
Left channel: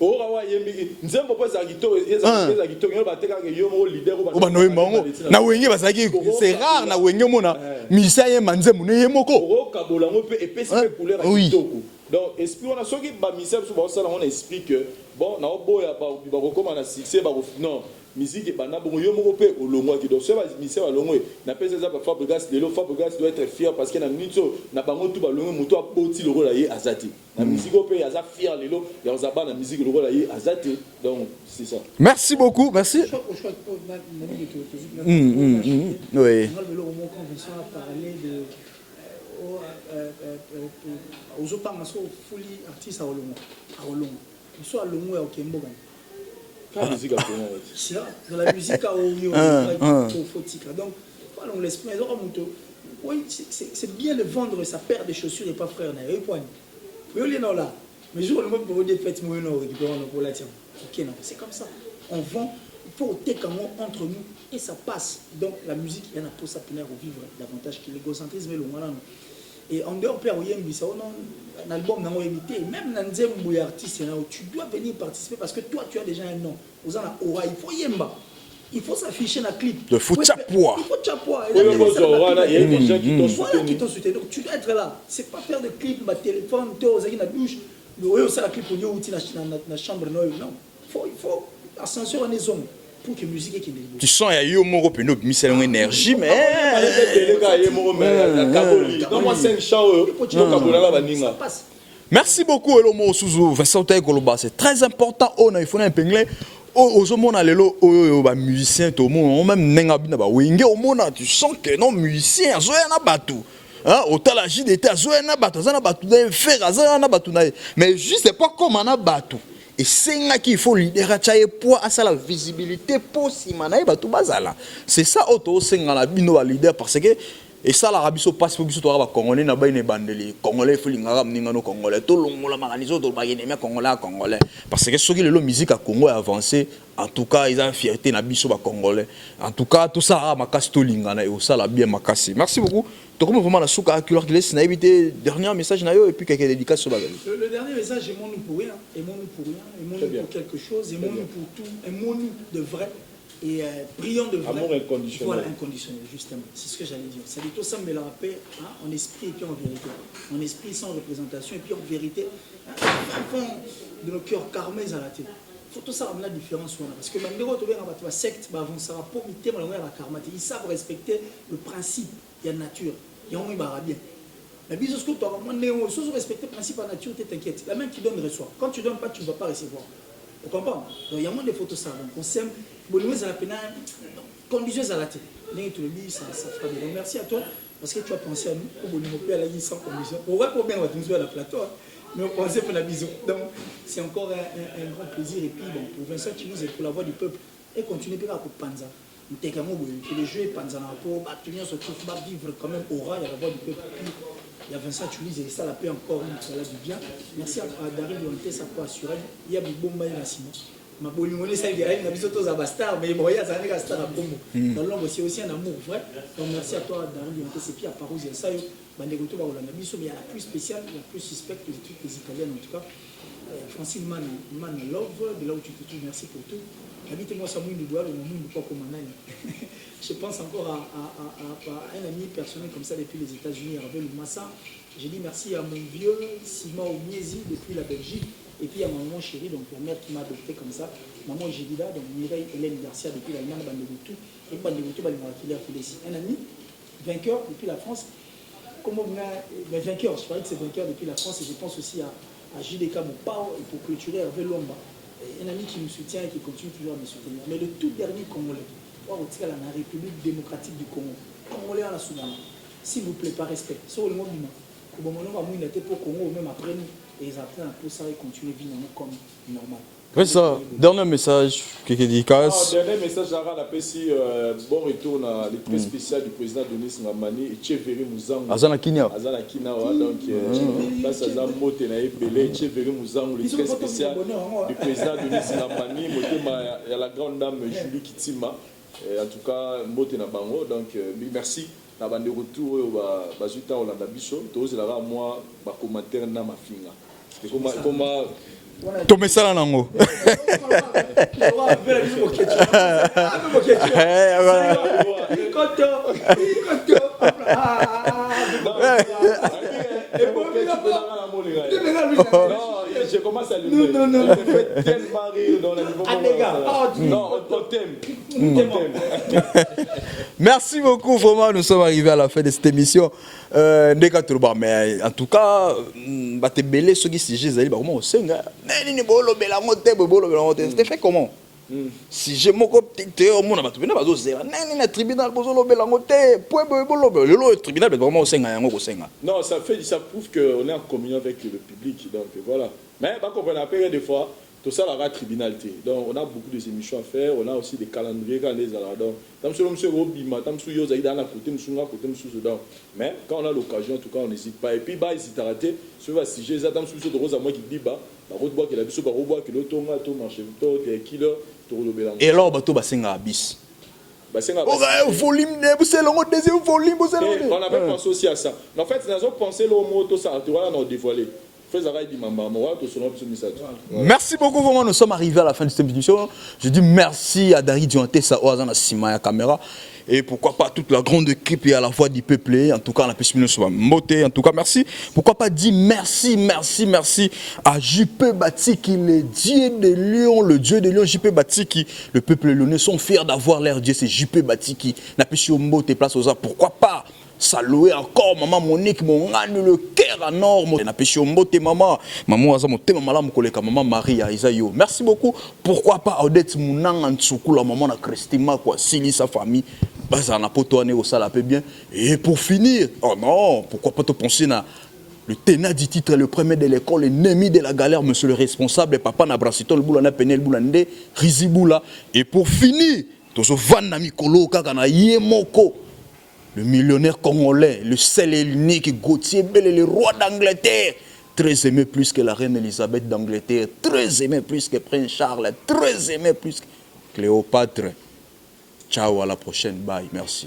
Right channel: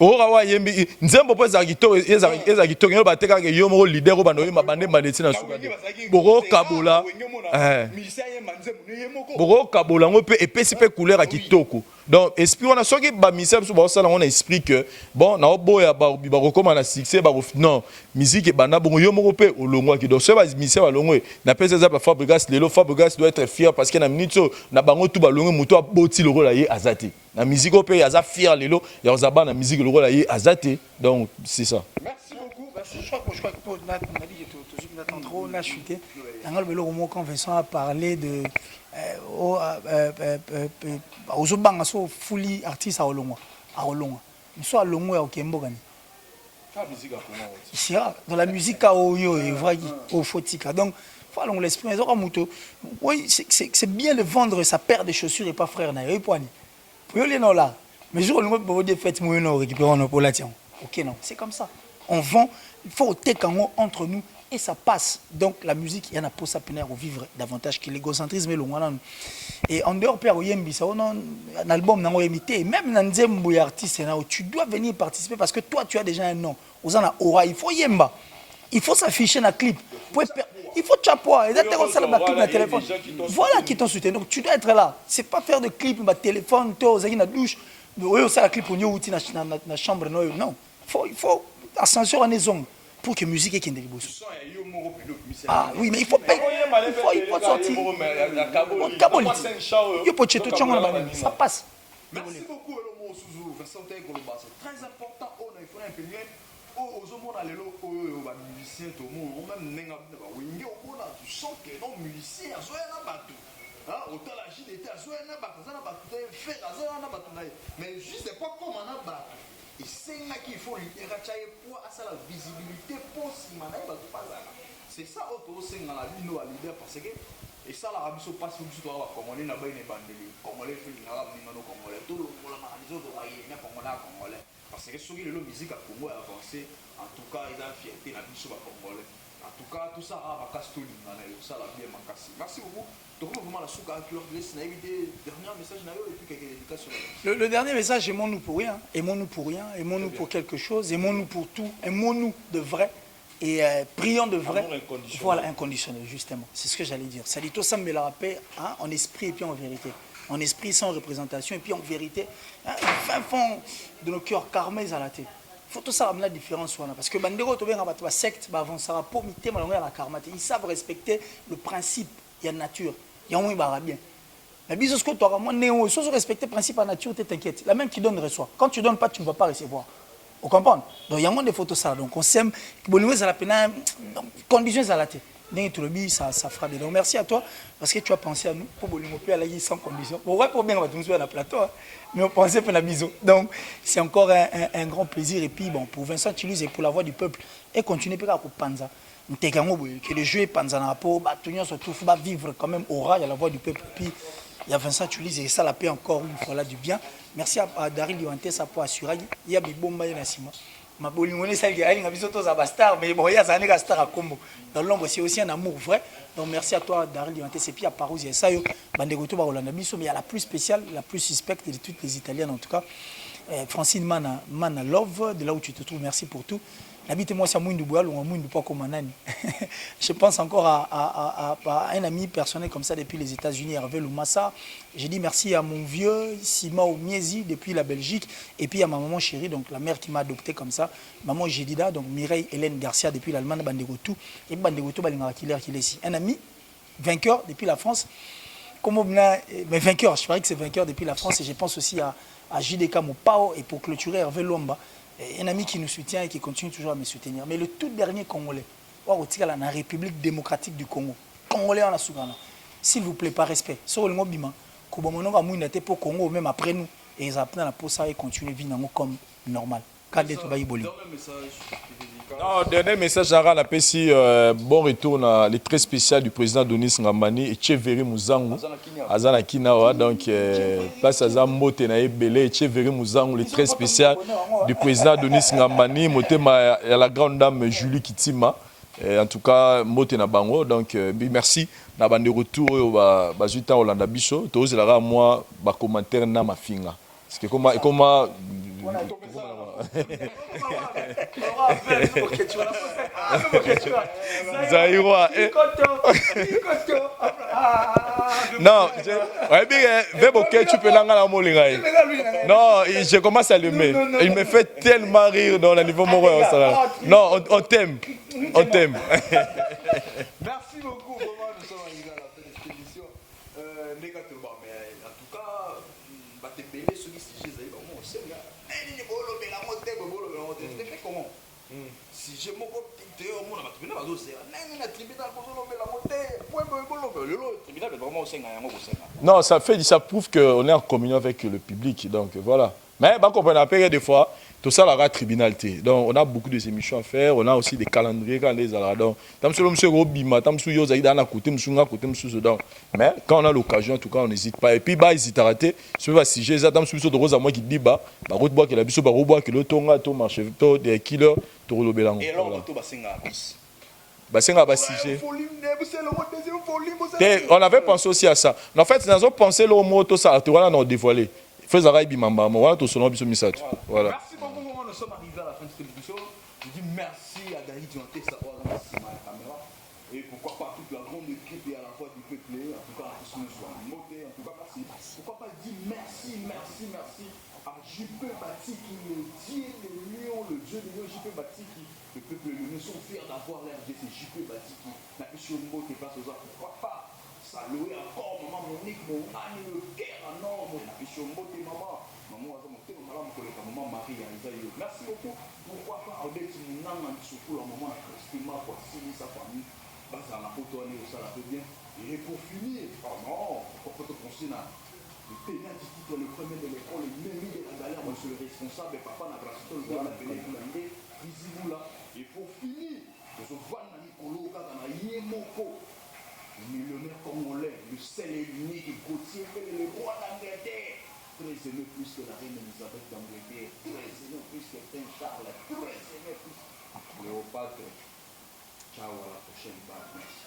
ora wa yembi nzembo po za kitoko eza kitoko yo bateka ke yo mo leader ko bande desina na wenge bazaki kabula na wenge mona misa ye manzemu ne yemoko boko kabula ngo pe epesi pe couleur à kitoko donc esprit on a soki ba misa biso ba sala on esprit que bon na oboya ba rekoma na succès ba non musique e bana bongo yo moko pe olongwa ki donc so ba misa ba longwe na pesa za ba Fabregas lelo Fabregas doit être fier parce que na minute na bango tout ba longwe muto aboti loko la ye azati na musique au pe aza fier lelo ya ozaba na musique loko la ye azati donc c'est ça. Merci beaucoup, merci. Oui. Quand Vincent a parlé de aux banques so fully artiste à Olongo mais soit Olongo ya Okembo gani dans la musique à Oyo au Fotika donc voilà on l'esprit oui c'est bien de vendre sa paire de chaussures et pas frère na yo poani yo les non là mais jour le mot pour des fêtes moi non récupérer on la tiens OK non c'est comme ça on vend il faut au entre nous et ça passe. Donc la musique, il y en a pour ça peine à vivre davantage que l'égocentrisme et le moyen. Et en dehors père Oyembi, ça on a un album n'a imité même dans Nzembo artiste tu dois venir participer parce que toi tu as déjà un nom. Aux en a aura, il faut Yemba. Il faut s'afficher dans le clip. Il faut chapois. Voilà qui t'ont soutenu. Donc tu dois être là. C'est pas faire de clip, téléphone, toi, dans la douche. Oui, ça la clip on y dans la chambre non. Il faut ascension en les hommes. Pour que musique est tu sens il y a eu mon repeno misel énergie mais ça passe. Merci beaucoup Elomo Suzu Vincent Koloba c'est très important on il faut un pingler aux hommes lelo ba musicien to mo même nenga bina ba wenge au mona tu sens que non musicien zoya na batu hein autant la JDT zoya na batu za na batu de faire za na batu mais juste c'est pas comme na batu. Et c'est là qu'il faut leader pour à la visibilité pour simanaï ba tout bazala c'est ça auto c'est la bino leader parce que et ça l'Arabie se passe pour biso to ba congolais na ba ine bandeli congolais feelinga mninga no congolais to longola maganizo to ba ine congolais parce que ce qui le musique à Congo est avancé en tout cas ils ont fierté na biso ba congolais en tout cas tout ça makasi to lingana et ça la bien makasi merci beaucoup. Comment vraiment la souka accueillir qui laisse éviter dernier message nayo et puis quelques dédicaces sur le dernier message aimons-nous pour rien aimons-nous pour rien aimons-nous pour quelque chose aimons-nous pour tout aimons-nous de vrai et prions de vrai. Amour inconditionnel. Voilà inconditionnel justement c'est ce que j'allais dire ça dit tout ça mais la paix en esprit et puis en vérité en esprit sans représentation et puis en vérité fin fond de nos cœurs carmés à la tête faut tout ça ramener la différence voilà parce que bandero to benga ba secte ba avancer pour miter malonga la karmate ils savent respecter le principe il y a nature. Il y a un bien. Mais bien sûr, toi, moi, néo, si tu respectes le principe en nature, tu t'inquiètes. La même qui donne reçoit. Quand tu ne donnes pas, tu ne vas pas recevoir. Vous comprenez? Donc il y a moins de photos ça. Donc on s'aime. Ça la peine. Conditions à la tête. Ça fera bien. Donc merci à toi parce que tu as pensé à nous. Pour Bolingo aller sans condition. Pour bien on va nous jouer à la plateau. Mais on pensait pour la mise. Donc c'est encore un grand plaisir. Et puis bon, pour Vincent Toulouse et pour la voix du peuple. Et continuer à Panza. Que le jeu est Panzana pour vivre quand même aura, il y a la voix du peuple, puis il y a Vincent Toulouse et ça la paix encore une fois là du bien. Merci à Daryl Liwanté, ça pour assurer. Il y a Bibomba et Nassima. Ma bolingoné, ça y a bisotos à Bastar, mais bon, il y a un star à Congo. Dans l'ombre, c'est aussi un amour vrai. Donc merci à toi, Daryl Liwanté, c'est puis à Parouze, il y a ça, Bandegoto Barolanda Bisso, mais il y a la plus spéciale, la plus suspecte de toutes les Italiennes en tout cas. Francine Mana Love, de là où tu te trouves, merci pour tout. Habitez-moi ça mouine du bois ou mouine du poids comme un je pense encore à un ami personnel comme ça depuis les États-Unis, Hervé Loumassa. J'ai dit merci à mon vieux Sima Omiezi depuis la Belgique et puis à ma maman chérie, donc la mère qui m'a adopté comme ça, maman Jedida, donc Mireille Hélène Garcia depuis l'Allemagne, Bandegotou et Bandegotou Balingara qui est ici. Un ami vainqueur depuis la France. Mais vainqueur, je parie que c'est vainqueur depuis la France et je pense aussi à JDK Mopao et pour clôturer Hervé Lomba. Un ami qui nous soutient et qui continue toujours à me soutenir. Mais le tout dernier Congolais, la République démocratique du Congo, Congolais en la Sougana, s'il vous plaît, par respect, sur le mot Bima, Kobomono va mouiller pour Congo, même après nous, et ils apprennent la pour ça et continuent à vivre comme normal. Dernier message, dernier message à la PSI, bon retour dans les très spécial du président Denis Ngamani et Tcheveri Mouzango. Azana Kinawa, donc place à Zambote na Ebele, Tcheveri Mouzango, les très spécial du président Denis Ngamani, Motema et la grande dame Julie Kitima. En tout cas, Mote na Bango, donc merci. Na bande retour au Bajuta Olanda Bicho, tous les moi, commentaire na ma finga. Parce que comment tomesala nango non je commence à l'aimer. Il me fait tellement rire dans le niveau non on t'aime merci beaucoup vraiment nous sommes arrivés à la fin de cette émission mais en tout cas bate belé ceux qui sujet ezali ba comment osenga nini bolobela ngote bolobela ngote c'était fait comment si j'ai mon copte au monde batu bena bazo zera nini na tribunal bolobela ngote point bolobela le tribunal vraiment osenga yango kosenga non ça prouve que on est en communion avec le public donc voilà mais ba comprendre après des fois tout ça la tribunalité donc on a beaucoup de émissions à faire on a aussi des calendriers quand les ala donc tam sur monsieur Robima tam sur yo zaida na côté msunga côté msusu donc mais quand on a l'occasion en tout cas on n'hésite pas et puis ba hésite à rater sur va si j'ai ça tam sur de rose à moi qui dit ba route bois que la biso ba robois que le tonga to marché to des killers to lo belango et là bato basenga bis basenga basi volume de c'est le deuxième volume on avait pensé aussi à ça en fait nous avons pensé le mot tout ça tu vois là on dévoilé. Merci beaucoup, vraiment, nous sommes arrivés à la fin de cette émission. Je dis merci à Dari Dianté, Saoazana Sima caméra. Et pourquoi pas toute la grande équipe et à la fois du peuple. En tout cas, la pêche soit moté. En tout cas, merci. Pourquoi pas dire merci à JP Batiki, le dieu de Lyon, JP Batiki. Le peuple lyonnais sont fiers d'avoir leur dieu, c'est JP Batiki. La pêche moté place aux arts. Pourquoi pas saluer encore maman Monique mon âne le cœur en or na péché mbote maman aza motema malamu koleka maman Maria Isayo merci beaucoup pourquoi pas Odette Munanga Ntsukula maman na Christima quoi Sili sa famille baza na poto ane au sala peu bien et pour finir oh non pourquoi pas te penser na le tenant du titre le premier de l'école l'ennemi de la galère monsieur le responsable papa na Brasito le boulana penel boulande Rizibula et pour finir tozo vanda mikolo kaka na yemoko le millionnaire congolais, le seul et l'unique Gauthier Bell, le roi d'Angleterre, très aimé plus que la reine Elisabeth d'Angleterre, très aimé plus que Prince Charles, très aimé plus que Cléopâtre. Ciao, à la prochaine, bye, merci.